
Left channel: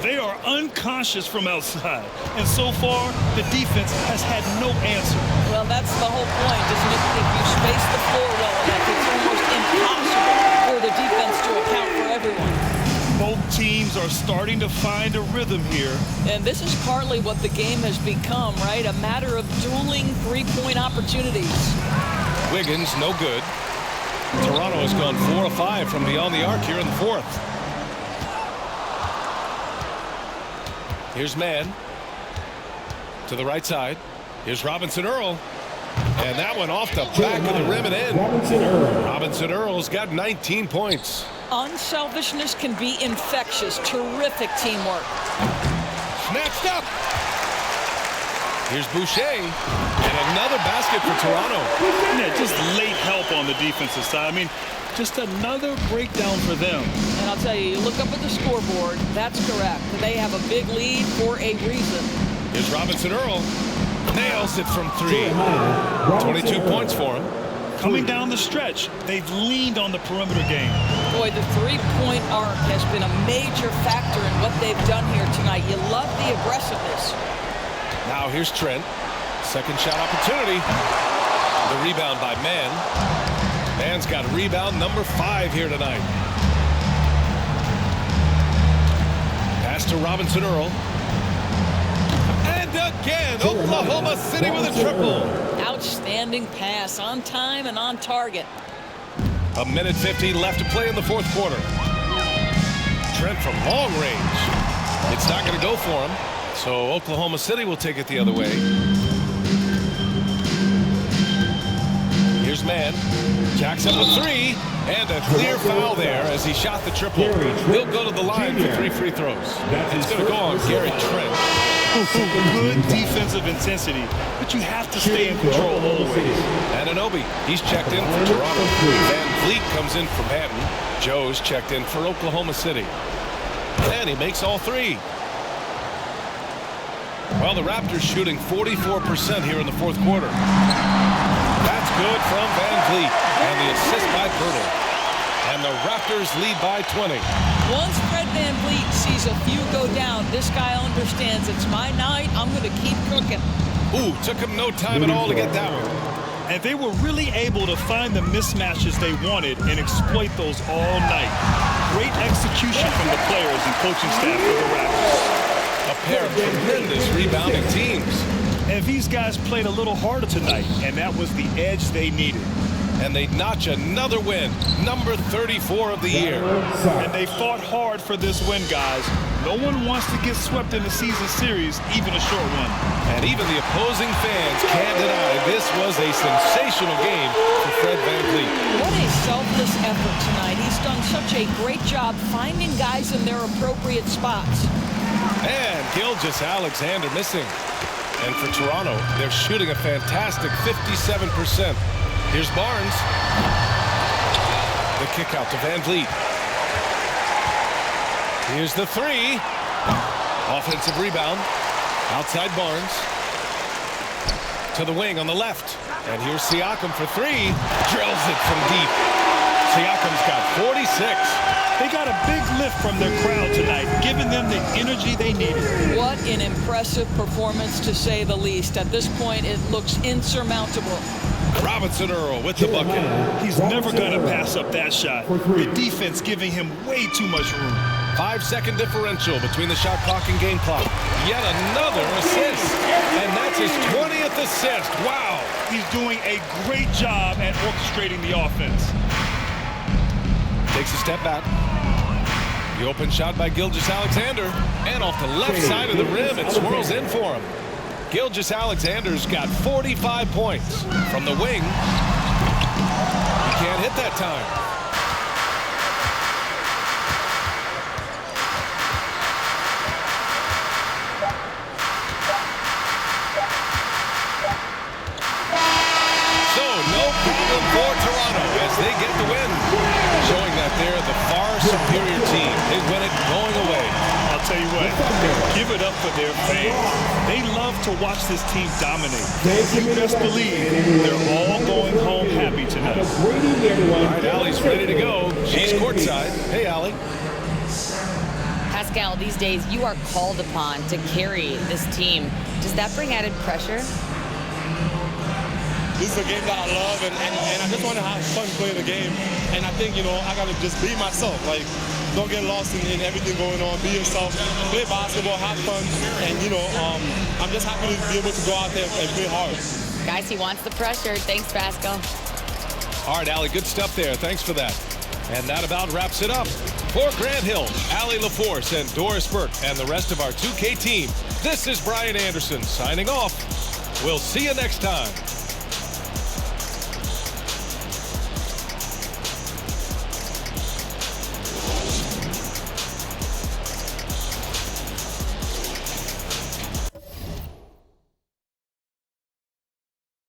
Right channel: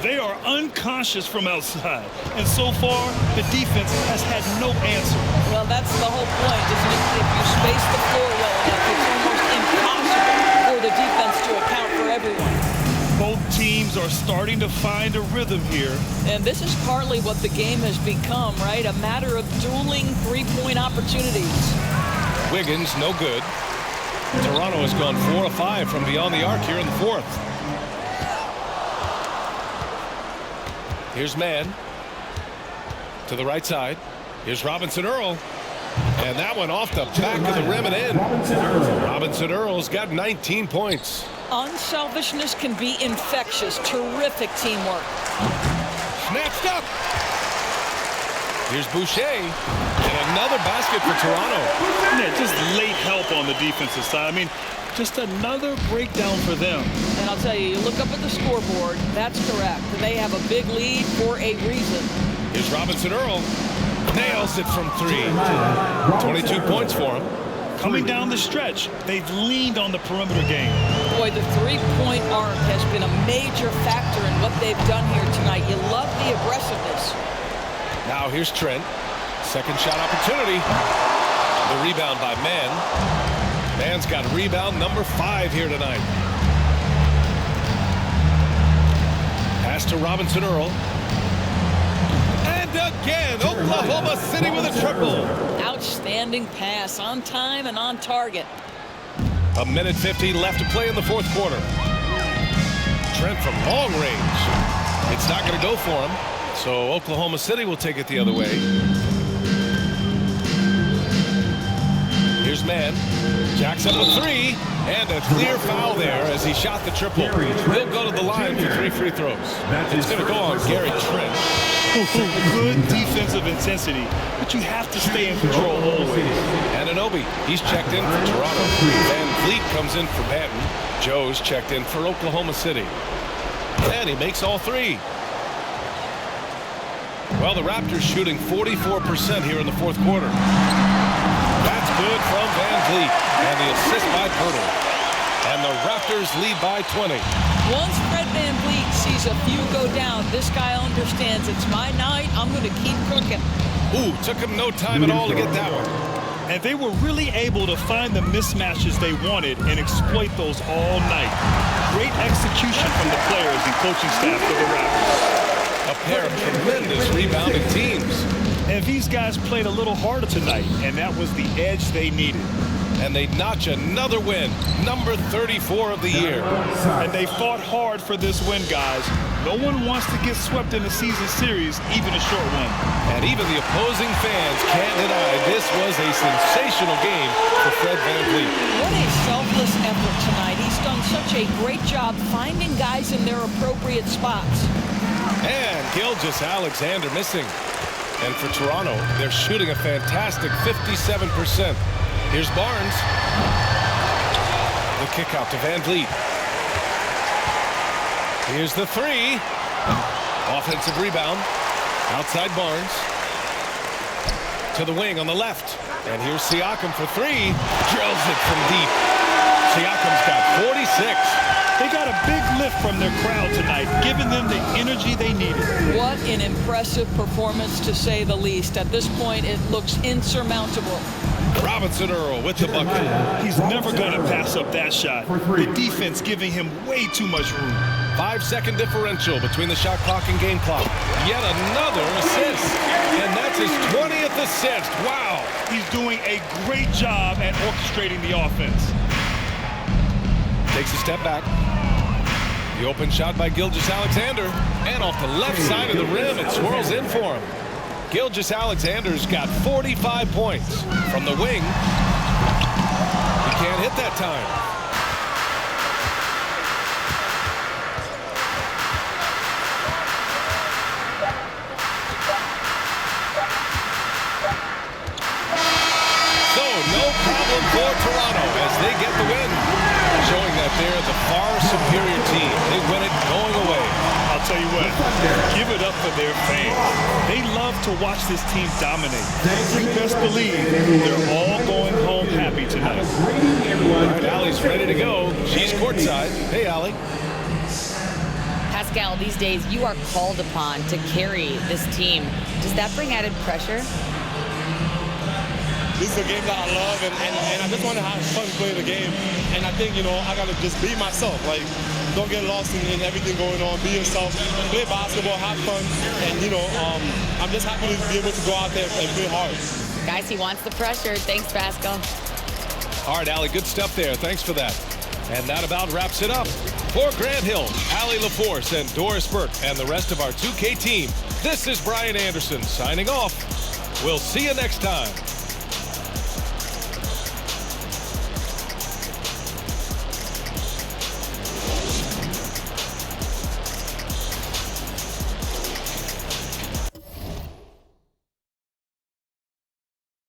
They are unconscious from outside, and so far the defense has had no answer. Well, that's the whole point, isn't it? If you space the floor well enough, it's almost impossible for the defense to account for everyone. Both teams are starting to find a rhythm here. And this is partly what the game has become, right? A matter of dueling 3-point opportunities. Wiggins, no good. Toronto has gone 4 of 5 from beyond the arc here in the 4th. Here's Mann. To the right side. Here's Robinson Earl. And that one off the back of the rim and in. Robinson Earl's got 19 points. Unselfishness can be infectious. Terrific teamwork. Snatched up. Here's Boucher. And another basket for Toronto. Yeah, just late help on the defensive side. I mean, just another breakdown for them. And I'll tell you, you look up at the scoreboard, that's correct. They have a big lead for a reason. Here's Robinson Earl. Nails it from 3. 22 points for him. Coming down the stretch, they've leaned on the perimeter game. Boy, the 3-point arc has been a major factor in what they've done here tonight. You love the aggressiveness. Now here's Trent. Second shot opportunity. The rebound by Mann. Mann's got rebound number 5 here tonight. Pass to Robinson Earl. And again, Oklahoma City with a triple. Outstanding pass, on time and on target. 1:50 left to play in the 4th quarter. Trent from long range. It's not going to go for him. So Oklahoma City will take it the other way. Here's Mann. Jacks up a 3. And a clear foul there as he shot the triple. He'll go to the line for 3 free throws. It's going to go on Gary Trent. Good defensive intensity, but you have to stay in control always. Anunoby, he's checked in for Toronto. Van Vliet comes in for Banton. Joe's checked in for Oklahoma City. And he makes all 3. Well, the Raptors shooting 44% here in the 4th quarter. That's good from Van Vliet. And the assist by Pirtle. And the Raptors lead by 20. Once Fred VanVleet sees a few go down, this guy understands it's my night. I'm going to keep cooking. Ooh, took him no time at all to get that one. And they were really able to find the mismatches they wanted and exploit those all night. Great execution from the players and coaching staff for the Raptors. A pair of tremendous rebounding teams. And these guys played a little harder tonight, and that was the edge they needed. And they notch another win, number 34 of the year. And they fought hard for this win, guys. No one wants to get swept in the season series, even a short one. And even the opposing fans can't deny this was a sensational game for Fred VanVleet. What a selfless effort tonight. He's done such a great job finding guys in their appropriate spots. And Gilgeous-Alexander missing. And for Toronto, they're shooting a fantastic 57%. Here's Barnes. The kick out to VanVleet. Here's the three. Offensive rebound. Outside Barnes. To the wing on the left. And here's Siakam for three. Drills it from deep. Siakam's got 46. They got a big lift from their crowd tonight, giving them the energy they needed. What an impressive performance, to say the least. At this point, it looks insurmountable. Robinson Earl with the bucket. He's never going to pass up that shot. The defense giving him way too much room. 5-second differential between the shot clock and game clock. Yet another assist. And that's his 20th assist. Wow. He's doing a great job at orchestrating the offense. Takes a step back. The open shot by Gilgeous-Alexander. And off the left side of the rim, it swirls in for him. Gilgeous-Alexander's got 45 points. From the wing, he can't hit that time. So, no problem for Toronto as they get the win, showing that they're the far superior team. They win it going away. I'll tell you what, give it up for their fans. They love to watch this team dominate. You best believe they're all going home happy tonight. All right, Allie's ready to go. She's courtside. Hey, Allie. Pascal, these days you are called upon to carry this team. Does that bring added pressure? This is a game that I love, and I just want to have fun playing the game. And I think, I got to just be myself. Like, don't get lost in everything going on. Be yourself. Play basketball, have fun. And, I'm just happy to be able to go out there and play hard. Guys, he wants the pressure. Thanks, Pascal. All right, Allie, good stuff there. Thanks for that. And that about wraps it up. For Grant Hill, Allie LaForce, and Doris Burke, and the rest of our 2K team, this is Brian Anderson signing off. We'll see you next time.